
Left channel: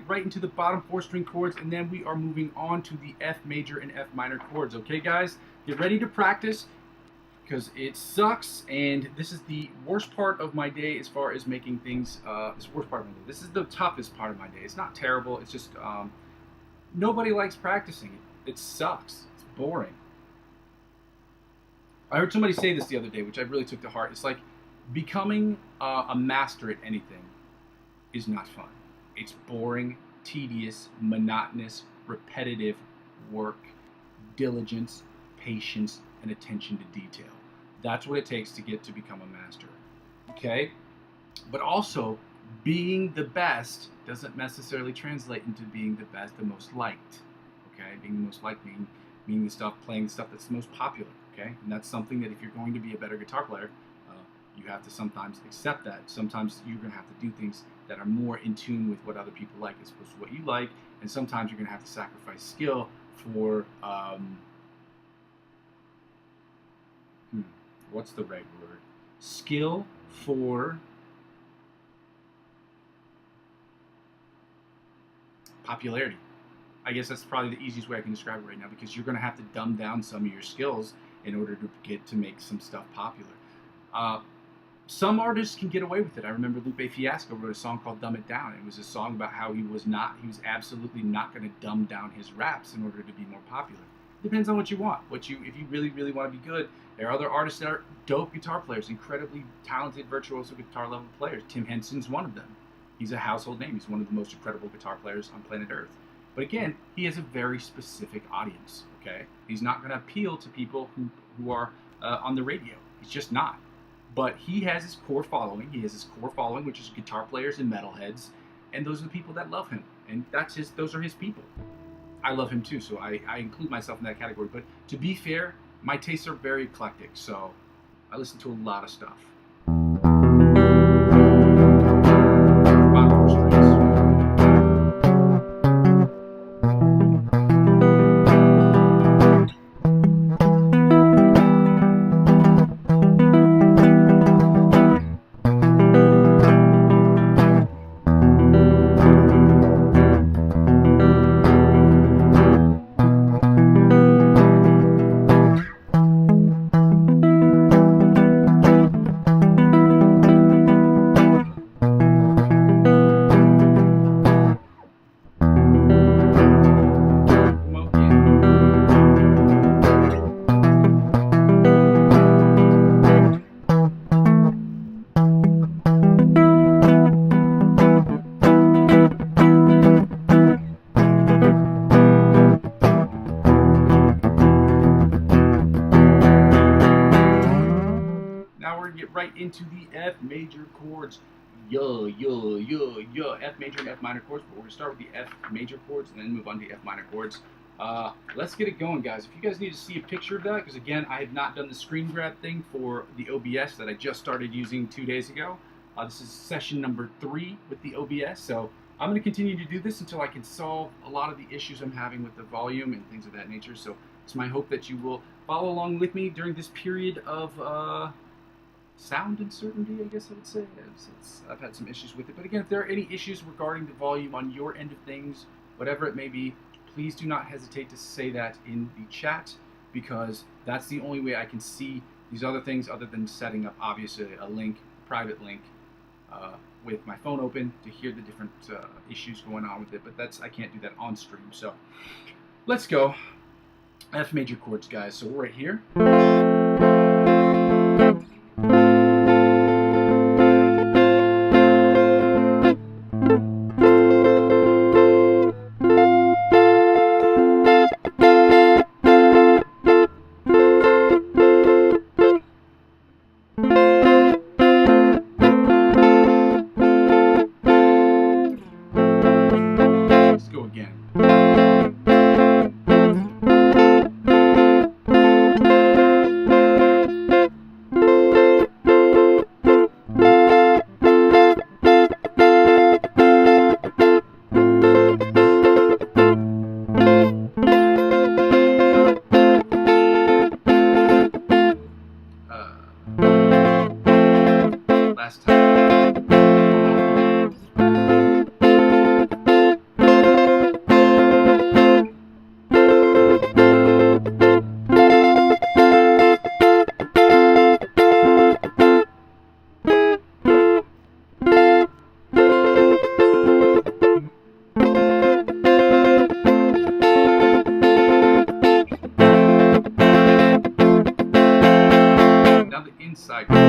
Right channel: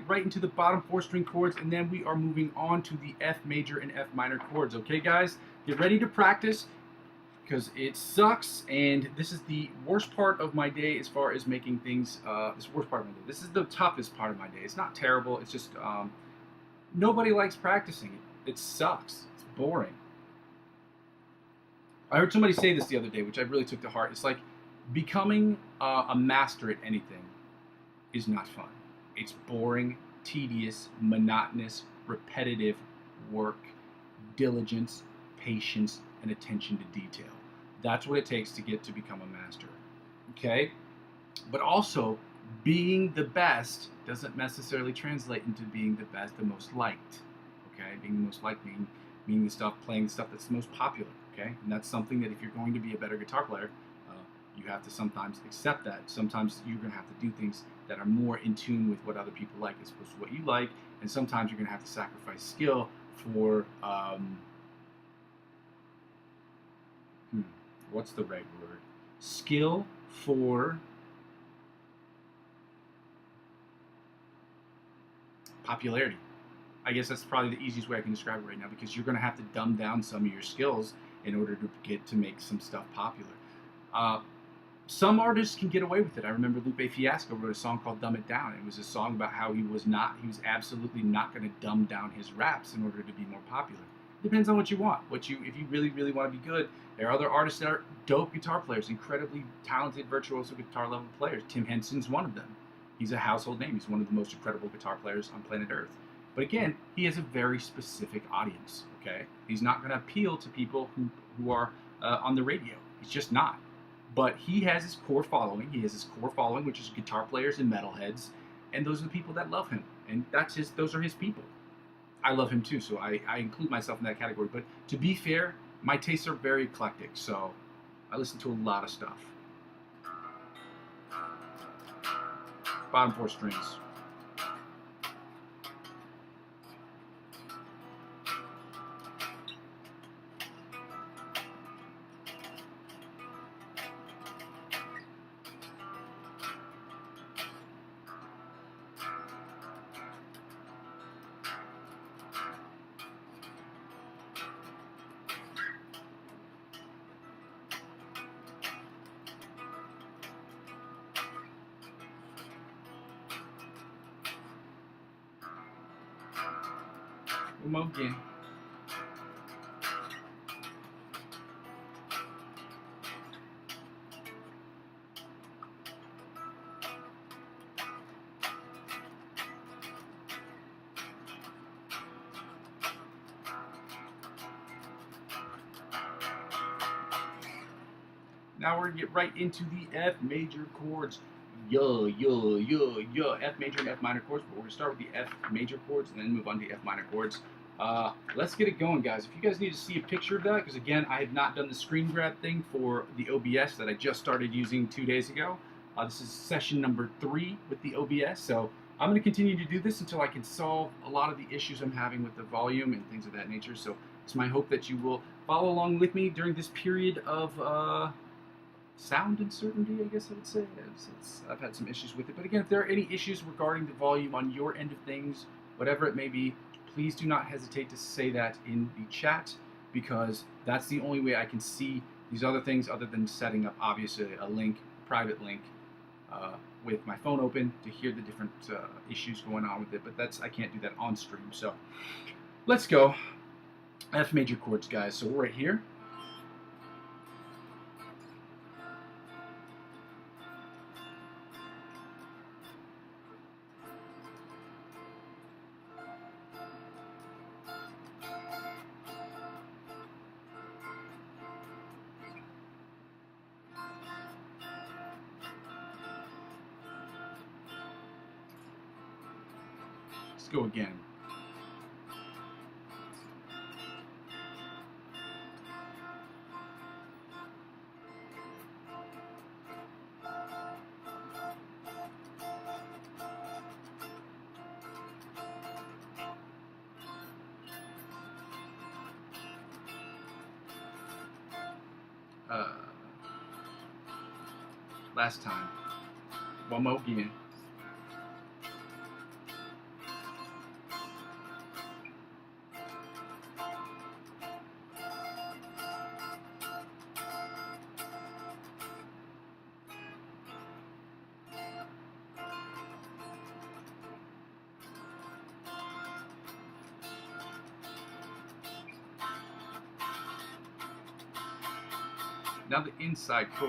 get right into the bottom 4 string chords, and then we are moving on to the F major and F minor chords. Okay, guys, get ready to practice because it sucks, and this is the worst part of my day as far as making things. This is the worst part of my day. This is the toughest part of my day. It's not terrible. It's just nobody likes practicing. It sucks. It's boring. I heard somebody say this the other day, which I really took to heart. It's like becoming a master at anything is not fun. It's boring, tedious, monotonous, repetitive work, diligence, patience, and attention to detail. That's what it takes to get to become a master. Okay? But also, being the best doesn't necessarily translate into being the best, the most liked. Okay? Being the most liked, meaning the stuff, playing the stuff that's the most popular. Okay? And that's something that if you're going to be a better guitar player, you have to sometimes accept that. Sometimes you're going to have to do things that are more in tune with what other people like as opposed to what you like. And sometimes you're going to have to sacrifice skill for, what's the right word? Skill for popularity. I guess that's probably the easiest way I can describe it right now, because you're going to have to dumb down some of your skills in order to get to make some stuff popular. Some artists can get away with it. I remember Lupe Fiasco wrote a song called Dumb It Down. It was a song about how he was absolutely not going to dumb down his raps in order to be more popular. It depends on what you want. If you really, really want to be good, there are other artists that are dope guitar players, incredibly talented, virtuoso guitar level players. Tim Henson's one of them. He's a household name. He's one of the most incredible guitar players on planet Earth. But again, he has a very specific audience, okay? He's not going to appeal to people who are on the radio. He's just not. But he has his core following. He has his core following, which is guitar players and metalheads, and those are the people that love him. And those are his people. I love him too, so I include myself in that category. But to be fair, my tastes are very eclectic, so I listen to a lot of stuff. Bottom 4 strings. Get right into the F major chords. F major and F minor chords, but we're going to start with the F major chords and then move on to the F minor chords. Let's get it going, guys. If you guys need to see a picture of that, because again, I have not done the screen grab thing for the OBS that I just started using 2 days ago. This is session number 3 with the OBS, so I'm going to continue to do this until I can solve a lot of the issues I'm having with the volume and things of that nature. So it's my hope that you will follow along with me during this period of sound uncertainty, I guess I would say. I've had some issues with it. But again, if there are any issues regarding the volume on your end of things, whatever it may be, please do not hesitate to say that in the chat, because that's the only way I can see these other things other than setting up, obviously, a private link with my phone open to hear the different issues going on with it. But I can't do that on stream. So let's go. F major chords, guys. So we're right here. Let's go again. Last time. side chords.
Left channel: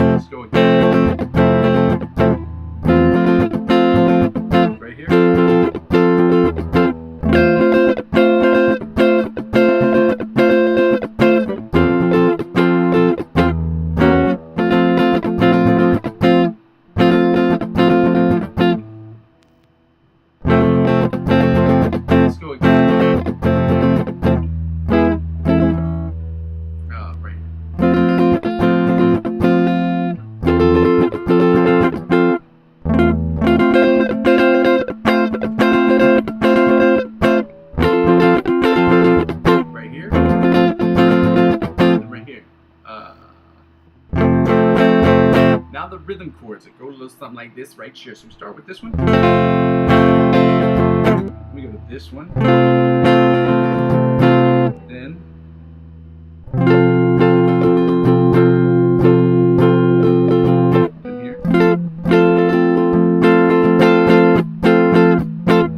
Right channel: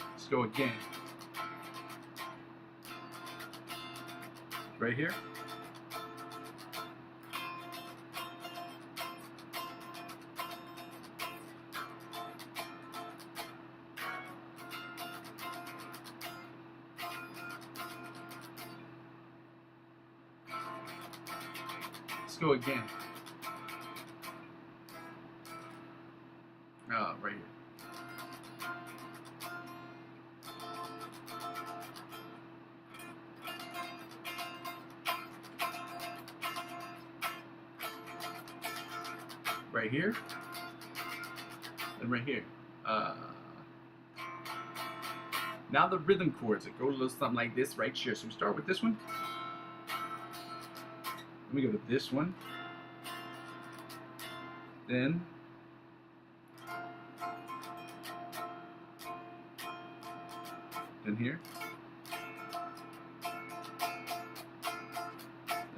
Let's go again. Right here. Let's go again. Right here. Right here. And right here. Now the rhythm chords. It goes a little something like this right here. So we start with this one. Let me go to this one. Then here. Then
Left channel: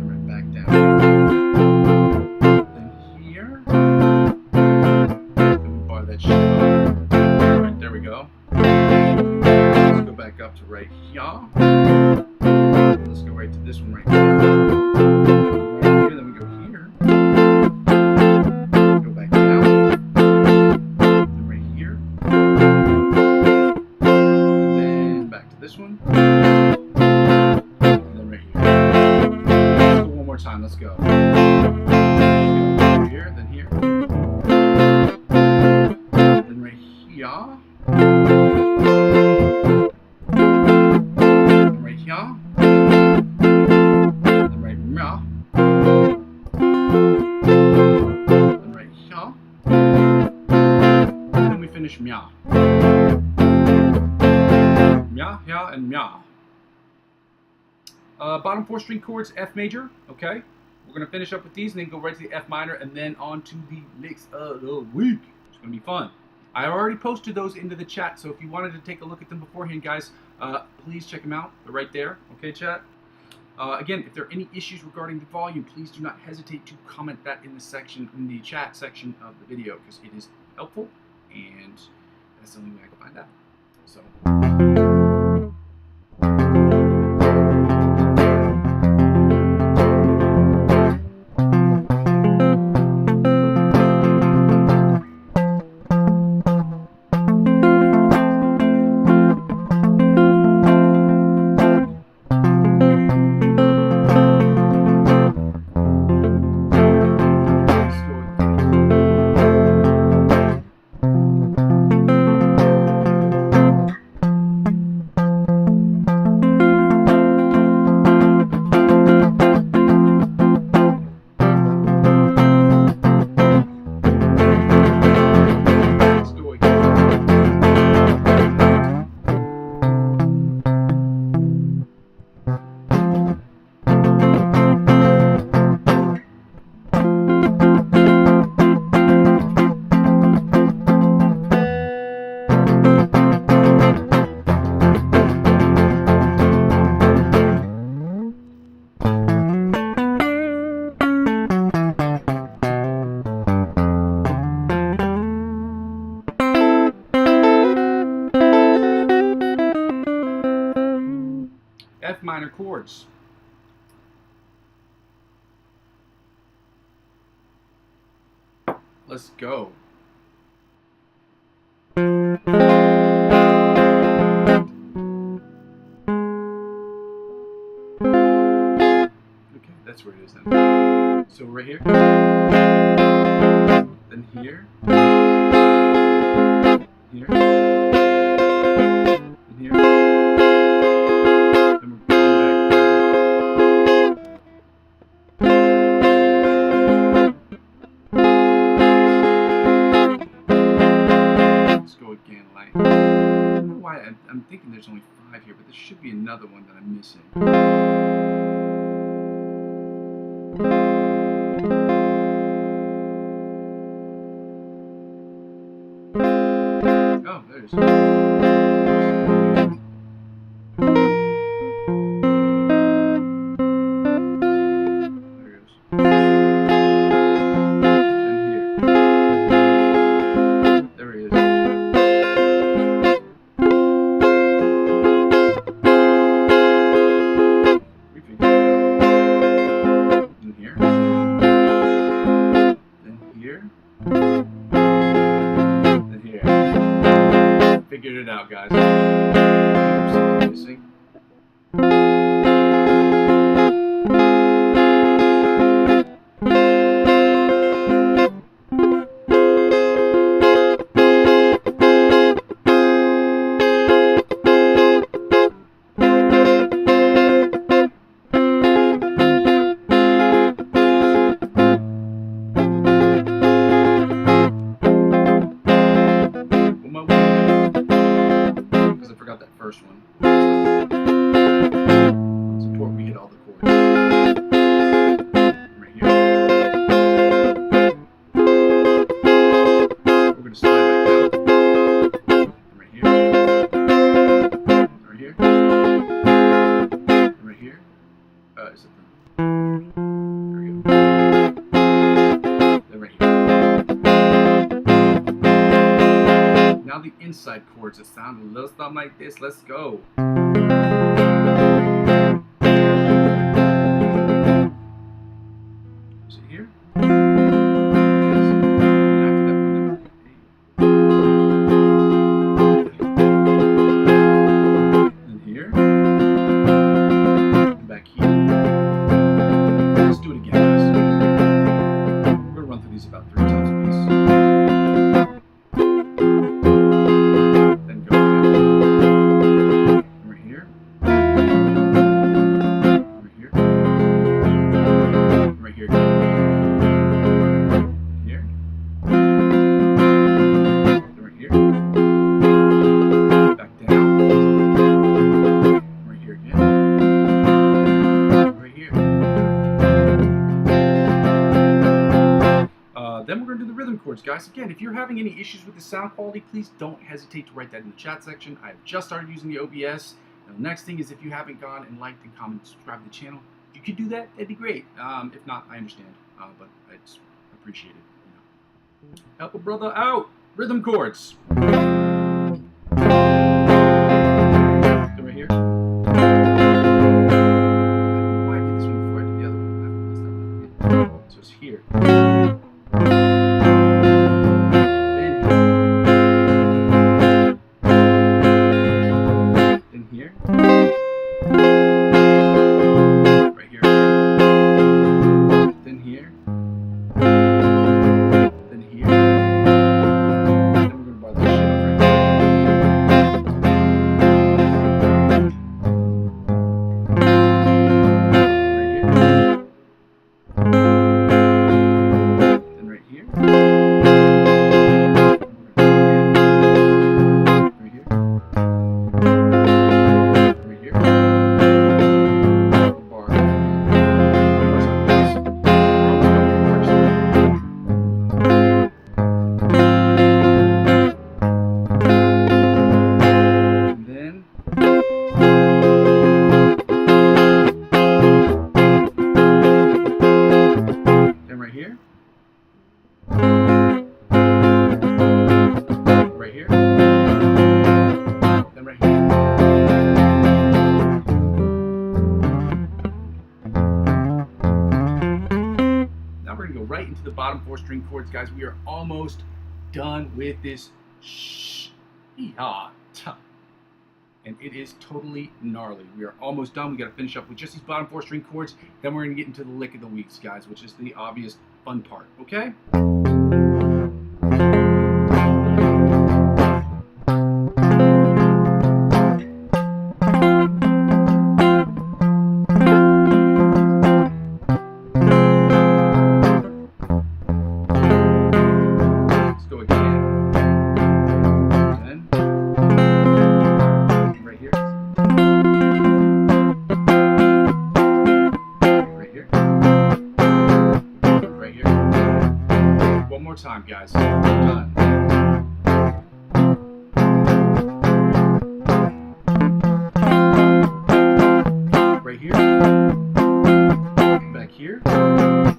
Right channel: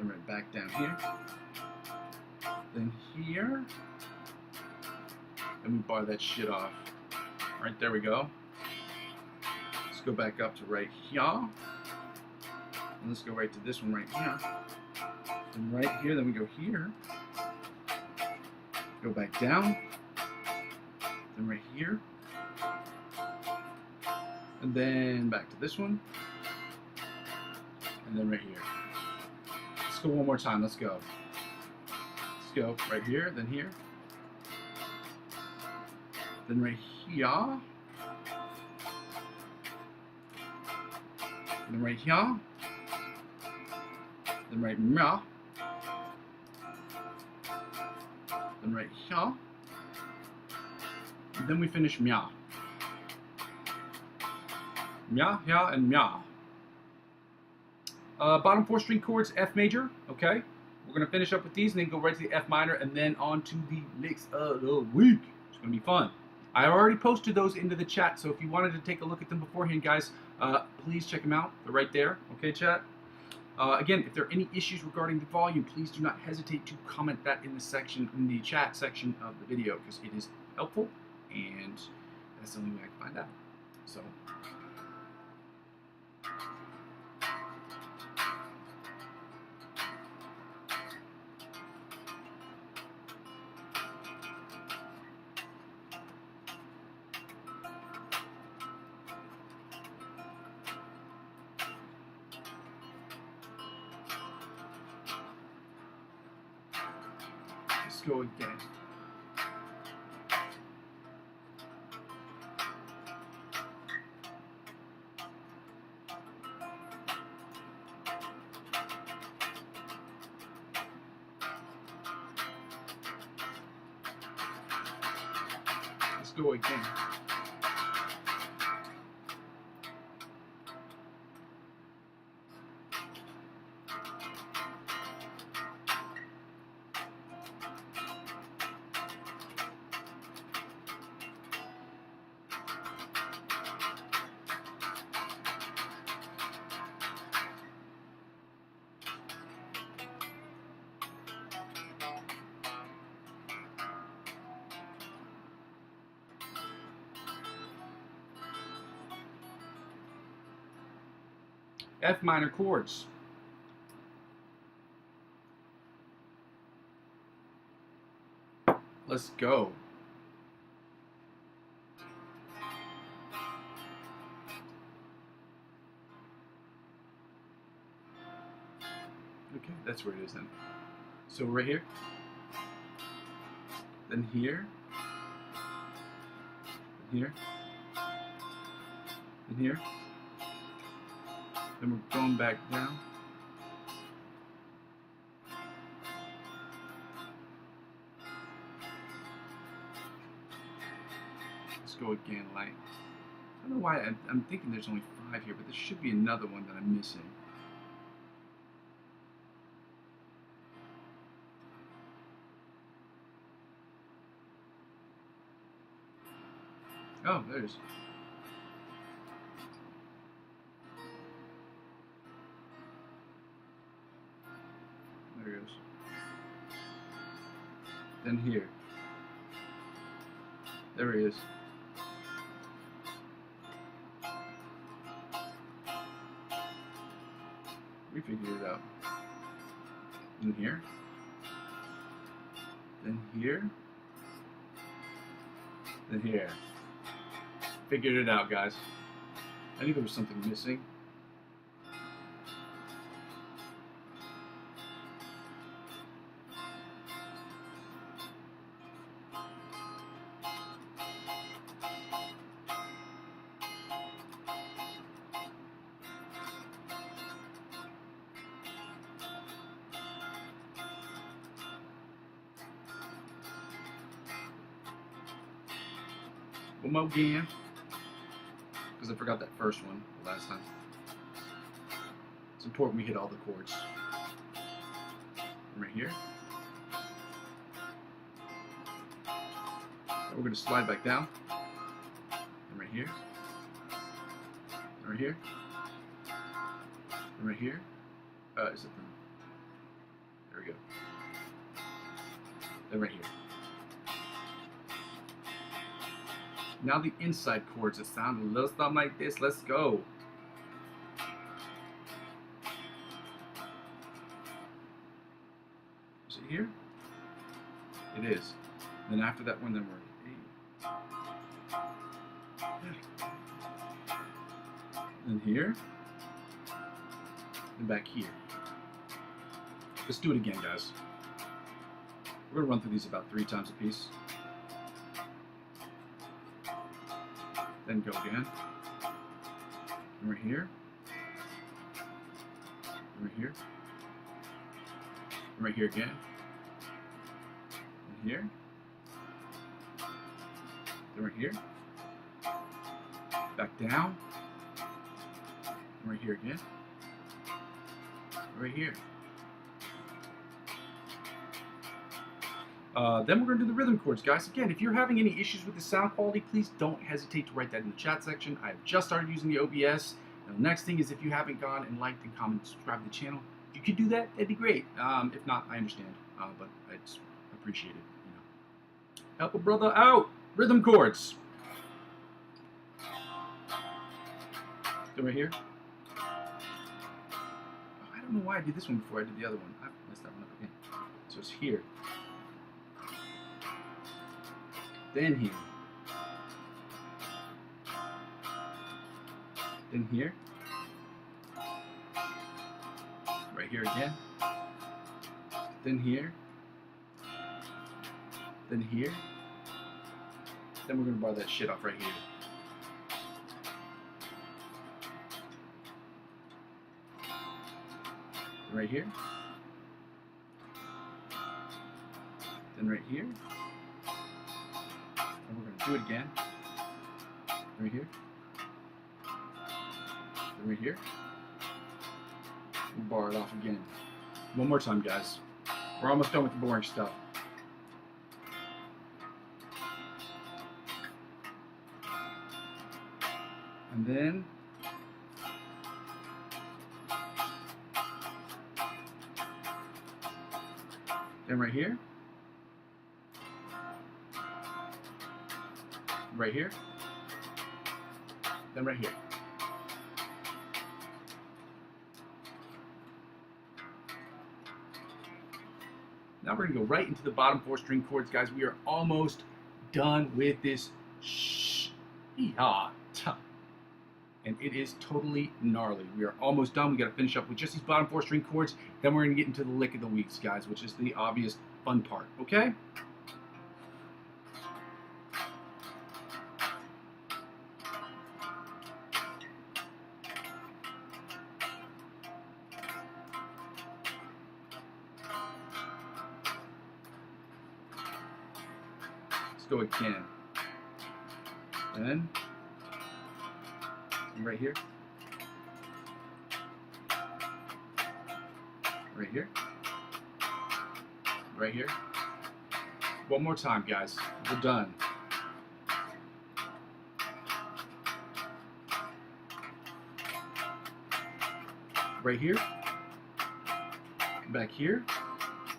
right back down here. Then here. Then we bar that shit off. Alright, there we go. Let's go back up to right here. Let's go right to this one right here. Right here, then we go here. Go back down. Then right here. And then back to this one. And then right here. Let's go one more time. Let's go. Let's go right here, then here. Then right here. Then right here. Then right here. Then right here. Then we finish mia. Mia, here, and mia. Bottom 4 string chords, F major. Okay, we're gonna finish up with these and then go right to the F minor and then on to the mix of the week. It's gonna be fun. I already posted those into the chat, so if you wanted to take a look at them beforehand, guys, please check them out. They're right there. Okay, chat. Again, if there are any issues regarding the volume, please do not hesitate to comment that in the chat section of the video, because it is helpful and that's the only way I can find out. So. F minor chords. Let's go. Okay, that's where it is then. So right here, then here, here, and here. Then we're going back down. Let's go again, like. I don't know why I'm thinking there's only 5 here, but there should be another one that I'm missing. Oh, there it is. Figured it out, guys. There's something missing. That first one. It's important we hit all the chords. Right here. We're going to slide back down. And right here. Right here. And right here. Is it the... There we go. Then right here. Now the inside chords that sound a little something like this. Let's go. Is it here? It is. And after that one, then here. And back here. Let's do it again, guys. We're going to run through these about 3 times a piece. Then we're going to do the rhythm chords, guys. Again, if you're having any issues with the sound quality, please don't hesitate to write that in the chat section. I've just started using the OBS. And the next thing is, if you haven't gone and liked and commented and subscribed to the channel, if you could do that, that'd be great. If not, I understand, but I'd appreciate it. You know. Help a brother out. Rhythm chords. So right here. I don't know why I did this one before I did the other one. I messed that one up again. So it's here. Right here. Then right here. Now we're going to go right into the bottom 4 string chords, guys. We are almost done with this and it is totally gnarly. We are almost done. We got to finish up with just these bottom 4 string chords. Then we're going to get into the lick of the weeks, guys, which is the obvious fun part. Okay? One more time, guys. Done. here, come back here. Now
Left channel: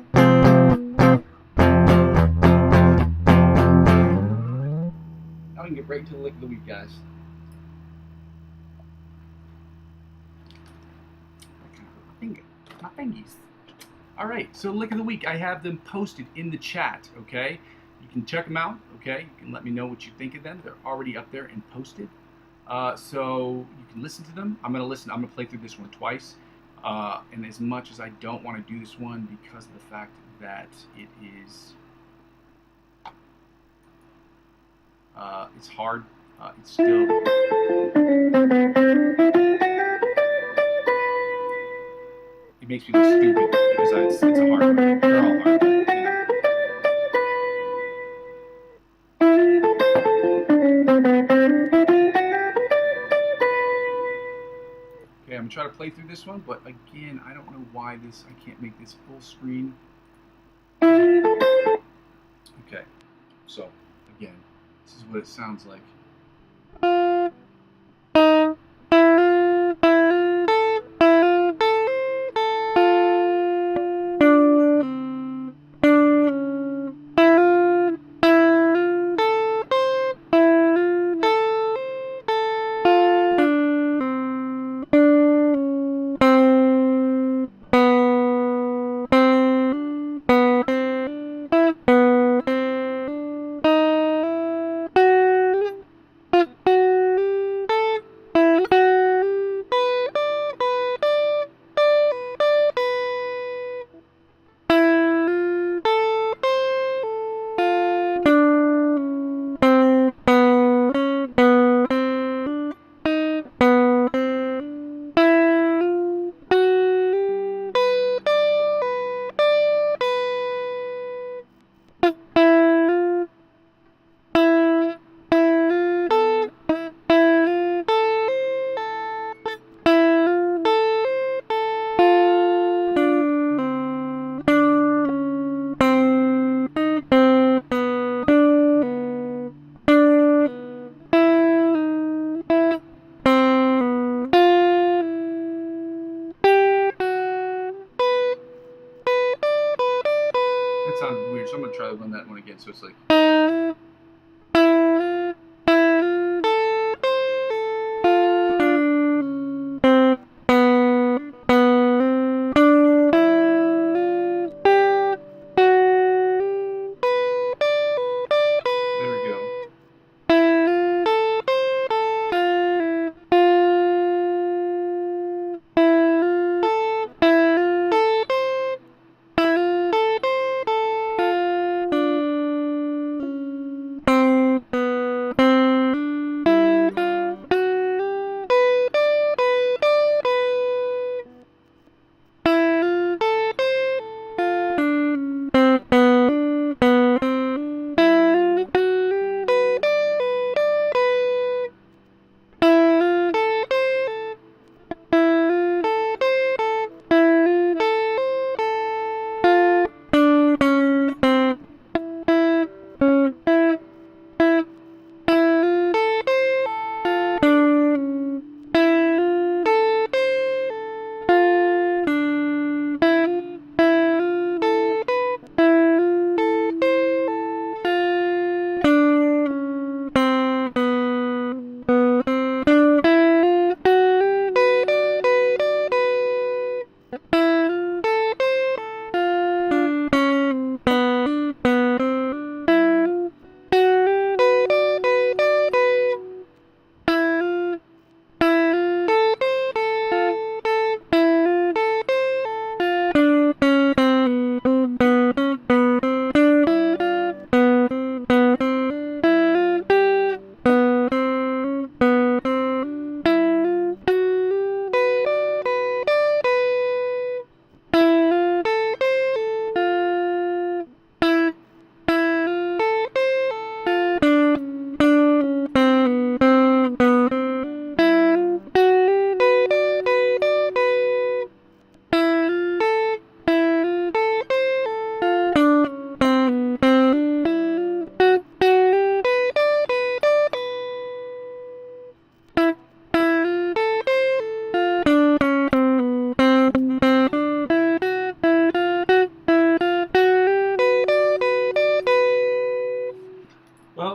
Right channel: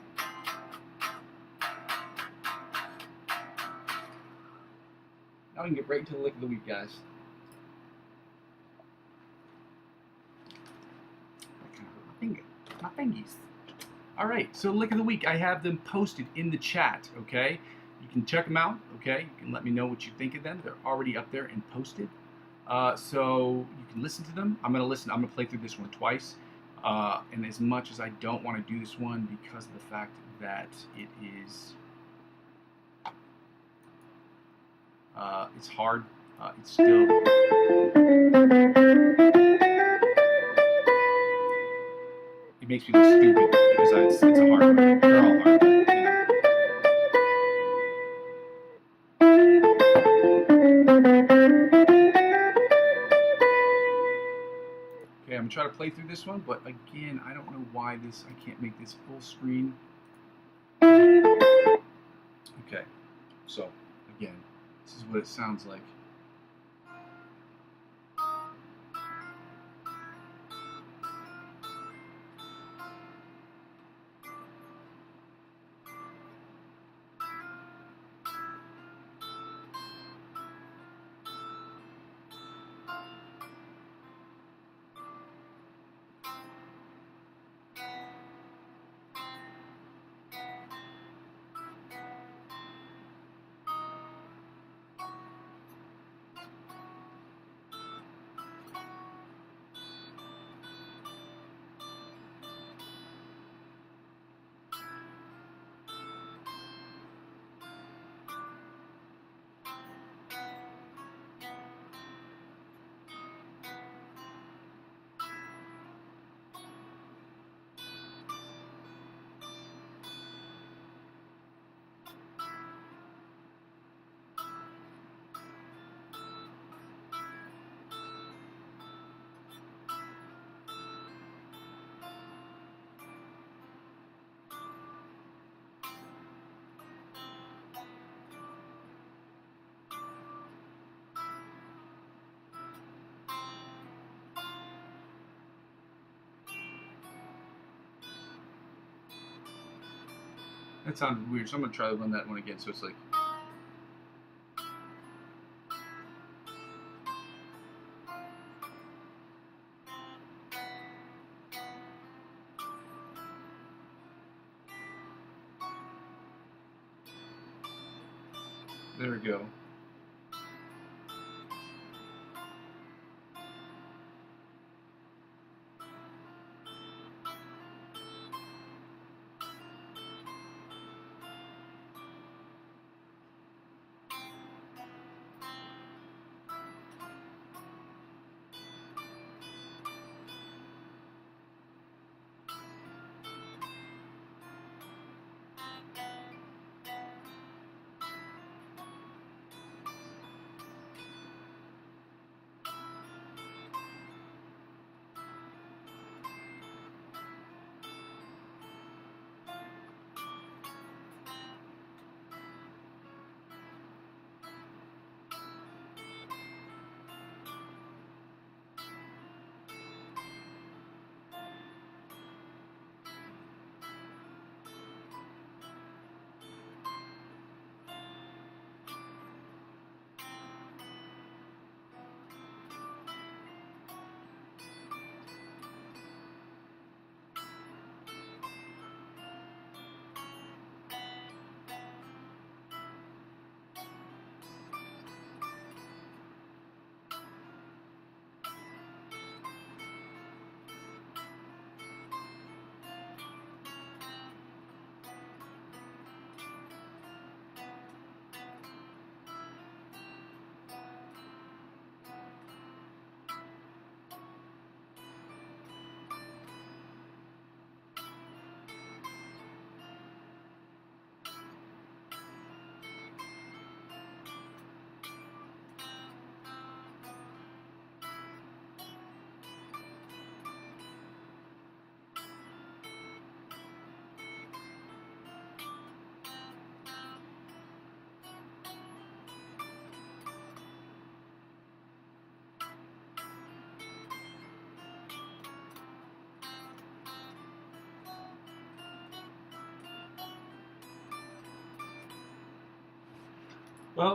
we can get right into the lick of the week, guys. That kind of hurt my finger. My fingies. Alright, so lick of the week, I have them posted in the chat, okay? You can check them out, okay? You can let me know what you think of them. They're already up there and posted. So you can listen to them. I'm going to play through this one twice. And as much as I don't want to do this one because of the fact that it is... it's hard. It's still... It makes me look stupid because it's a hard one. They're all hard, but, you know. Okay, I'm going to try to play through this one, but again, I don't know why I can't make this full screen. Okay, so, again, this is what it sounds like. That sounded weird, so I'm going to try to run that one again. So it's like... There we go.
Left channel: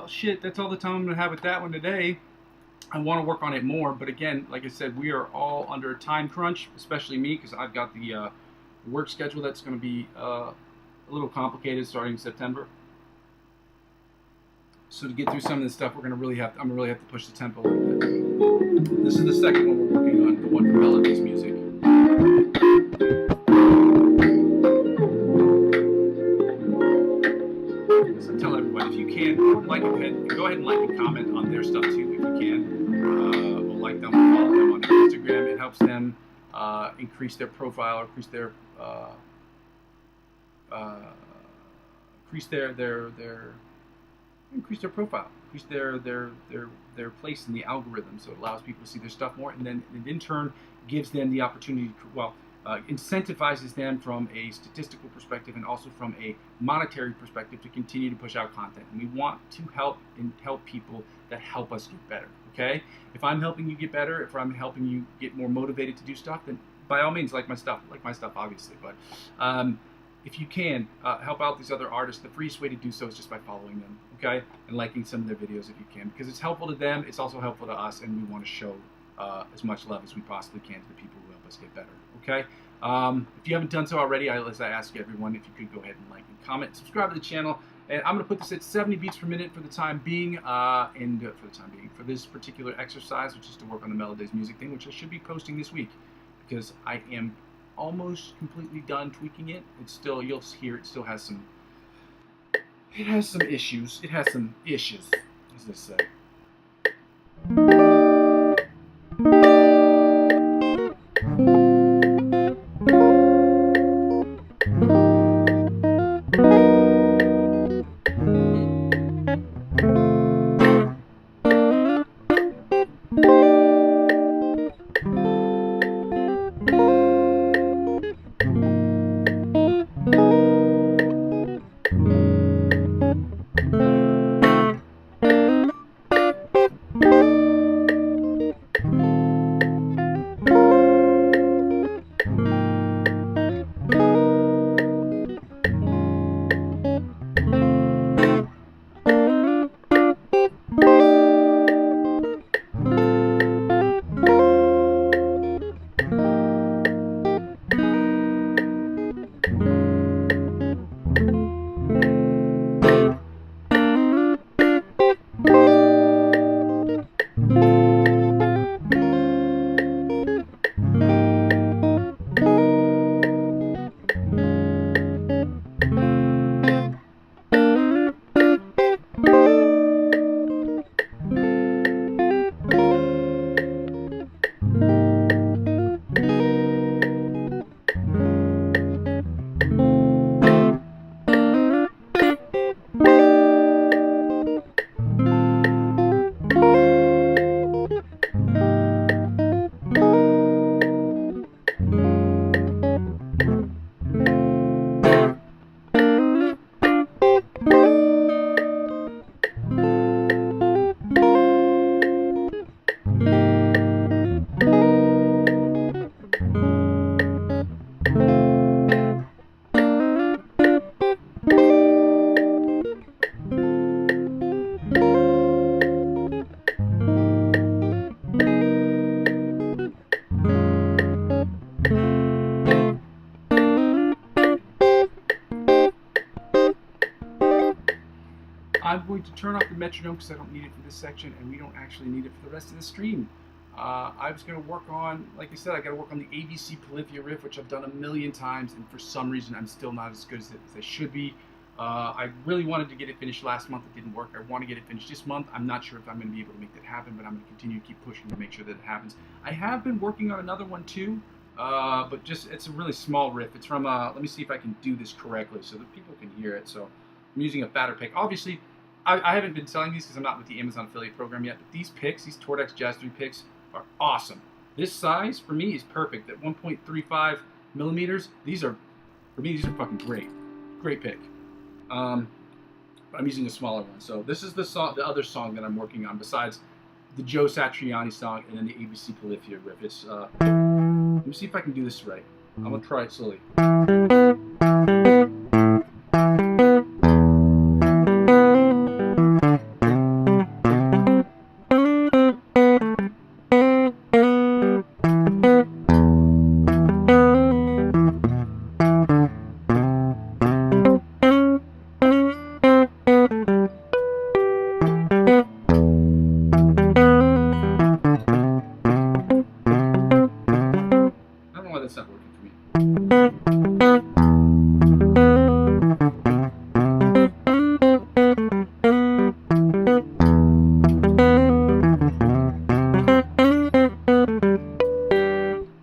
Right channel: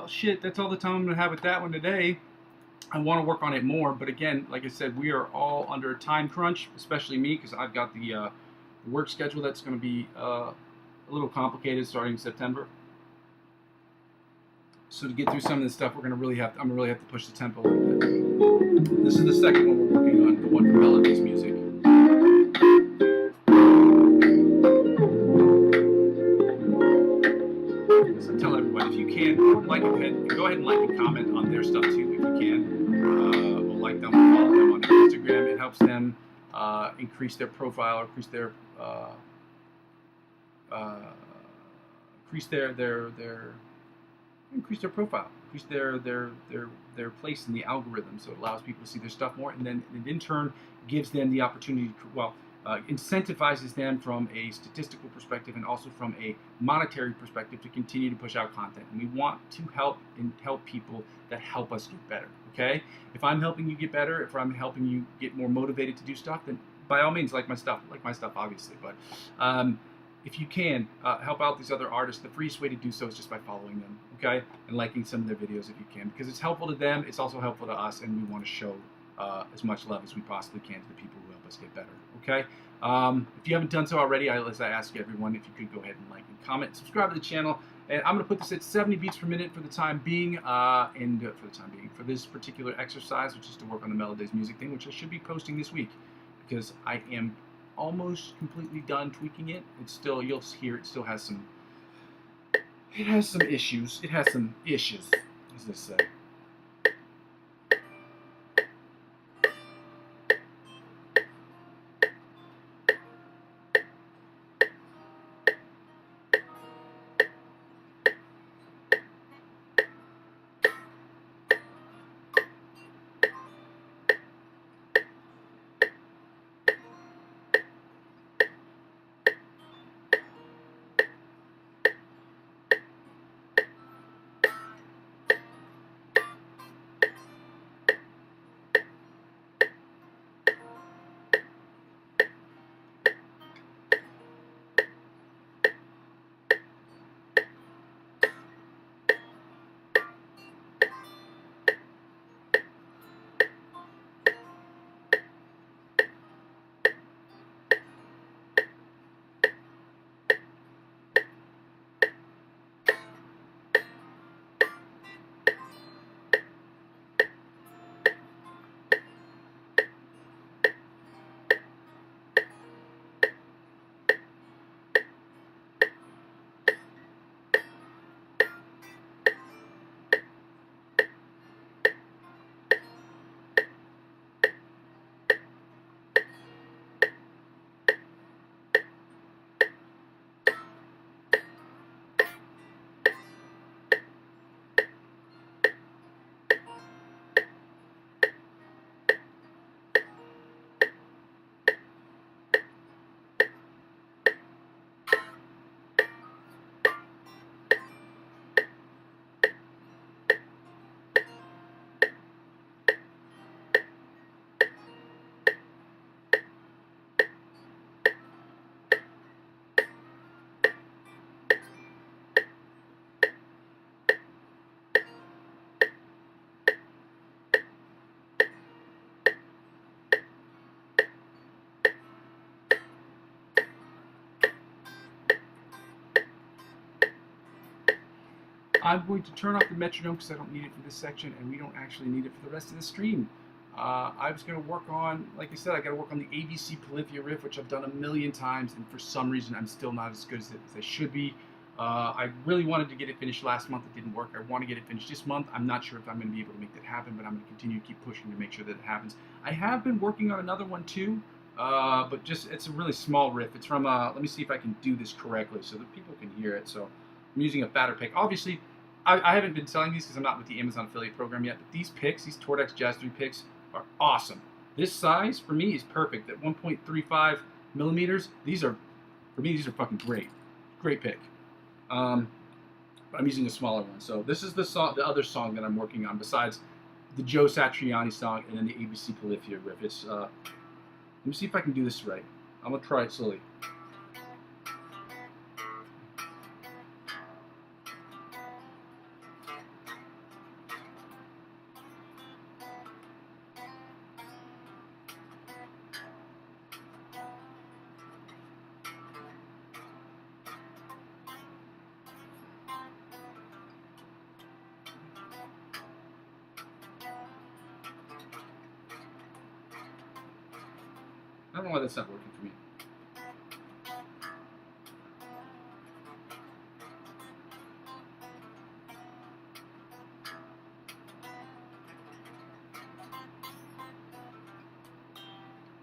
well, shit, that's all the time I'm going to have with that one today. I want to work on it more, but again, like I said, we are all under a time crunch, especially me, because I've got the work schedule that's going to be a little complicated starting in September. So to get through some of this stuff, I'm gonna really have to push the tempo a little bit. This is the second one we're working on, the one for Melody's music. So tell everyone, if you can, go ahead and like and comment on their stuff too, if you can. We'll like them, follow them on Instagram. It helps them increase their profile, or increase their profile, increase their place in the algorithm, so it allows people to see their stuff more, and then it in turn gives them the opportunity to, incentivizes them from a statistical perspective and also from a monetary perspective to continue to push out content. And we want to help people that help us get better. Okay, if I'm helping you get better, if I'm helping you get more motivated to do stuff, then by all means, like my stuff obviously. But if you can help out these other artists, the freest way to do so is just by following them, okay, and liking some of their videos if you can, because it's helpful to them, it's also helpful to us, and we want to show as much love as we possibly can to the people who help us get better, okay? If you haven't done so already, as I ask everyone, if you could go ahead and like and comment, subscribe to the channel, and I'm going to put this at 70 beats per minute for the time being, for this particular exercise, which is to work on the Melody's music thing, which I should be posting this week, because I am almost completely done tweaking it. It's still, you'll hear, it still has some, issues, as they say. I'm going to turn off the metronome because I don't need it for this section, and we don't actually need it for the rest of the stream. I was going to work on, like I said, I got to work on the ABC Polyphia riff, which I've done a million times, and for some reason I'm still not as good as I should be. I really wanted to get it finished last month. It didn't work. I want to get it finished this month. I'm not sure if I'm going to be able to make that happen, but I'm going to continue to keep pushing to make sure that it happens. I have been working on another one too, but just it's a really small riff. It's from, let me see if I can do this correctly so that people can hear it. So I'm using a fatter pick. Obviously, I haven't been selling these because I'm not with the Amazon affiliate program yet, but these picks, these Tordex Jazz 3 picks, are awesome. This size, for me, is perfect. At 1.35 millimeters, these are, for me, these are fucking great. Great pick. But I'm using a smaller one. So this is the song, the other song that I'm working on, besides the Joe Satriani song and then the ABC Polyphia riff. It's, let me see if I can do this right. I'm going to try it slowly.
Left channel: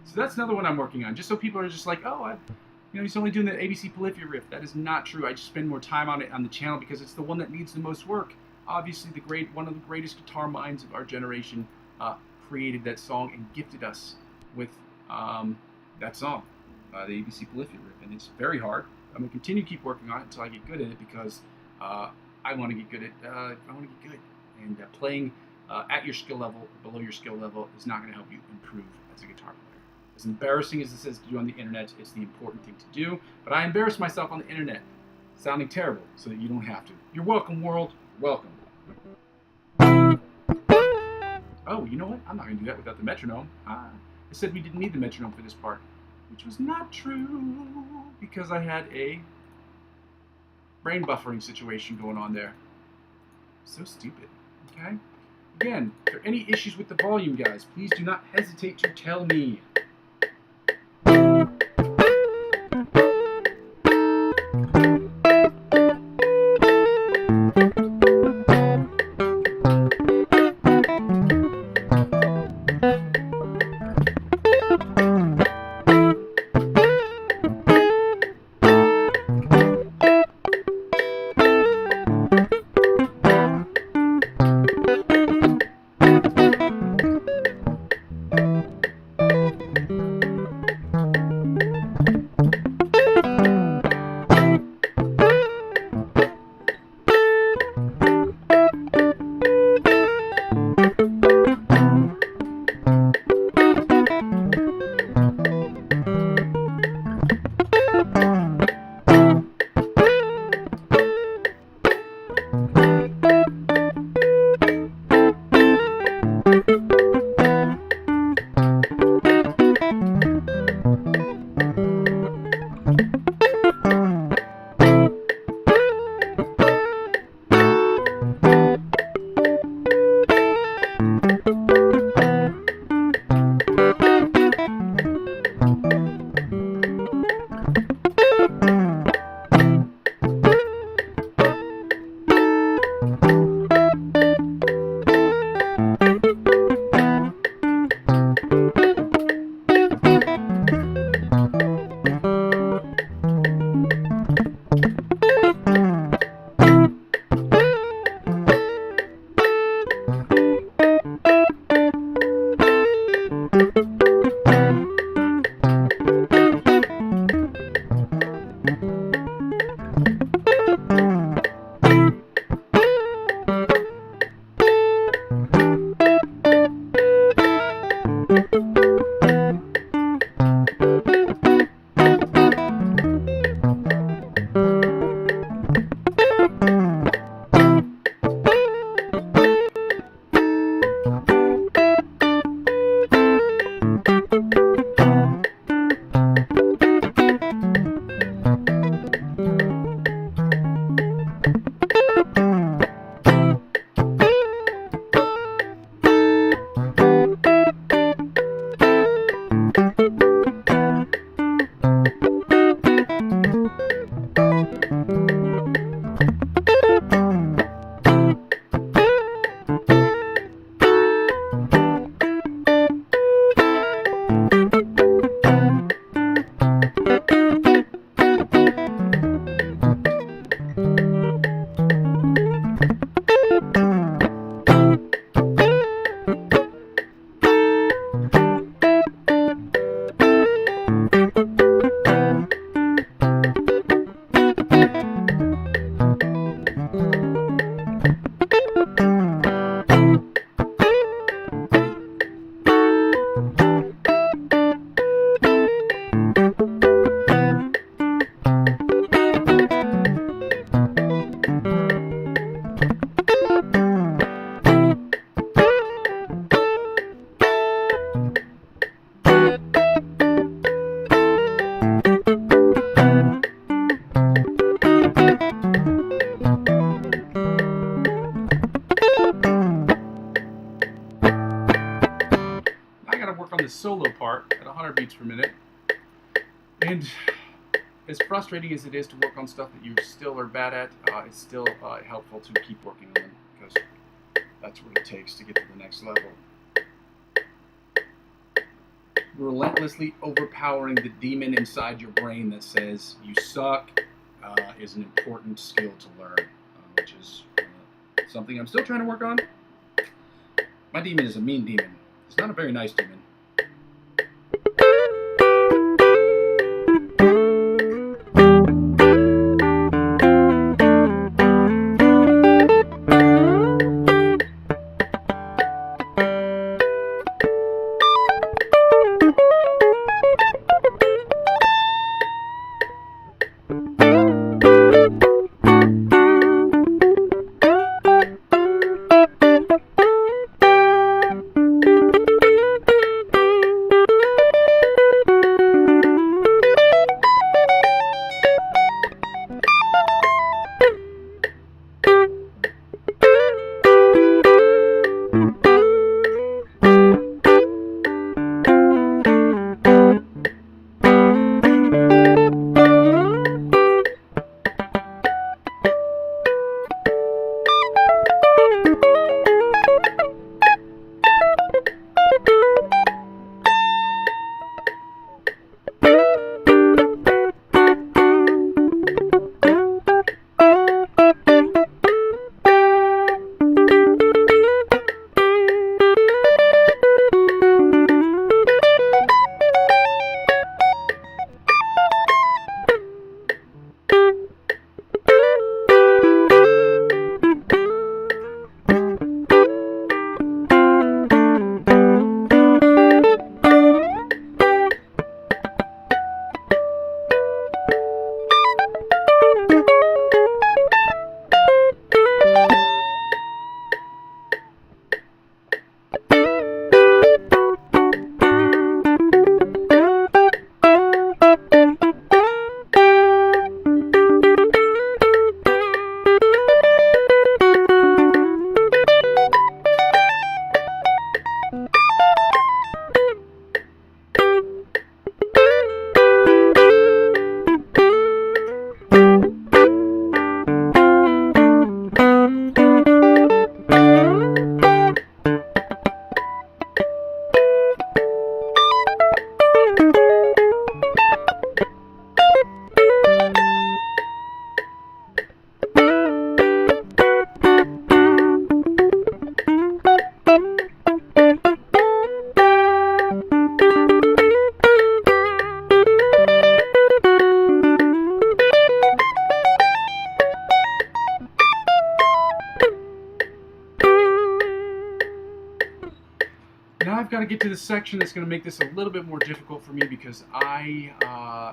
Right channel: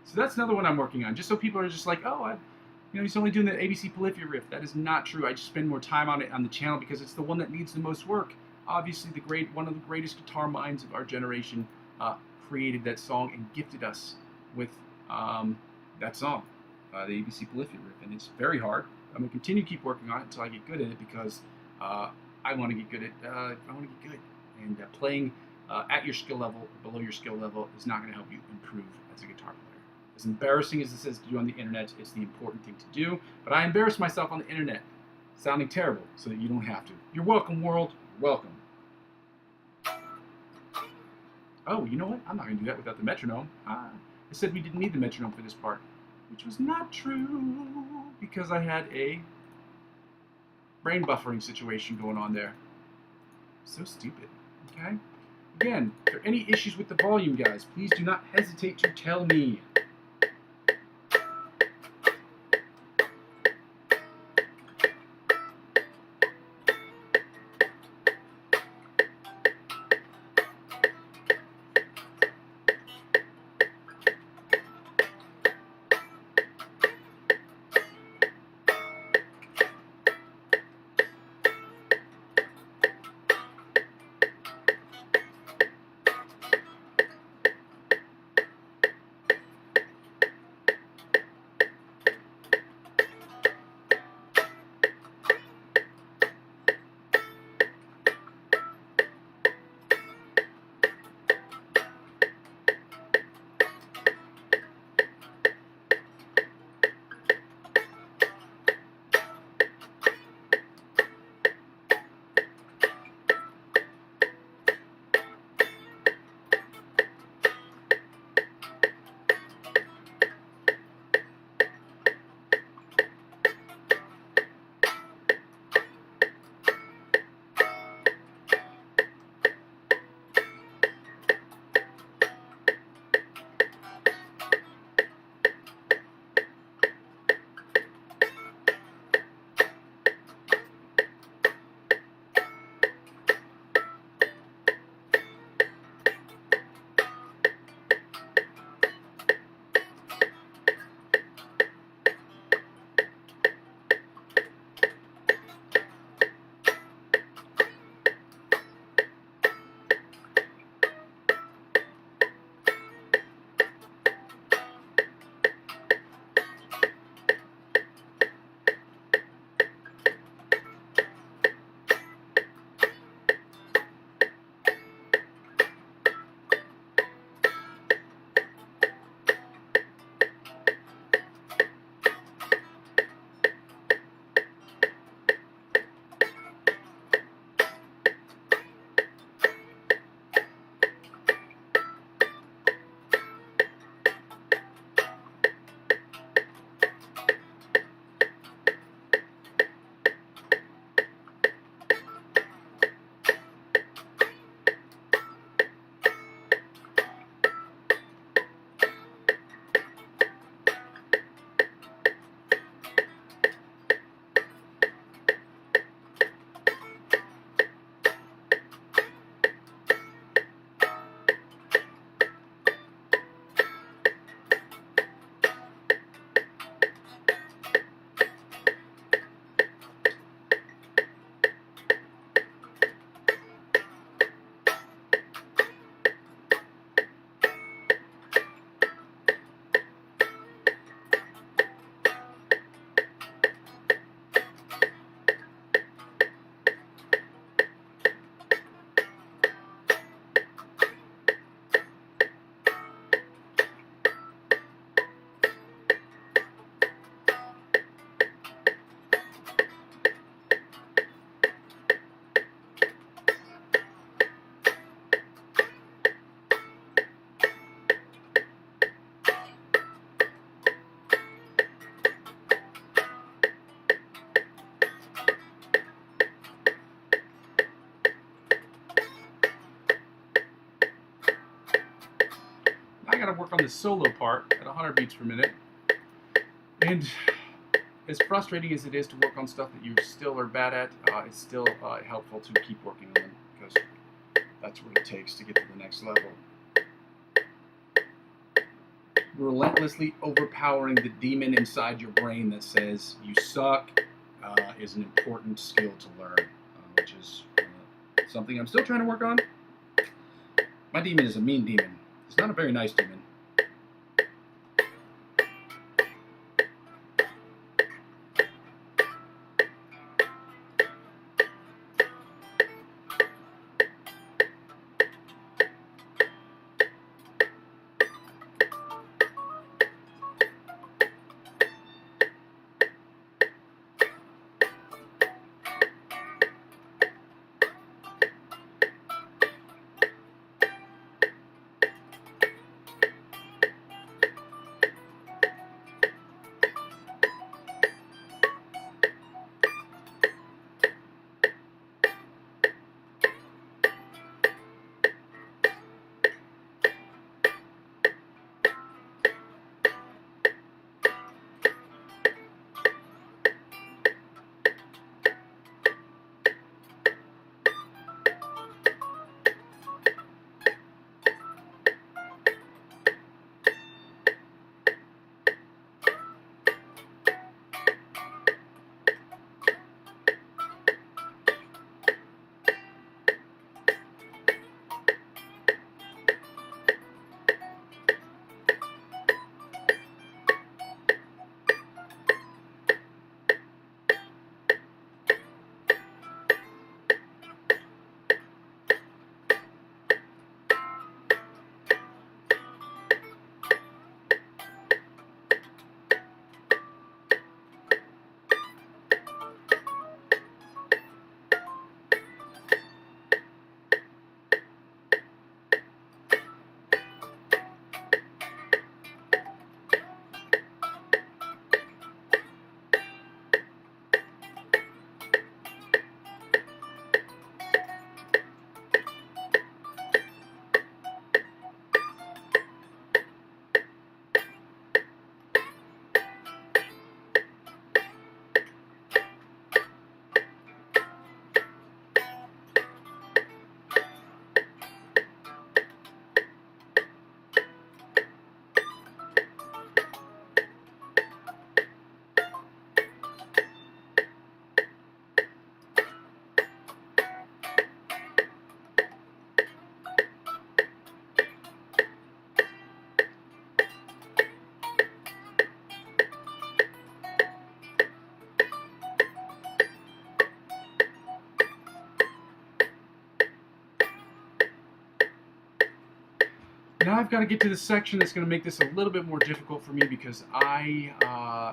So that's another one I'm working on, just so people are just like, oh, he's only doing the ABC Polyphia riff. That is not true. I just spend more time on it on the channel because it's the one that needs the most work. Obviously, one of the greatest guitar minds of our generation created that song and gifted us with that song, the ABC Polyphia riff, and it's very hard. I'm gonna continue to keep working on it until I get good at it because I want to get good at. I want to get good, and playing at your skill level, below your skill level, is not going to help you improve as a guitar player. As embarrassing as this is to do on the internet, it's the important thing to do. But I embarrass myself on the internet, sounding terrible, so that you don't have to. You're welcome, world. You're welcome. Oh, you know what? I'm not going to do that without the metronome. I said we didn't need the metronome for this part, which was not true because I had a brain buffering situation going on there. So stupid. Okay? Again, if there are any issues with the volume, guys, please do not hesitate to tell me. The solo part at 100 beats per minute. And as frustrating as it is to work on stuff that you still are bad at, it's still helpful to keep working on them, because that's what it takes to get to the next level. Relentlessly overpowering the demon inside your brain that says you suck is an important skill to learn, which is something I'm still trying to work on. My demon is a mean demon. It's not a very nice demon. Now I've got to get to the section that's going to make this a little bit more difficult for me, because I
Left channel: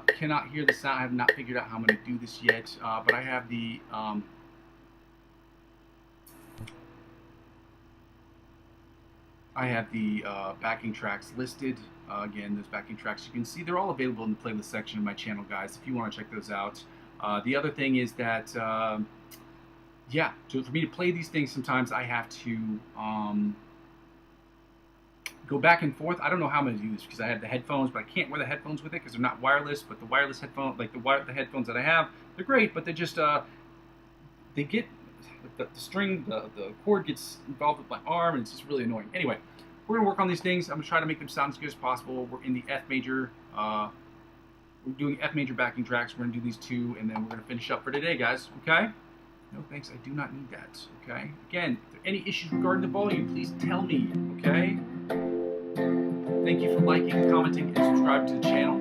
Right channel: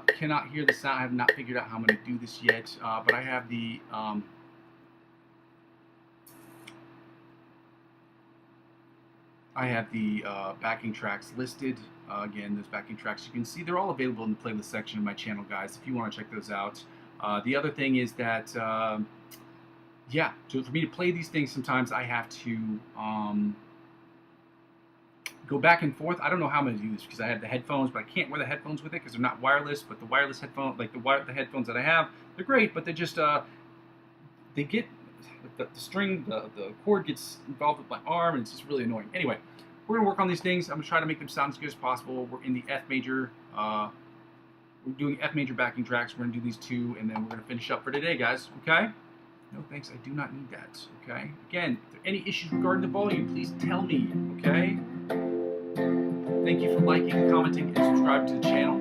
cannot hear the sound. I have not figured out how I'm going to do this yet, but I have the backing tracks listed. Again, those backing tracks, you can see they're all available in the playlist section of my channel, guys, if you want to check those out. The other thing is that, yeah, so for me to play these things, sometimes I have to go back and forth. I don't know how I'm going to do this, because I have the headphones, but I can't wear the headphones with it because they're not wireless. But the wireless headphone, like the headphones that I have, they're great, but they just they get the string, the cord gets involved with my arm, and it's just really annoying. Anyway, we're gonna work on these things. I'm gonna try to make them sound as good as possible. We're in the F major. We're doing F major backing tracks. We're gonna do these two, and then we're gonna finish up for today, guys. Okay? No thanks. I do not need that. Okay? Again, if there are any issues regarding the volume, please tell me. Okay? Thank you for liking, commenting, and subscribing to the channel.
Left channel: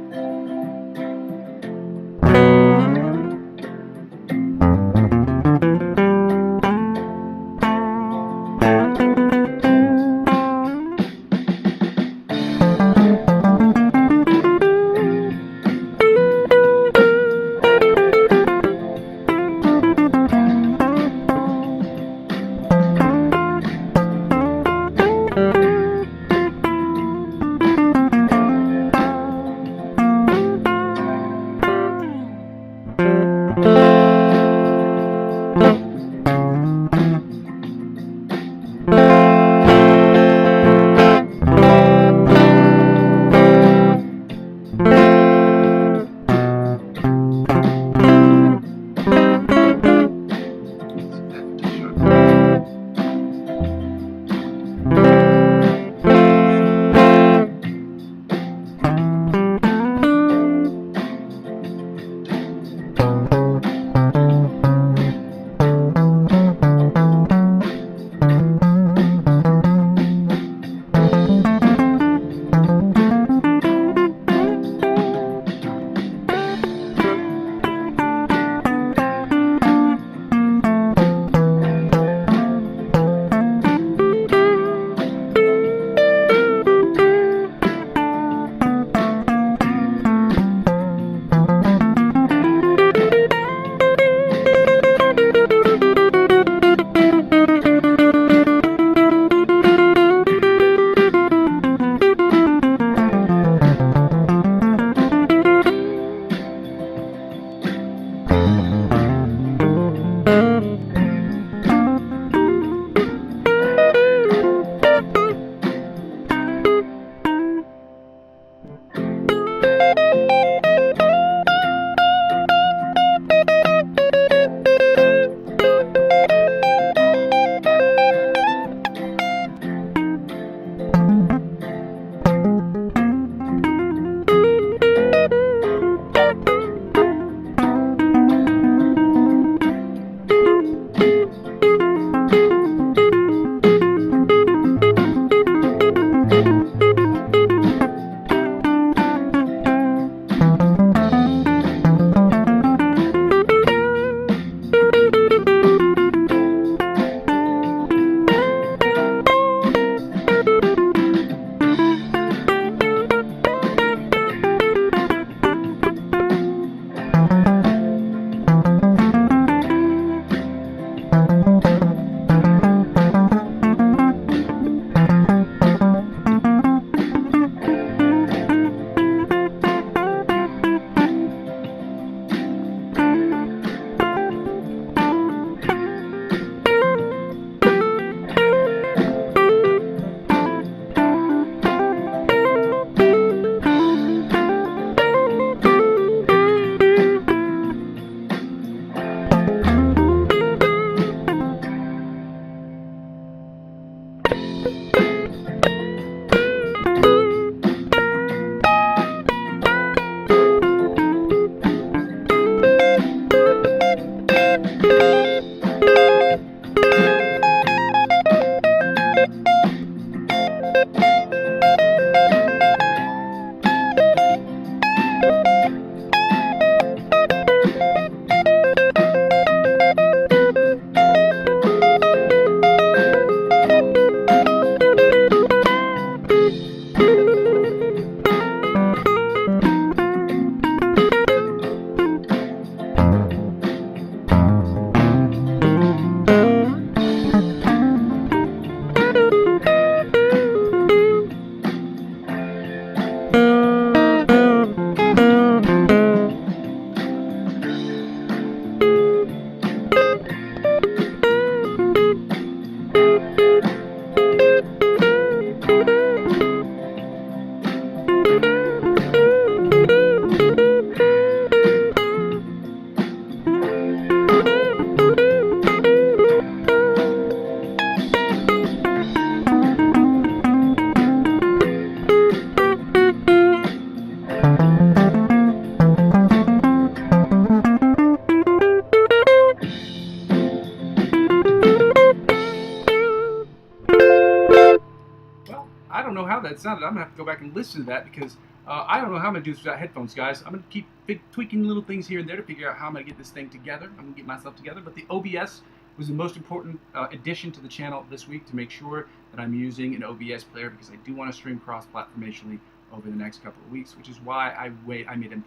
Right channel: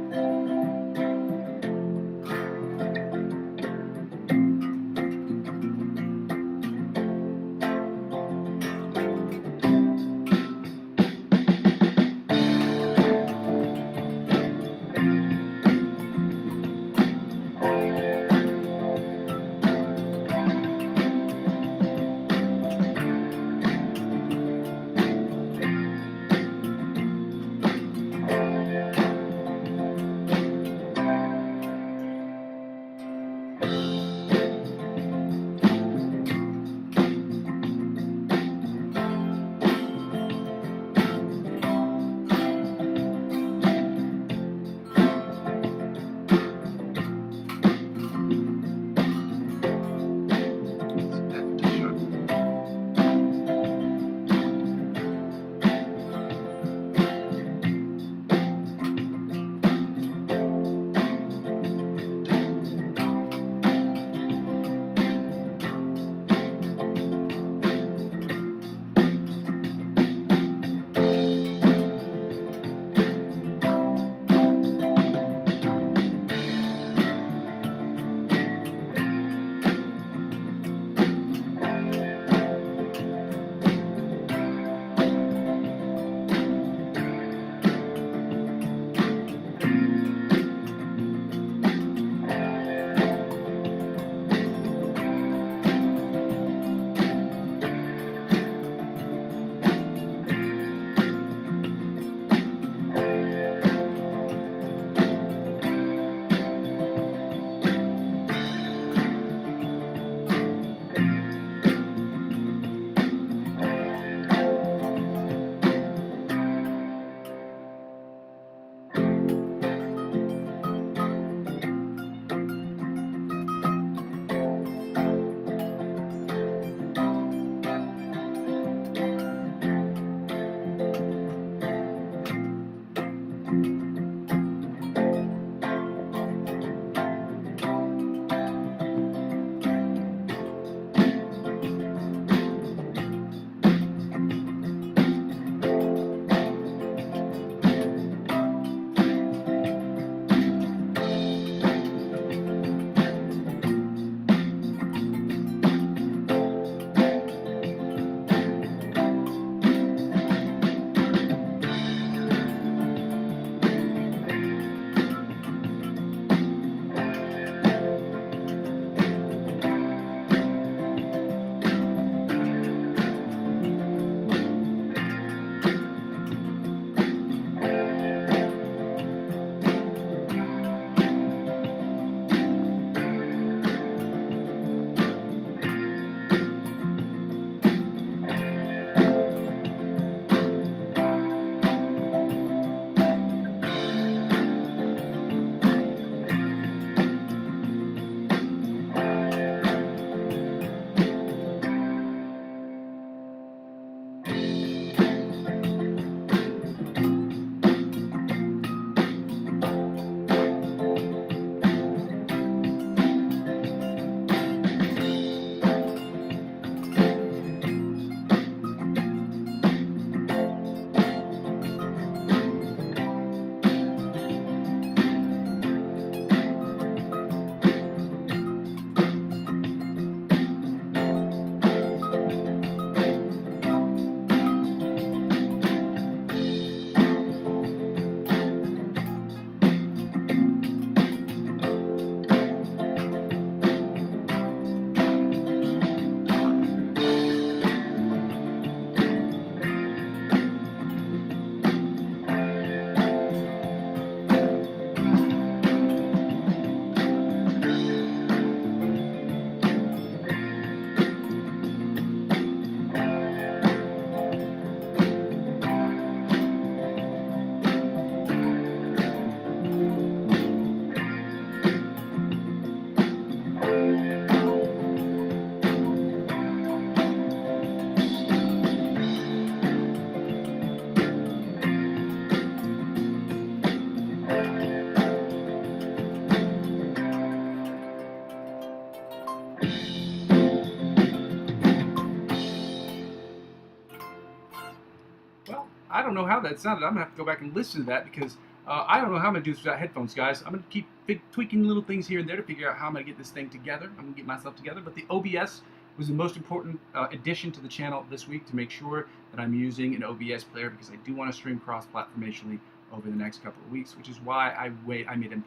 that sounded. I'm going to have to go back and listen to that because I don't know how I'm going to do this without headphones, guys. I'm going to keep tweaking little things here and there to figure out how I'm going to get this thing together. I'm going to get myself together. But the OBS was the most important addition to the channel this week to make sure that I'm using an OBS player because I do want to stream cross-platformationally over the next couple of weeks, which is why I made an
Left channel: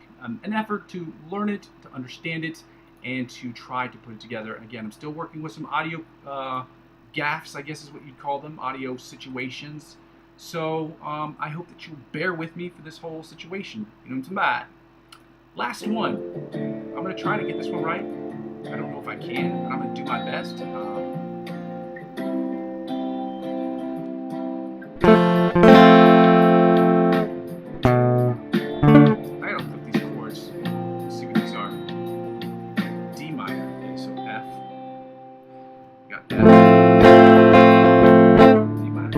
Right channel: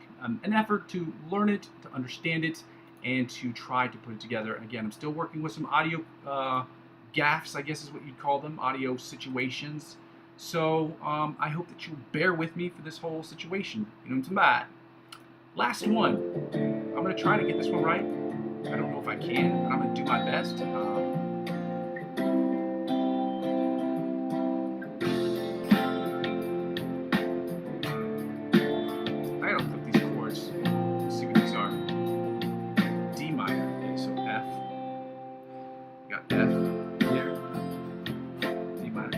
effort to learn it, to understand it, and to try to put it together. Again, I'm still working with some audio gaffes, I guess is what you'd call them, audio situations. So I hope that you'll bear with me for this whole situation. Last one. I'm going to try to get this one right. I don't know if I can, but I'm going to do my best. I got to flip these chords. Let's see what these are. D minor. Okay, so F. Got F. D minor.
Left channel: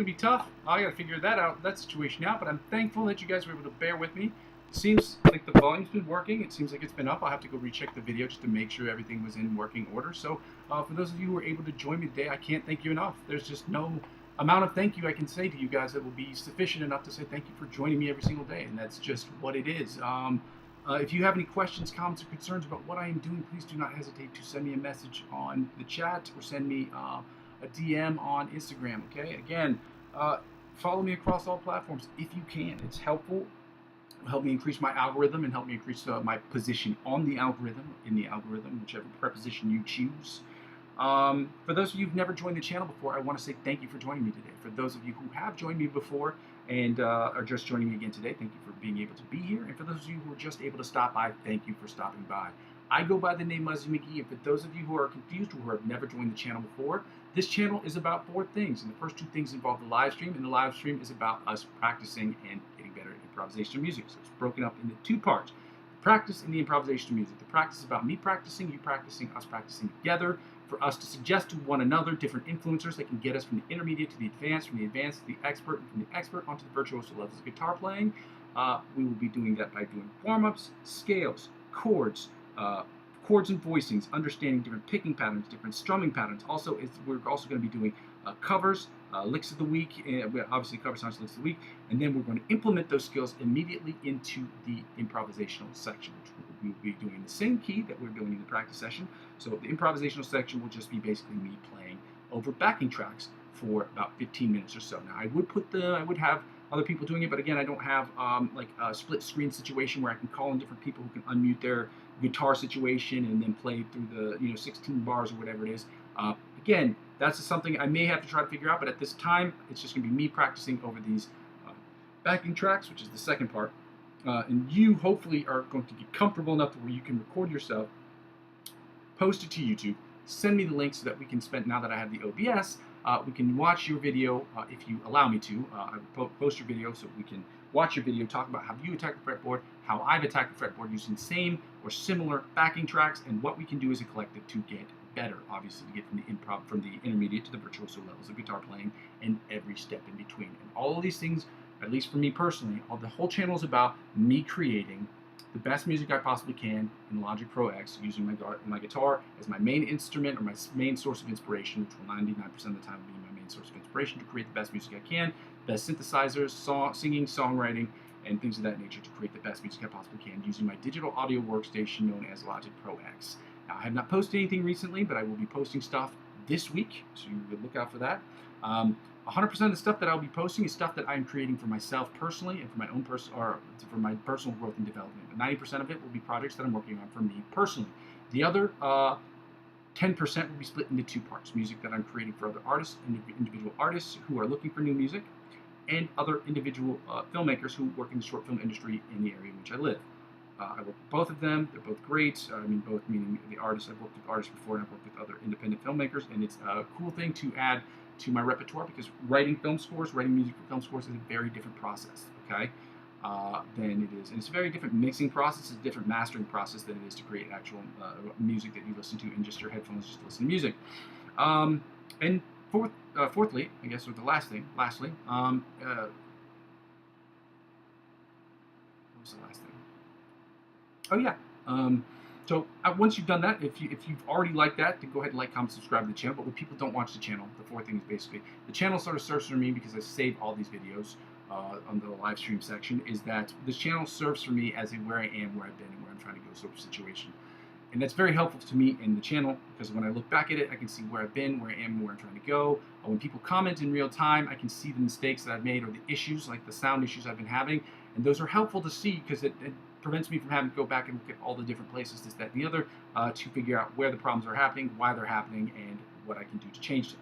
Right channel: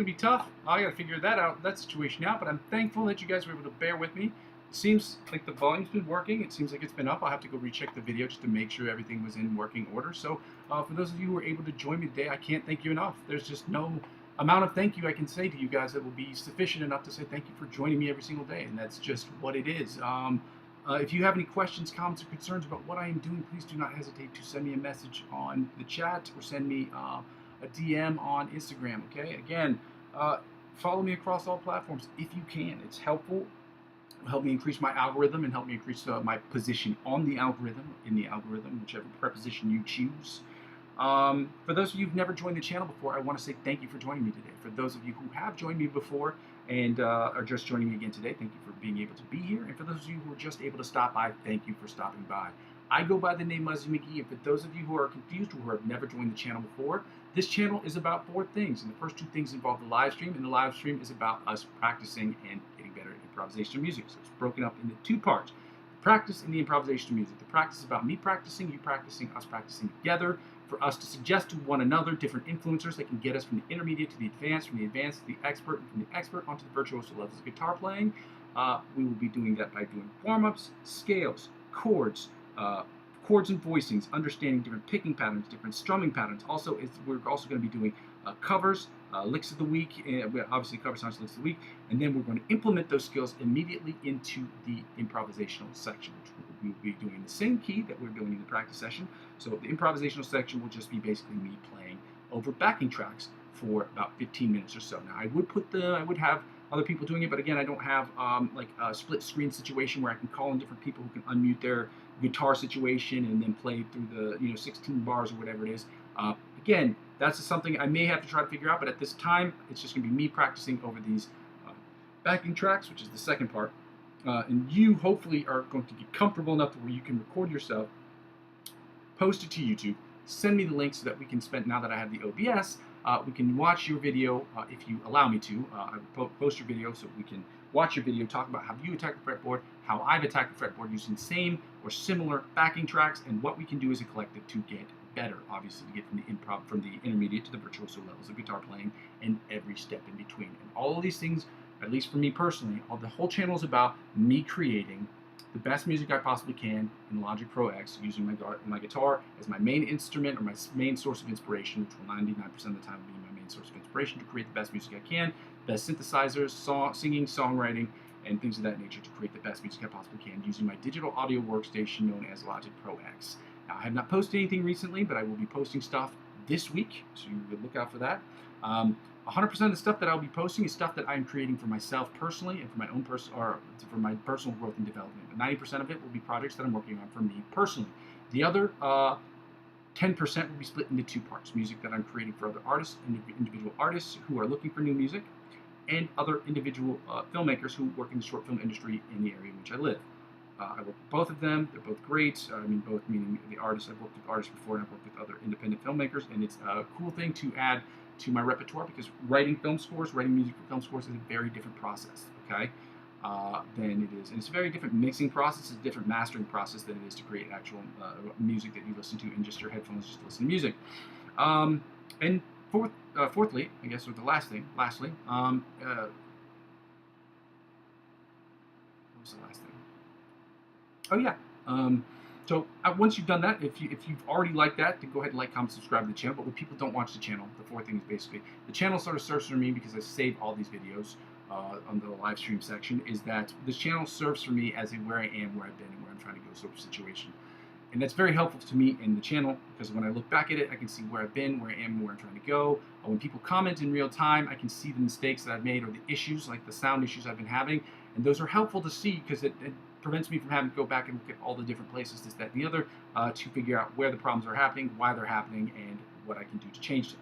going to be tough. I got to figure that situation out, but I'm thankful that you guys were able to bear with me. It seems like the volume's been working. It seems like it's been up. I'll have to go recheck the video just to make sure everything was in working order. So for those of you who were able to join me today, I can't thank you enough. There's just no amount of thank you I can say to you guys that will be sufficient enough to say thank you for joining me every single day, and that's just what it is. If you have any questions, comments, or concerns about what I am doing, please do not hesitate to send me a message on the chat or send me a DM on Instagram, okay? Again, follow me across all platforms if you can. It's helpful. It'll help me increase my algorithm and help me increase my position on the algorithm, whichever preposition you choose. For those of you who've never joined the channel before, I want to say thank you for joining me today. For those of you who have joined me before and are just joining me again today, thank you for being able to be here. And for those of you who are just able to stop by, thank you for stopping by. I go by the name Muzzy McGee, and for those of you who are confused or who have never joined the channel before, this channel is about 4 things. And the first 2 things involve the live stream, and the live stream is about us practicing and getting better at improvisation of music. So it's broken up into 2 parts. The practice and the improvisation of music. The practice is about me practicing, you practicing, us practicing together, for us to suggest to one another different influencers that can get us from the intermediate to the advanced, from the advanced to the expert, and from the expert onto the virtuoso levels of guitar playing. We will be doing that by doing warm-ups, scales, chords and voicings, understanding different picking patterns, different strumming patterns. Also, we're also going to be doing covers, licks of the week, obviously cover songs, licks of the week, and then we're going to implement those skills immediately into the improvisational section, which we will be doing the same key that we're doing in the practice session. So the improvisational section will just be basically me playing over backing tracks for about 15 minutes or so. Now, I would have other people doing it, but again, I don't have like a split screen situation where I can call in different people who can unmute their guitar situation and then play through the 16 bars or whatever it is. Again, that's something I may have to try to figure out, but at this time, it's just going to be me practicing over these backing tracks, which is the second part. And you hopefully are going to get comfortable enough to where you can record yourself, post it to YouTube, send me the link so that we can spend, now that I have the OBS, we can watch your video if you allow me to. I will post your video so we can watch your video, talk about how you attack the fretboard, how I've attacked the fretboard using same or similar backing tracks, and what we can do as a collective to get better, obviously, to get from the intermediate to the virtuoso levels of guitar playing and every step in between. And all of these things, at least for me personally, the whole channel is about me creating the best music I possibly can in Logic Pro X, using my guitar as my main instrument or my main source of inspiration, which will 99% of the time be my main source of inspiration to create the best music I can, best synthesizers, singing, songwriting, and things of that nature to create the best music I possibly can using my digital audio workstation known as Logic Pro X. Now, I have not posted anything recently, but I will be posting stuff this week, so you can look out for that. 100% of the stuff that I'll be posting is stuff that I'm creating for myself personally and for my own for my personal growth and development. But 90% of it will be projects that I'm working on for me personally. The other 10% will be split into 2 parts: music that I'm creating for other artists, individual artists who are looking for new music, and other individual filmmakers who work in the short film industry in the area in which I live. I work with both of them. They're both great. I mean, both meaning the artists. I've worked with artists before, and I've worked with other independent filmmakers, and it's a cool thing to add to my repertoire, because writing music for film scores is a very different process, okay, than it is. And it's a very different mixing process, it's a different mastering process than it is to create actual music that you listen to in just your headphones, just to listen to music. And fourthly, I guess, or lastly, what was the last thing? Oh yeah. So once you've done that, if you've already liked that, then go ahead and like, comment, subscribe to the channel. But when people don't watch the channel, the 4th thing is basically the channel sort of serves for me, because I save all these videos on the live stream section, is that this channel serves for me as a where I am, where I've been, and where I'm trying to go sort of situation. And that's very helpful to me in the channel, because when I look back at it, I can see where I've been, where I am, and where I'm trying to go. When people comment in real time, I can see the mistakes that I've made or the issues, like the sound issues I've been having. And those are helpful to see, because it prevents me from having to go back and look at all the different places, this, that, and the other, to figure out where the problems are happening, why they're happening, and what I can do to change them.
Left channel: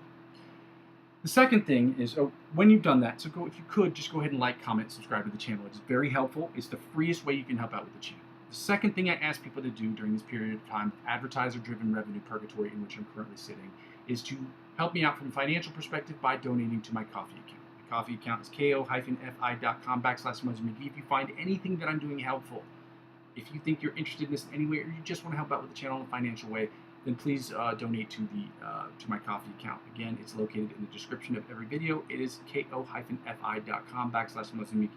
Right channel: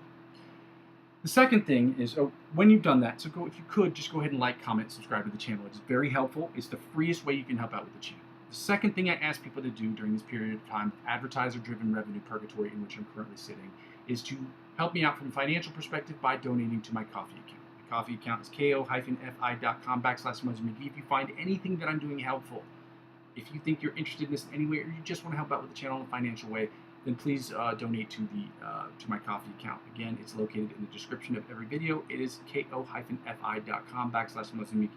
The second thing is, when you've done that, so if you could, just go ahead and like, comment, subscribe to the channel. It's very helpful. It's the freest way you can help out with the channel. The second thing I ask people to do during this period of time, advertiser-driven revenue purgatory in which I'm currently sitting, is to help me out from a financial perspective by donating to my Ko-fi account. My Ko-fi account is ko-fi.com/Muzzy McGee. If you find anything that I'm doing helpful, if you think you're interested in this in any way, or you just want to help out with the channel in a financial way, then please donate to to my Coffee account. Again, it's located in the description of every video. It is ko-fi.com/Muzzy McGee.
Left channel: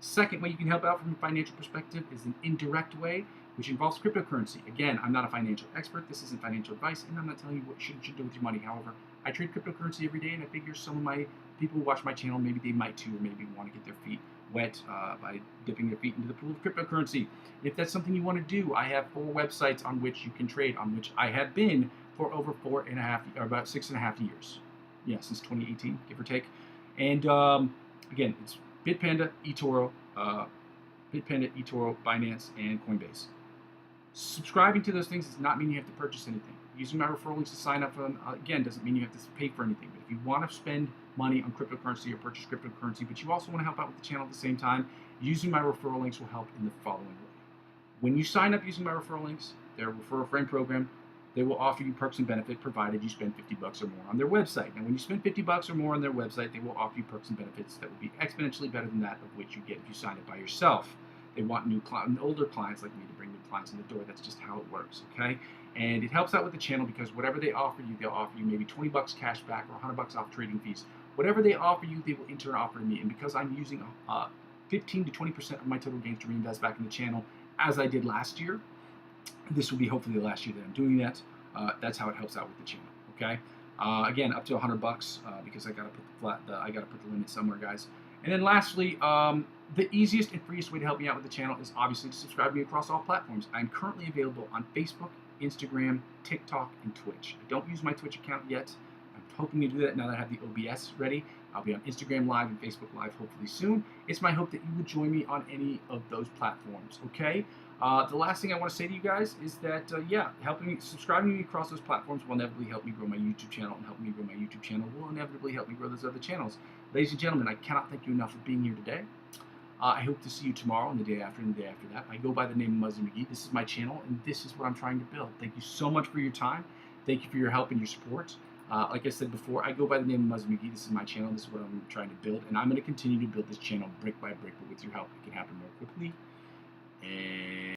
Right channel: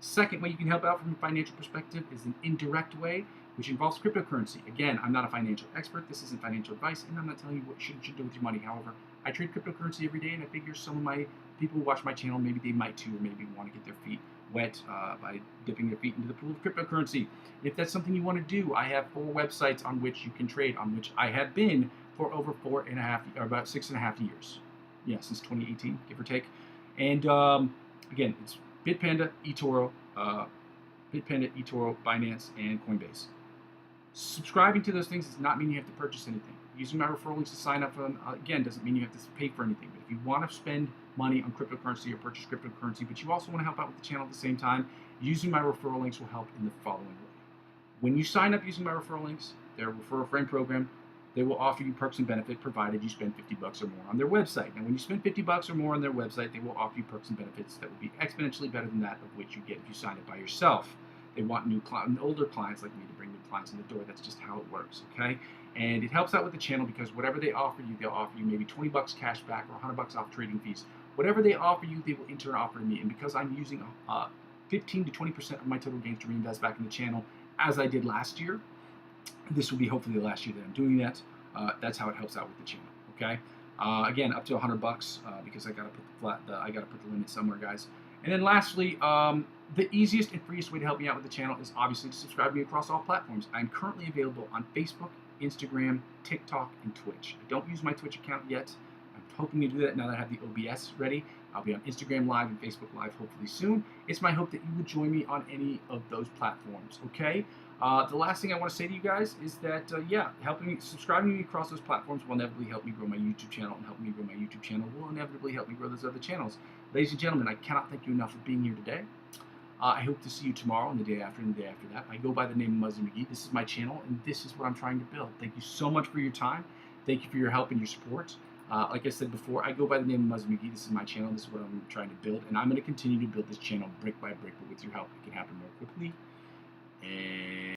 Second way you can help out from a financial perspective is an indirect way, which involves cryptocurrency. Again, I'm not a financial expert. This isn't financial advice, and I'm not telling you what you should do with your money. However, I trade cryptocurrency every day, and I figure some of my people who watch my channel, maybe they might too, or maybe want to get their feet wet by dipping their feet into the pool of cryptocurrency. If that's something you want to do, I have 4 websites on which you can trade, on which I have been for over 4.5, or about 6.5 years. Yeah, since 2018, give or take. And again, it's Bitpanda, eToro, Binance, and Coinbase. Subscribing to those things does not mean you have to purchase anything. Using my referral links to sign up for them, again, doesn't mean you have to pay for anything. But if you want to spend money on cryptocurrency or purchase cryptocurrency, but you also want to help out with the channel at the same time, using my referral links will help in the following way. When you sign up using my referral links, their refer a friend program, they will offer you perks and benefits provided you spend $50 or more on their website. Now, when you spend $50 or more on their website, they will offer you perks and benefits that will be exponentially better than that of which you get if you sign up by yourself. They want older clients like me to bring new clients in the door. That's just how it works, okay? And it helps out with the channel because whatever they offer you, they'll offer you maybe $20 cash back or $100 off trading fees. Whatever they offer you, they will in turn offer to me. And because I'm using 15 to 20% of my total gains to reinvest back in the channel, as I did last year, this will be hopefully the last year that I'm doing that. That's how it helps out with the channel. Okay. Again, up to $100 because I gotta put the limit somewhere, guys. And then lastly, the easiest and freest way to help me out with the channel is obviously to subscribe to me across all platforms. I'm currently available on Facebook, Instagram, TikTok, and Twitch. I don't use my Twitch account yet. I'm hoping to do that now that I have the OBS ready. I'll be on Instagram Live and Facebook Live hopefully soon. It's my hope that you would join me on any of those platforms, okay? The last thing I want to say to you guys is that, subscribing to me across those platforms will inevitably help me grow my YouTube channel, and help me grow my YouTube channel will inevitably help me grow those other channels. Ladies and gentlemen, I cannot thank you enough for being here today. I hope to see you tomorrow and the day after and the day after that. I go by the name of Muzzy McGee. This is my channel, and this is what I'm trying to build. Thank you so much for your time. Thank you for your help and your support. Like I said before, I go by the name of Muzzy McGee. This is my channel. This is what I'm trying to build, and I'm going to continue to build this channel brick by brick, but with your help, it can happen more quickly. And